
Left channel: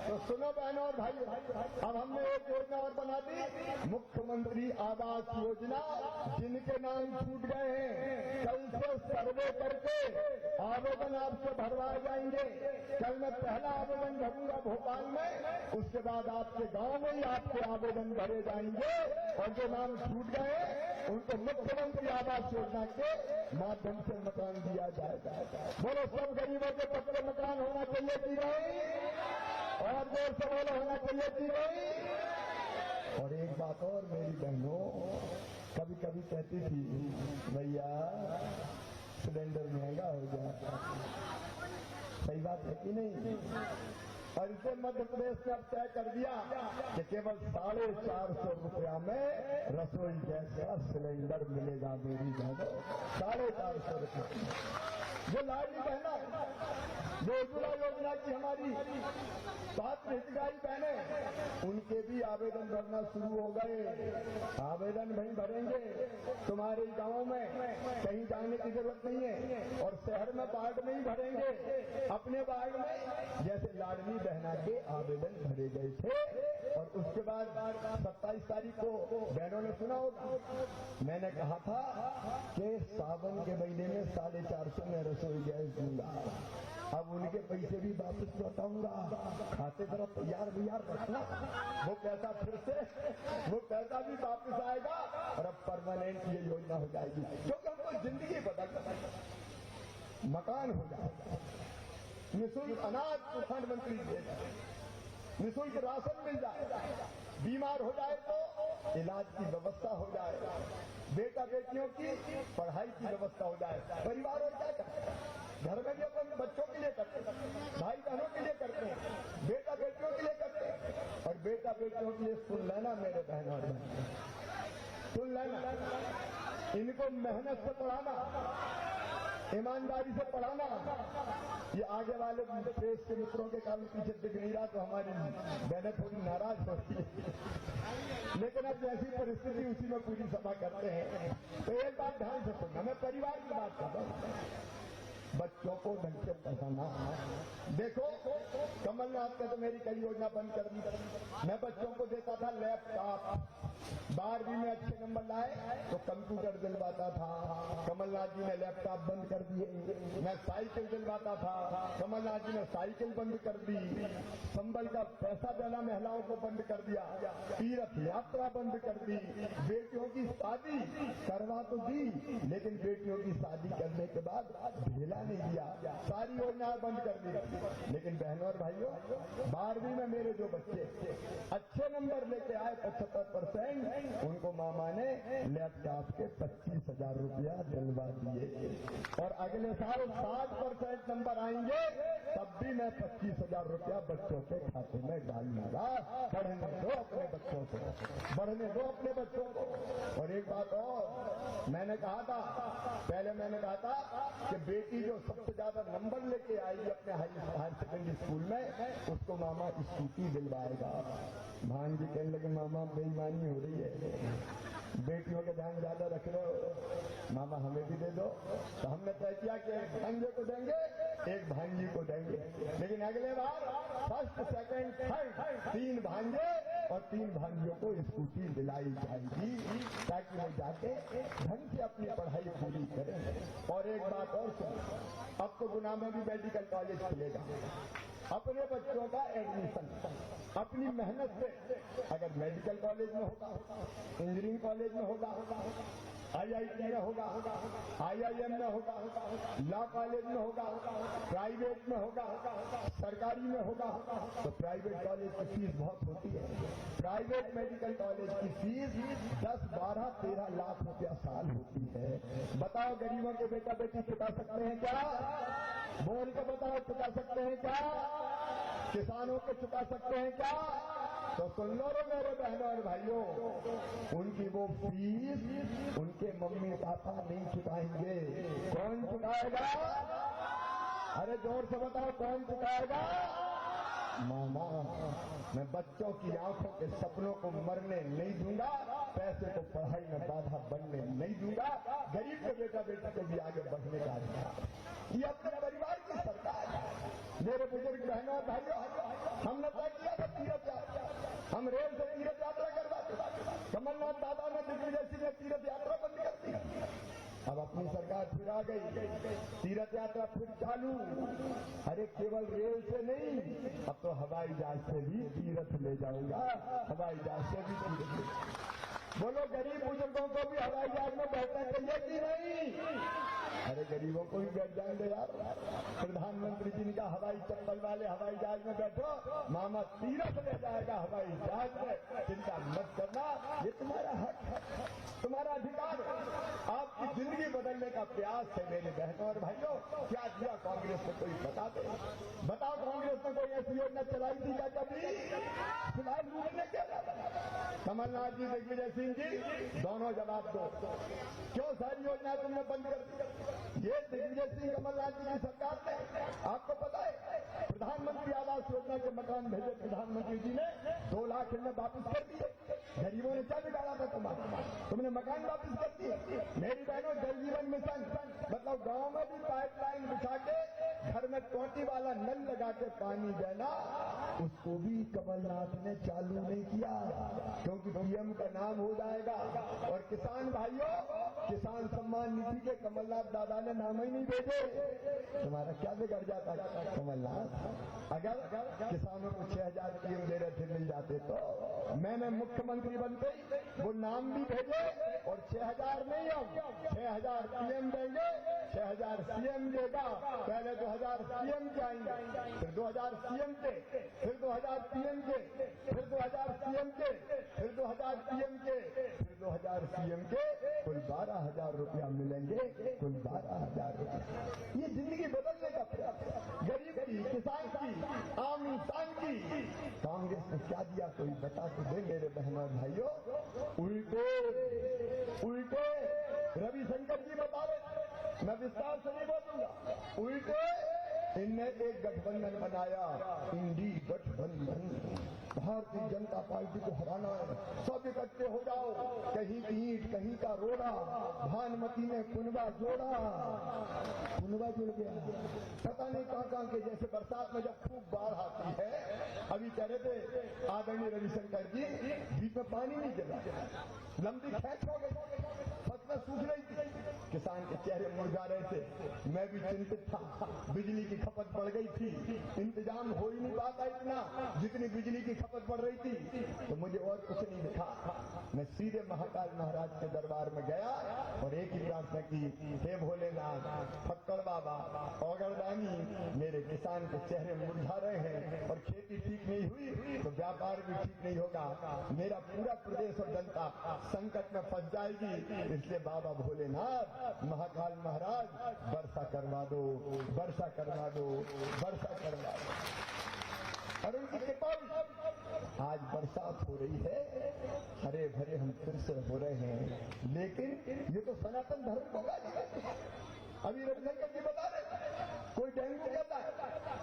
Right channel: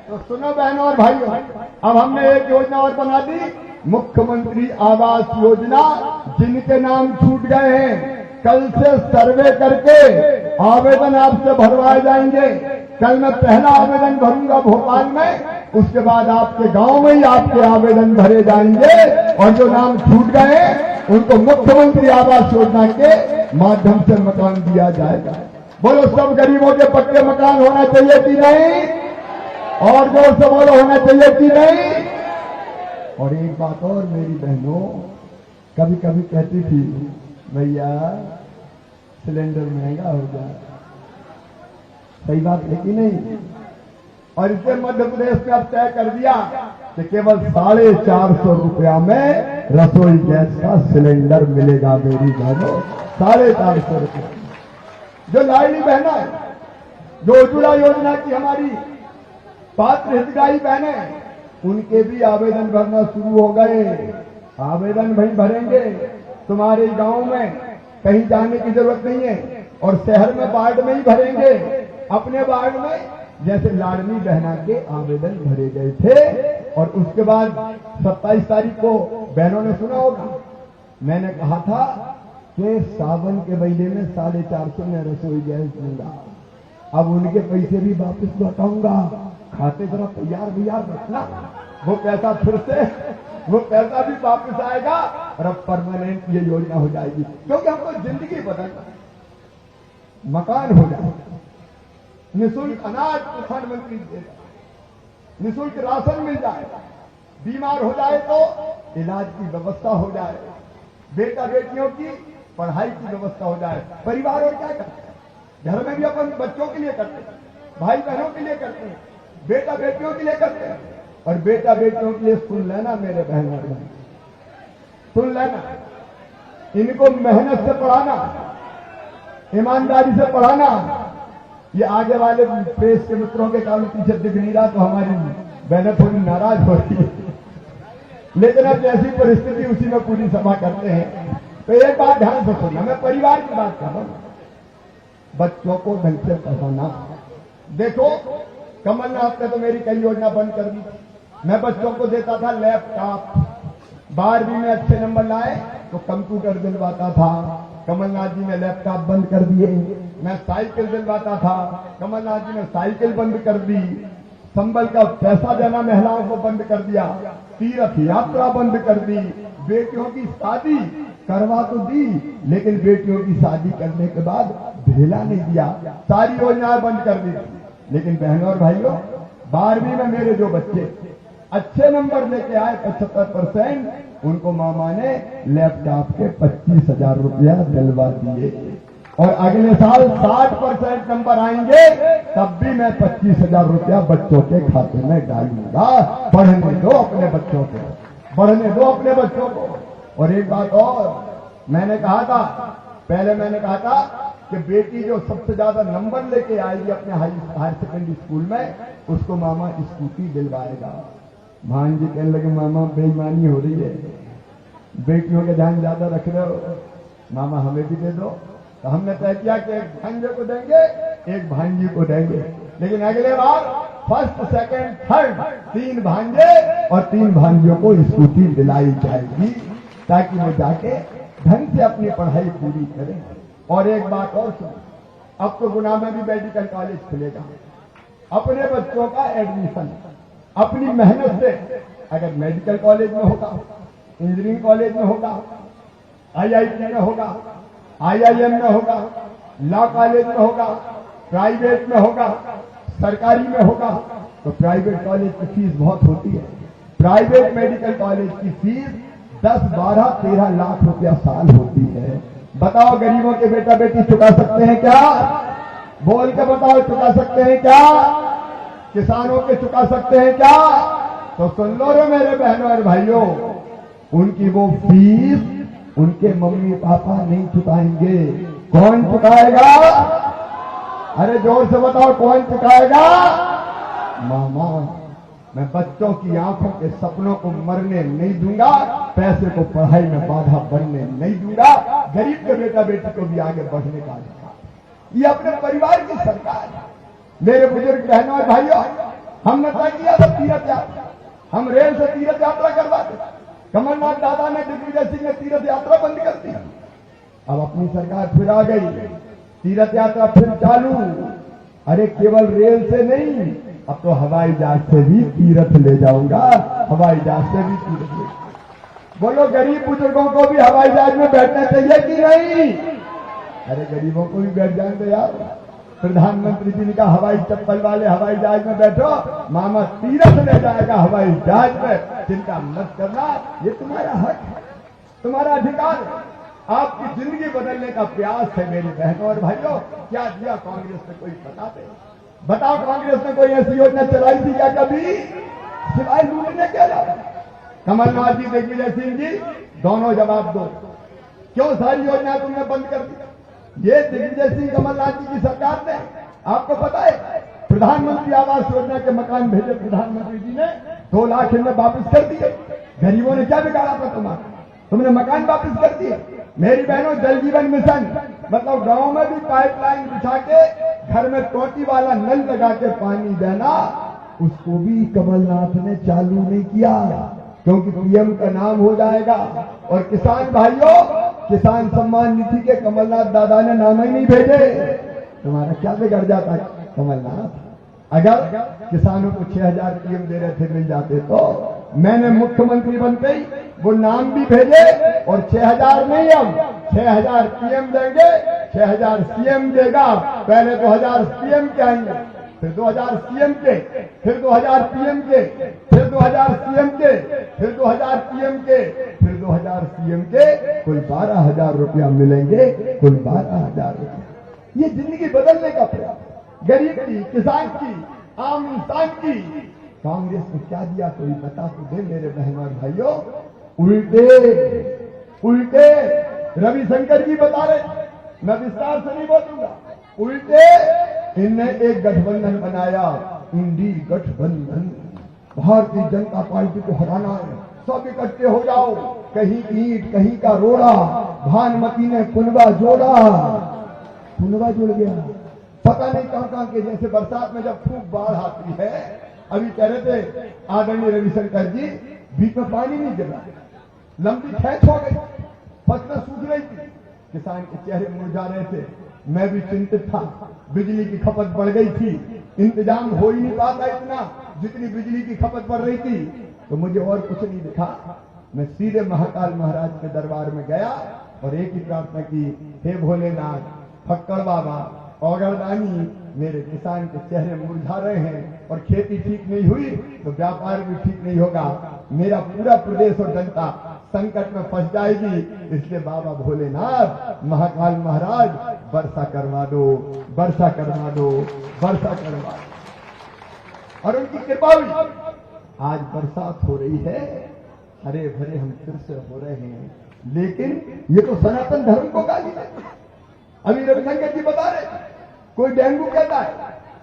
तो सुनो बहनों और भाइयों, अब हमने एक योजना और बना दी, मुख्यमंत्री आवास योजना। जिनके नाम छूट गए हैं, कल से सर्वे करके आवेदन आपसे भरवाए जाएंगे। कल मैं पहला आवेदन भरूंगा भोपाल में, उसके बाद आपके गांव में ही आपके आवेदन भरे जाएंगे, और जो नाम छूट गए उनको मुख्यमंत्री आवास योजना के माध्यम से मकान दिया जाएगा। बोलो, सब गरीबों के पक्के मकान होना चाहिए कि नहीं? और जोर से बोलो, होना चाहिए कि नहीं? और एक बात और मेरी बहनों कभी कभी कहती थी, भैया सिलेंडर महंगा हो जाए, सही बात है कि नहीं? और इसे मध्य प्रदेश में अब तय कर दिया कि केवल 450 रुपया में रसोई गैस का सिलेंडर मिलेगा मेरी बहनों, 450 रुपया। जो लाडली बहना है, जो उज्ज्वला योजना की हमारी पात्र हितग्राही बहने, उनके भी आवेदन भरना शुरू हो गए। आवेदन भाई भरेंगे, तुम्हारे गांव में कहीं जाने की जरूरत नहीं है, और शहर में वार्ड में ही भरेंगे, अपने वार्ड में। जैसे लाडली बहना के आवेदन भरे गए थे, और उसके बाद 27 तारीख को बहनों ने सुना होगा, मैंने कहा था कि सावन के महीने में 450 में रसोई गैस दूंगा। अब उनके पैसे भी वापस लौटाऊंगा, खाते जरा तैयार रखना, वो पैसा फिर से वो पैसा भी वापस आएगा, और अब परमानेंट ये योजना हो जाएगी। क्योंकि हमको जिंदगी बदलना, मकान हो जाएगा, निःशुल्क अनाज प्रधानमंत्री देगा, निःशुल्क राशन मिल जाएगा, बीमार हो जाए तो इलाज की व्यवस्था हो जाए, बेटा बेटियों की पढ़ाई की व्यवस्था हो जाए। परिवार और क्या करते हैं, घर में भी अपन बच्चों के लिए करते हैं, भाई बहनों के लिए करते हैं, बेटा बेटियों के लिए करते हैं। और बेटा बेटियों के लिए सुन लेना मेरे बहन और भाई, सुन लेना, इनको मेहनत से पढ़ाना, ईमानदारी से पढ़ाना। ये आगे वाले प्रेस के मित्रों के कारण पीछे दिख नहीं रहा, तो हमारी बहनें थोड़ी नाराज हो रही है, लेकिन अब जैसी परिस्थिति उसी में पूरी सभा करते हैं। तो एक बात ध्यान से सुनना, मैं परिवार की बात कर रहा हूं, बच्चों को ढंग से पढ़ाना। देखो, कमलनाथ ने तो मेरी कई योजना बंद कर दी। मैं बच्चों को देता था लैपटॉप, 12वीं में अच्छे नंबर लाए तो कंप्यूटर दिलवाता था, कमलनाथ जी ने लैपटॉप बंद कर दिए। मैं साइकिल दिलवाता था, कमलनाथ जी ने साइकिल बंद कर दी। संबल का पैसा देना महिलाओं को बंद कर दिया, तीर्थ यात्रा बंद कर दी, बेटियों की शादी करवा तो दी, लेकिन बेटियों की शादी करने के बाद भेला नहीं दिया, सारी योजनाएं बंद कर दी। लेकिन बहनों और भाइयों, 12वीं में मेरे जो बच्चे अच्छे नंबर लेके आए 75%, उनको मामा ने लैपटॉप के 25,000 रुपया दिलवा दिए। और अगले साल 60% नंबर आएंगे, तब भी मैं 25,000 रुपया बच्चों के खाते में डालूंगा। पढ़ने दो अपने बच्चों को, बढ़ने दो अपने बच्चों को। और एक बात और, मैंने कहा था, पहले मैंने कहा था कि बेटी जो सबसे ज्यादा नंबर लेके आएगी अपने हायर सेकेंडरी स्कूल में, उसको मामा स्कूटी दिलवाएगा। भांजी कहने लगे, मामा बेईमानी हो रही है, बेटियों के ध्यान ज्यादा रख रहे हो, मामा हमें भी दे दो। तो हमने तय किया कि एक भांजे को देंगे, एक भांजी को देंगे, लेकिन अगले बार फर्स्ट सेकंड थर्ड 3 भांजे और 3 भांजियों को स्कूटी दिलाई जाएगी, ताकि वो जाके ढंग से अपनी पढ़ाई पूरी करें। और एक बात और सुनो, अब तो गुना में भी मेडिकल कॉलेज खुलेगा, अपने बच्चों का एडमिशन अपनी मेहनत से अगर मेडिकल कॉलेज में होगा, इंजीनियरिंग कॉलेज में होगा, IIT में होगा, IIM में होगा, लॉ कॉलेज में होगा, प्राइवेट में होगा, सरकारी में होगा, तो प्राइवेट कॉलेज की फीस बहुत होती है। प्राइवेट मेडिकल कॉलेज की फीस 10, 12, 13 लाख रुपया साल होती है। बताओ गरीबों के बेटा बेटी चुका सकते हैं क्या? बोल के बताओ, चुका सकते हैं क्या? किसानों के चुका सकते हैं क्या? तो सुन लो रे मेरे बहनों और भाइयों, उनकी वो फीस उनके मम्मी पापा नहीं चुकाएंगे। कौन चुकाएगा? अरे जोर से बताओ, कौन चुकाएगा? मामा। मैं बच्चों की आंखों के सपनों को मरने नहीं दूंगा, पैसे को पढ़ाई में बाधा बनने नहीं दूंगा, गरीब के बेटा बेटी को भी आगे बढ़ने का अधिकार। ये अपने परिवार की सरकार है। मेरे बुजुर्ग बहनों और भाइयों, हमने तय किया था तीर्थ यात्रा, हम रेल से तीर्थ यात्रा करवाते। कमलनाथ दादा ने, दिग्विजय सिंह ने तीर्थ यात्रा बंद कर दी। अब अपनी सरकार फिर आ गई, तीर्थ यात्रा फिर चालू। अरे केवल रेल से नहीं, अब तो हवाई जहाज से भी तीर्थ ले जाऊंगा, हवाई जहाज से भी तीर्थ ले। बोलो गरीब बुजुर्गों को भी हवाई जहाज में बैठना चाहिए कि नहीं? अरे गरीबों को भी बैठ जाएं तो यार। प्रधानमंत्री जी ने कहा हवाई चप्पल वाले हवाई जहाज में बैठो, मामा तीर्थ ले जाएगा हवाई जहाज में, चिंता मत करना, ये तुम्हारा हक है, तुम्हारा अधिकार है। आपकी जिंदगी बदलने का प्रयास है मेरी बहनों और भाइयों। क्या दिया कांग्रेस ने? कोई बताते? बताओ, कांग्रेस ने कोई ऐसी योजना चलाई थी क्या कभी? सिवाय लूटने के अलावा। कमलनाथ जी, दिग्विजय सिंह जी, दोनों जवाब दो, क्यों सारी योजना तुमने बंद कर दी? ये दिग्विजय सिंह कमलनाथ जी की सरकार ने, आपको पता है, प्रधानमंत्री आवास योजना के मकान भेजे प्रधानमंत्री जी ने, 2 लाख इनमें वापस कर दिए। गरीबों ने क्या बिगाड़ा था तुम्हारा? तुमने मकान वापस कर दिए। मेरी बहनों, जल जीवन मिशन मतलब गांव में भी पाइपलाइन बिछा के घर में टोटी वाला नल लगा के पानी देना, उसको भी कमलनाथ ने चालू नहीं किया, क्योंकि पीएम का नाम हो जाएगा। और किसान भाइयों, किसान सम्मान निधि के कमलनाथ दादा ने नाम ही नहीं भेजे। तुम्हारा क्या बिगड़ जाता कमलनाथ? अगर किसानों को 6000 पीएम दे रहे थे मिल जाते तो मैंने मुख्यमंत्री बनते ही वो नाम भी भेजे, और 6000 नहीं, अब 6000 पीएम देंगे, 6000 सीएम देगा। पहले 2000 सीएम के आएंगे, फिर 2000 सीएम के, फिर 2000 पीएम के, फिर 2000 सीएम के, फिर 2000 पीएम के, फिर 2000 सीएम के, कुल 12,000 रुपया मिलेंगे, कुल 12,000 रुपया। ये जिंदगी बदलने का प्रयास, गरीब की, किसान की, आम इंसान की। कांग्रेस ने क्या दिया? कोई बता तो दे मेरे बहनों और भाइयों। उल्टे रविशंकर जी बता रहे, मैं विस्तार से नहीं बोलूंगा। उल्टे इनने एक गठबंधन बनाया, इंडी गठबंधन। भारतीय जनता पार्टी को हराना है, सब इकट्ठे हो जाओ, कहीं ईंट कहीं का रोड़ा। भानुमती ने कुनबा जोड़ा, कुनबा जुड़ गया। पता नहीं कहां के, जैसे बरसात में जब खूब बाढ़ आती है, अभी कह रहे थे आदरणीय रविशंकर जी, बीच में पानी नहीं गिर रहा, लंबी खेच हो गई, फसलें सूख रही थी, किसान के चेहरे मुरझा रहे थे। मैं भी चिंतित था, बिजली की खपत बढ़ गई थी, इंतजाम हो ही नहीं पाता इतना जितनी बिजली की खपत बढ़ रही थी। तो मुझे और कुछ नहीं दिखा, मैं सीधे महाकाल महाराज के दरबार में गया और एक ही प्रार्थना की, हे भोलेनाथ, फक्कड़ बाबा, औगरदानी, मेरे किसान के चेहरे मुरझा रहे हैं और खेती ठीक नहीं हुई तो व्यापार भी ठीक नहीं होगा, मेरा पूरा प्रदेश और जनता संकट में फंस जाएगी। इसलिए बाबा भोलेनाथ, महाकाल महाराज, वर्षा करवा दो, वर्षा करवा दो, वर्षा करवा दो। और उनकी कृपा हुई, आज बरसात हो रही है, हरे भरे हम फिर से हो रहे हैं। लेकिन ये तो सनातन धर्म को गाली है। अभी रविशंकर जी बता रहे, कोई डेंगू कहता है,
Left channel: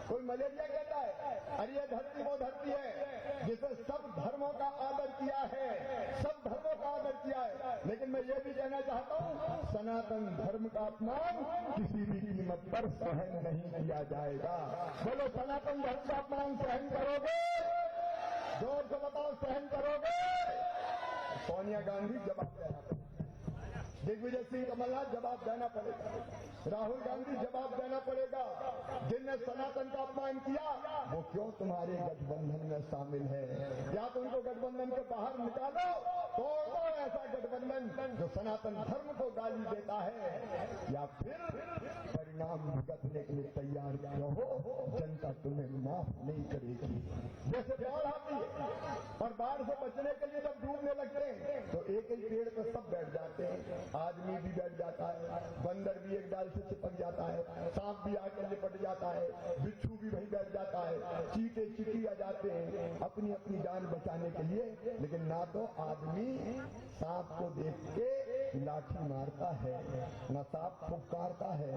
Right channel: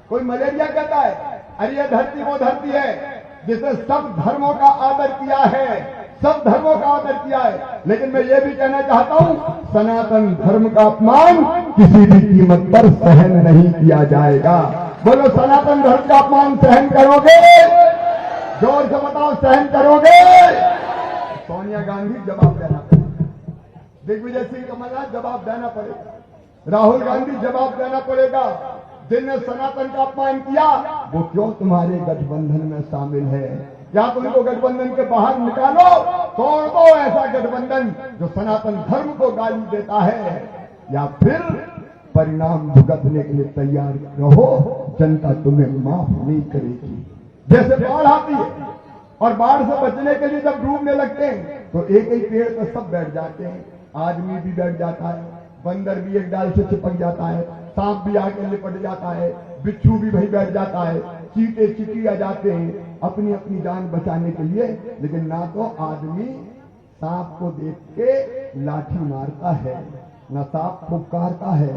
कोई मलेरिया कहता है। अरे ये धरती वो धरती है जिसने सब धर्मों का आदर किया है, सब धर्मों का आदर किया है। लेकिन मैं ये भी कहना चाहता हूं, सनातन धर्म का अपमान किसी भी कीमत पर सहन नहीं किया जाएगा। बोलो, सनातन धर्म का अपमान सहन करोगे? जोर से बताओ, सहन करोगे? सोनिया गांधी जवाब देना पड़ेगा, दिग्विजय सिंह कमलनाथ जवाब देना पड़ेगा, राहुल गांधी जवाब देना पड़ेगा, जिनने सनातन का अपमान किया वो क्यों तुम्हारे गठबंधन में शामिल है? या तो उनको गठबंधन के बाहर निकालो, तोड़ दो ऐसा गठबंधन जो सनातन धर्म को गाली देता है, या फिर परिणाम भुगतने के लिए तैयार रहो। जनता तुम्हें माफ नहीं करेगी। जैसे बाढ़ आती है और बाढ़ से बचने के लिए जब डूबने लगते हैं तो एक ही पेड़ पर सब बैठ जाते हैं। आदमी भी बैठ जाता है, बंदर भी एक डाल से चिपक जाता है, सांप भी आके लिपट जाता है, बिच्छू भी वहीं बैठ जाता है, चींटे चिटिया जाते हैं अपनी अपनी जान बचाने के लिए। लेकिन ना तो आदमी सांप को देख के लाठी मारता है, न सांप फुफकारता है,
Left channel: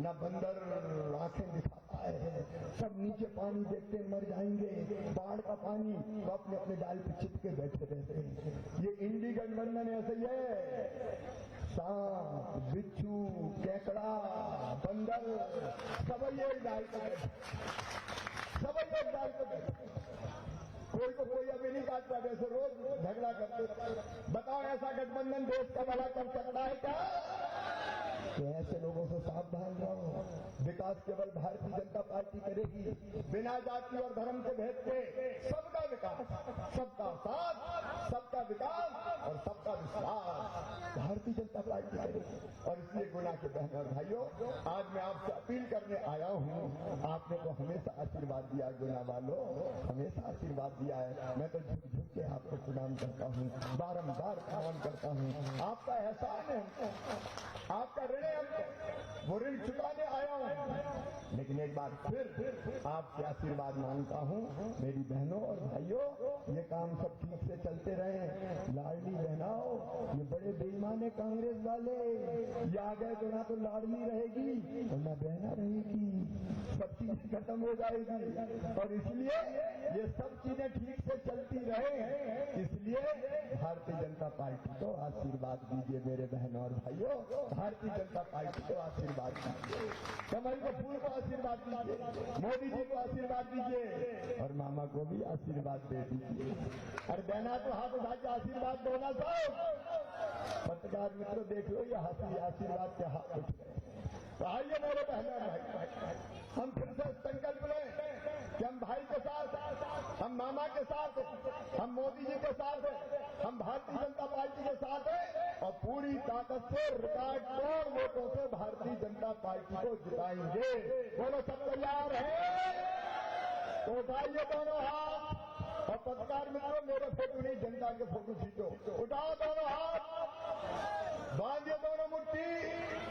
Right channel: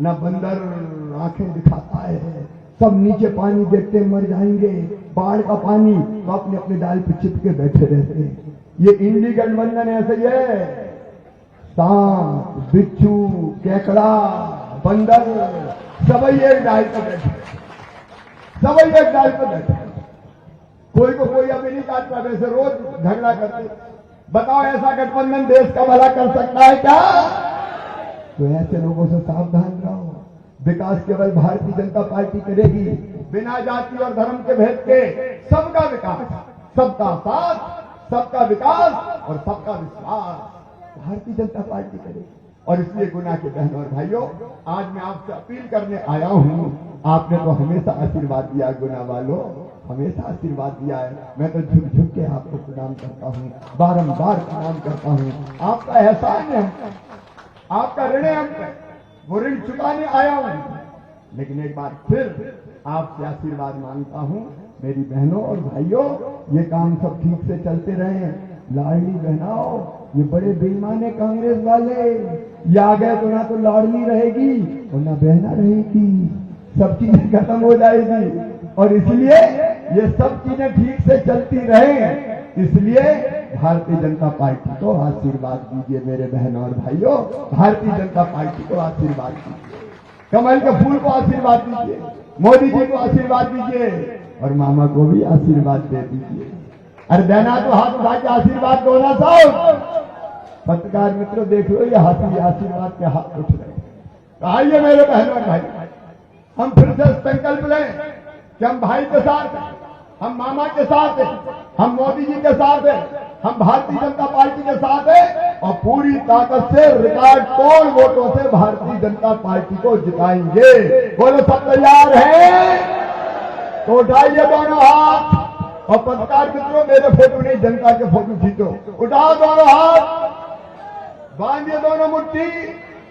न बंदर आंखें दिखाता है। सब नीचे पानी देखते मर जाएंगे, बाढ़ का पानी, तो अपने अपने डाल पे चिपके बैठे रहते हैं। ये इंडी गठबंधन ऐसे ही है। सांप, बिच्छू, केकड़ा, बंदर सबई एक डाल पे बैठे, सबई एक डाल पे बैठे। कोई को कोई अभी नहीं काटता, वैसे रोज झगड़ा करते। बताओ ऐसा गठबंधन देश का भला कर सकता है क्या? तो ऐसे लोगों से सावधान रहो। विकास केवल भारतीय जनता पार्टी करेगी, बिना जाति और धर्म के भेद के। सबका विकास, सबका साथ, सबका विकास और सबका विश्वास भारतीय जनता पार्टी करेगी। और इसलिए गुना के बहनों और भाइयों, आज मैं आपसे अपील करने आया हूं। आपने तो हमेशा आशीर्वाद दिया, गुना वालों हमेशा आशीर्वाद दिया है। मैं तो झुक झुक के आपको प्रणाम करता हूं, बारंबार प्रणाम करता हूं। आपका एहसान है, आपका ऋण है, वो ऋण चुकाने आया हूं। लेकिन एक बार फिर आपसे आशीर्वाद मांगता हूं। मेरी बहनों और भाइयों, ये काम सब ठीक से चलते रहे। लाडली बहनाओ, ये बड़े बेईमान है कांग्रेस वाले। ये आ गए तो ना तो लाडली रहेगी और ना बहना रहेगी, सब चीजें खत्म हो जाएगी। और इसलिए ये सब चीजें ठीक से चलती रहे, इसलिए भारतीय जनता पार्टी को आशीर्वाद दीजिए। मेरे बहनों और भाइयों, भारतीय जनता पार्टी को आशीर्वाद दीजिए, कमल के फूल को आशीर्वाद दीजिए, मोदी जी को आशीर्वाद दीजिए और मामा को भी आशीर्वाद दे दीजिए। अरे देना तो हाथ उठा के आशीर्वाद दो ना साहब। पत्रकार मित्रों देख लो, ये हाथी आशीर्वाद के हाथ उठ रहे। तो आइए मेरे बहनों और भाई, हम फिर से संकल्प लें कि हम भाई के साथ हैं, हम मामा के साथ हैं, हम मोदी जी के साथ हैं, हम भारतीय जनता पार्टी के साथ हैं और पूरी ताकत से रिकॉर्ड तोड़ वोटों से भारतीय जनता पार्टी को जिताएंगे। बोलो सब तैयार हैं? तो उठाइए दोनों हाथ। और पत्रकार मित्रों, मेरे फोटो नहीं, जनता के फोटो खींचो। उठाओ दोनों हाथ, बांधिए दोनों मुट्ठी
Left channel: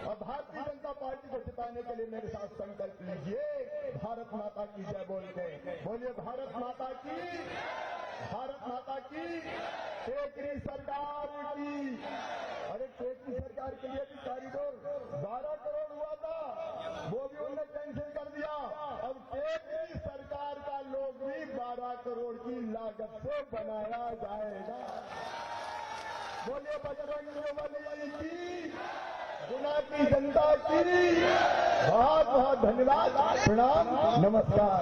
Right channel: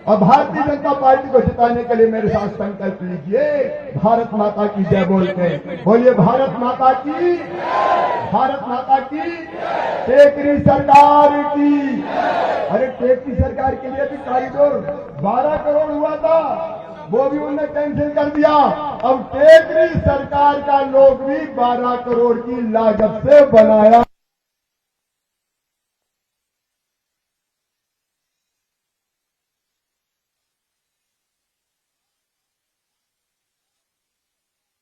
और भारतीय जनता पार्टी को जिताने के लिए मेरे साथ संकल्प लीजिए। भारत माता की जय बोलते हैं। बोलिए भारत माता की, भारत माता की, टेकरी सरकार की। अरे टेकरी सरकार के लिए भी कॉरिडोर 12 करोड़ हुआ था, वो भी उन्होंने कैंसिल कर दिया। अब टेकरी सरकार का लोग भी 12 करोड़ की लागत से बनाया जाएगा। बोलिए बजरंग बली की, गुना की जनता की बहुत बहुत धन्यवाद, प्रणाम, नमस्कार।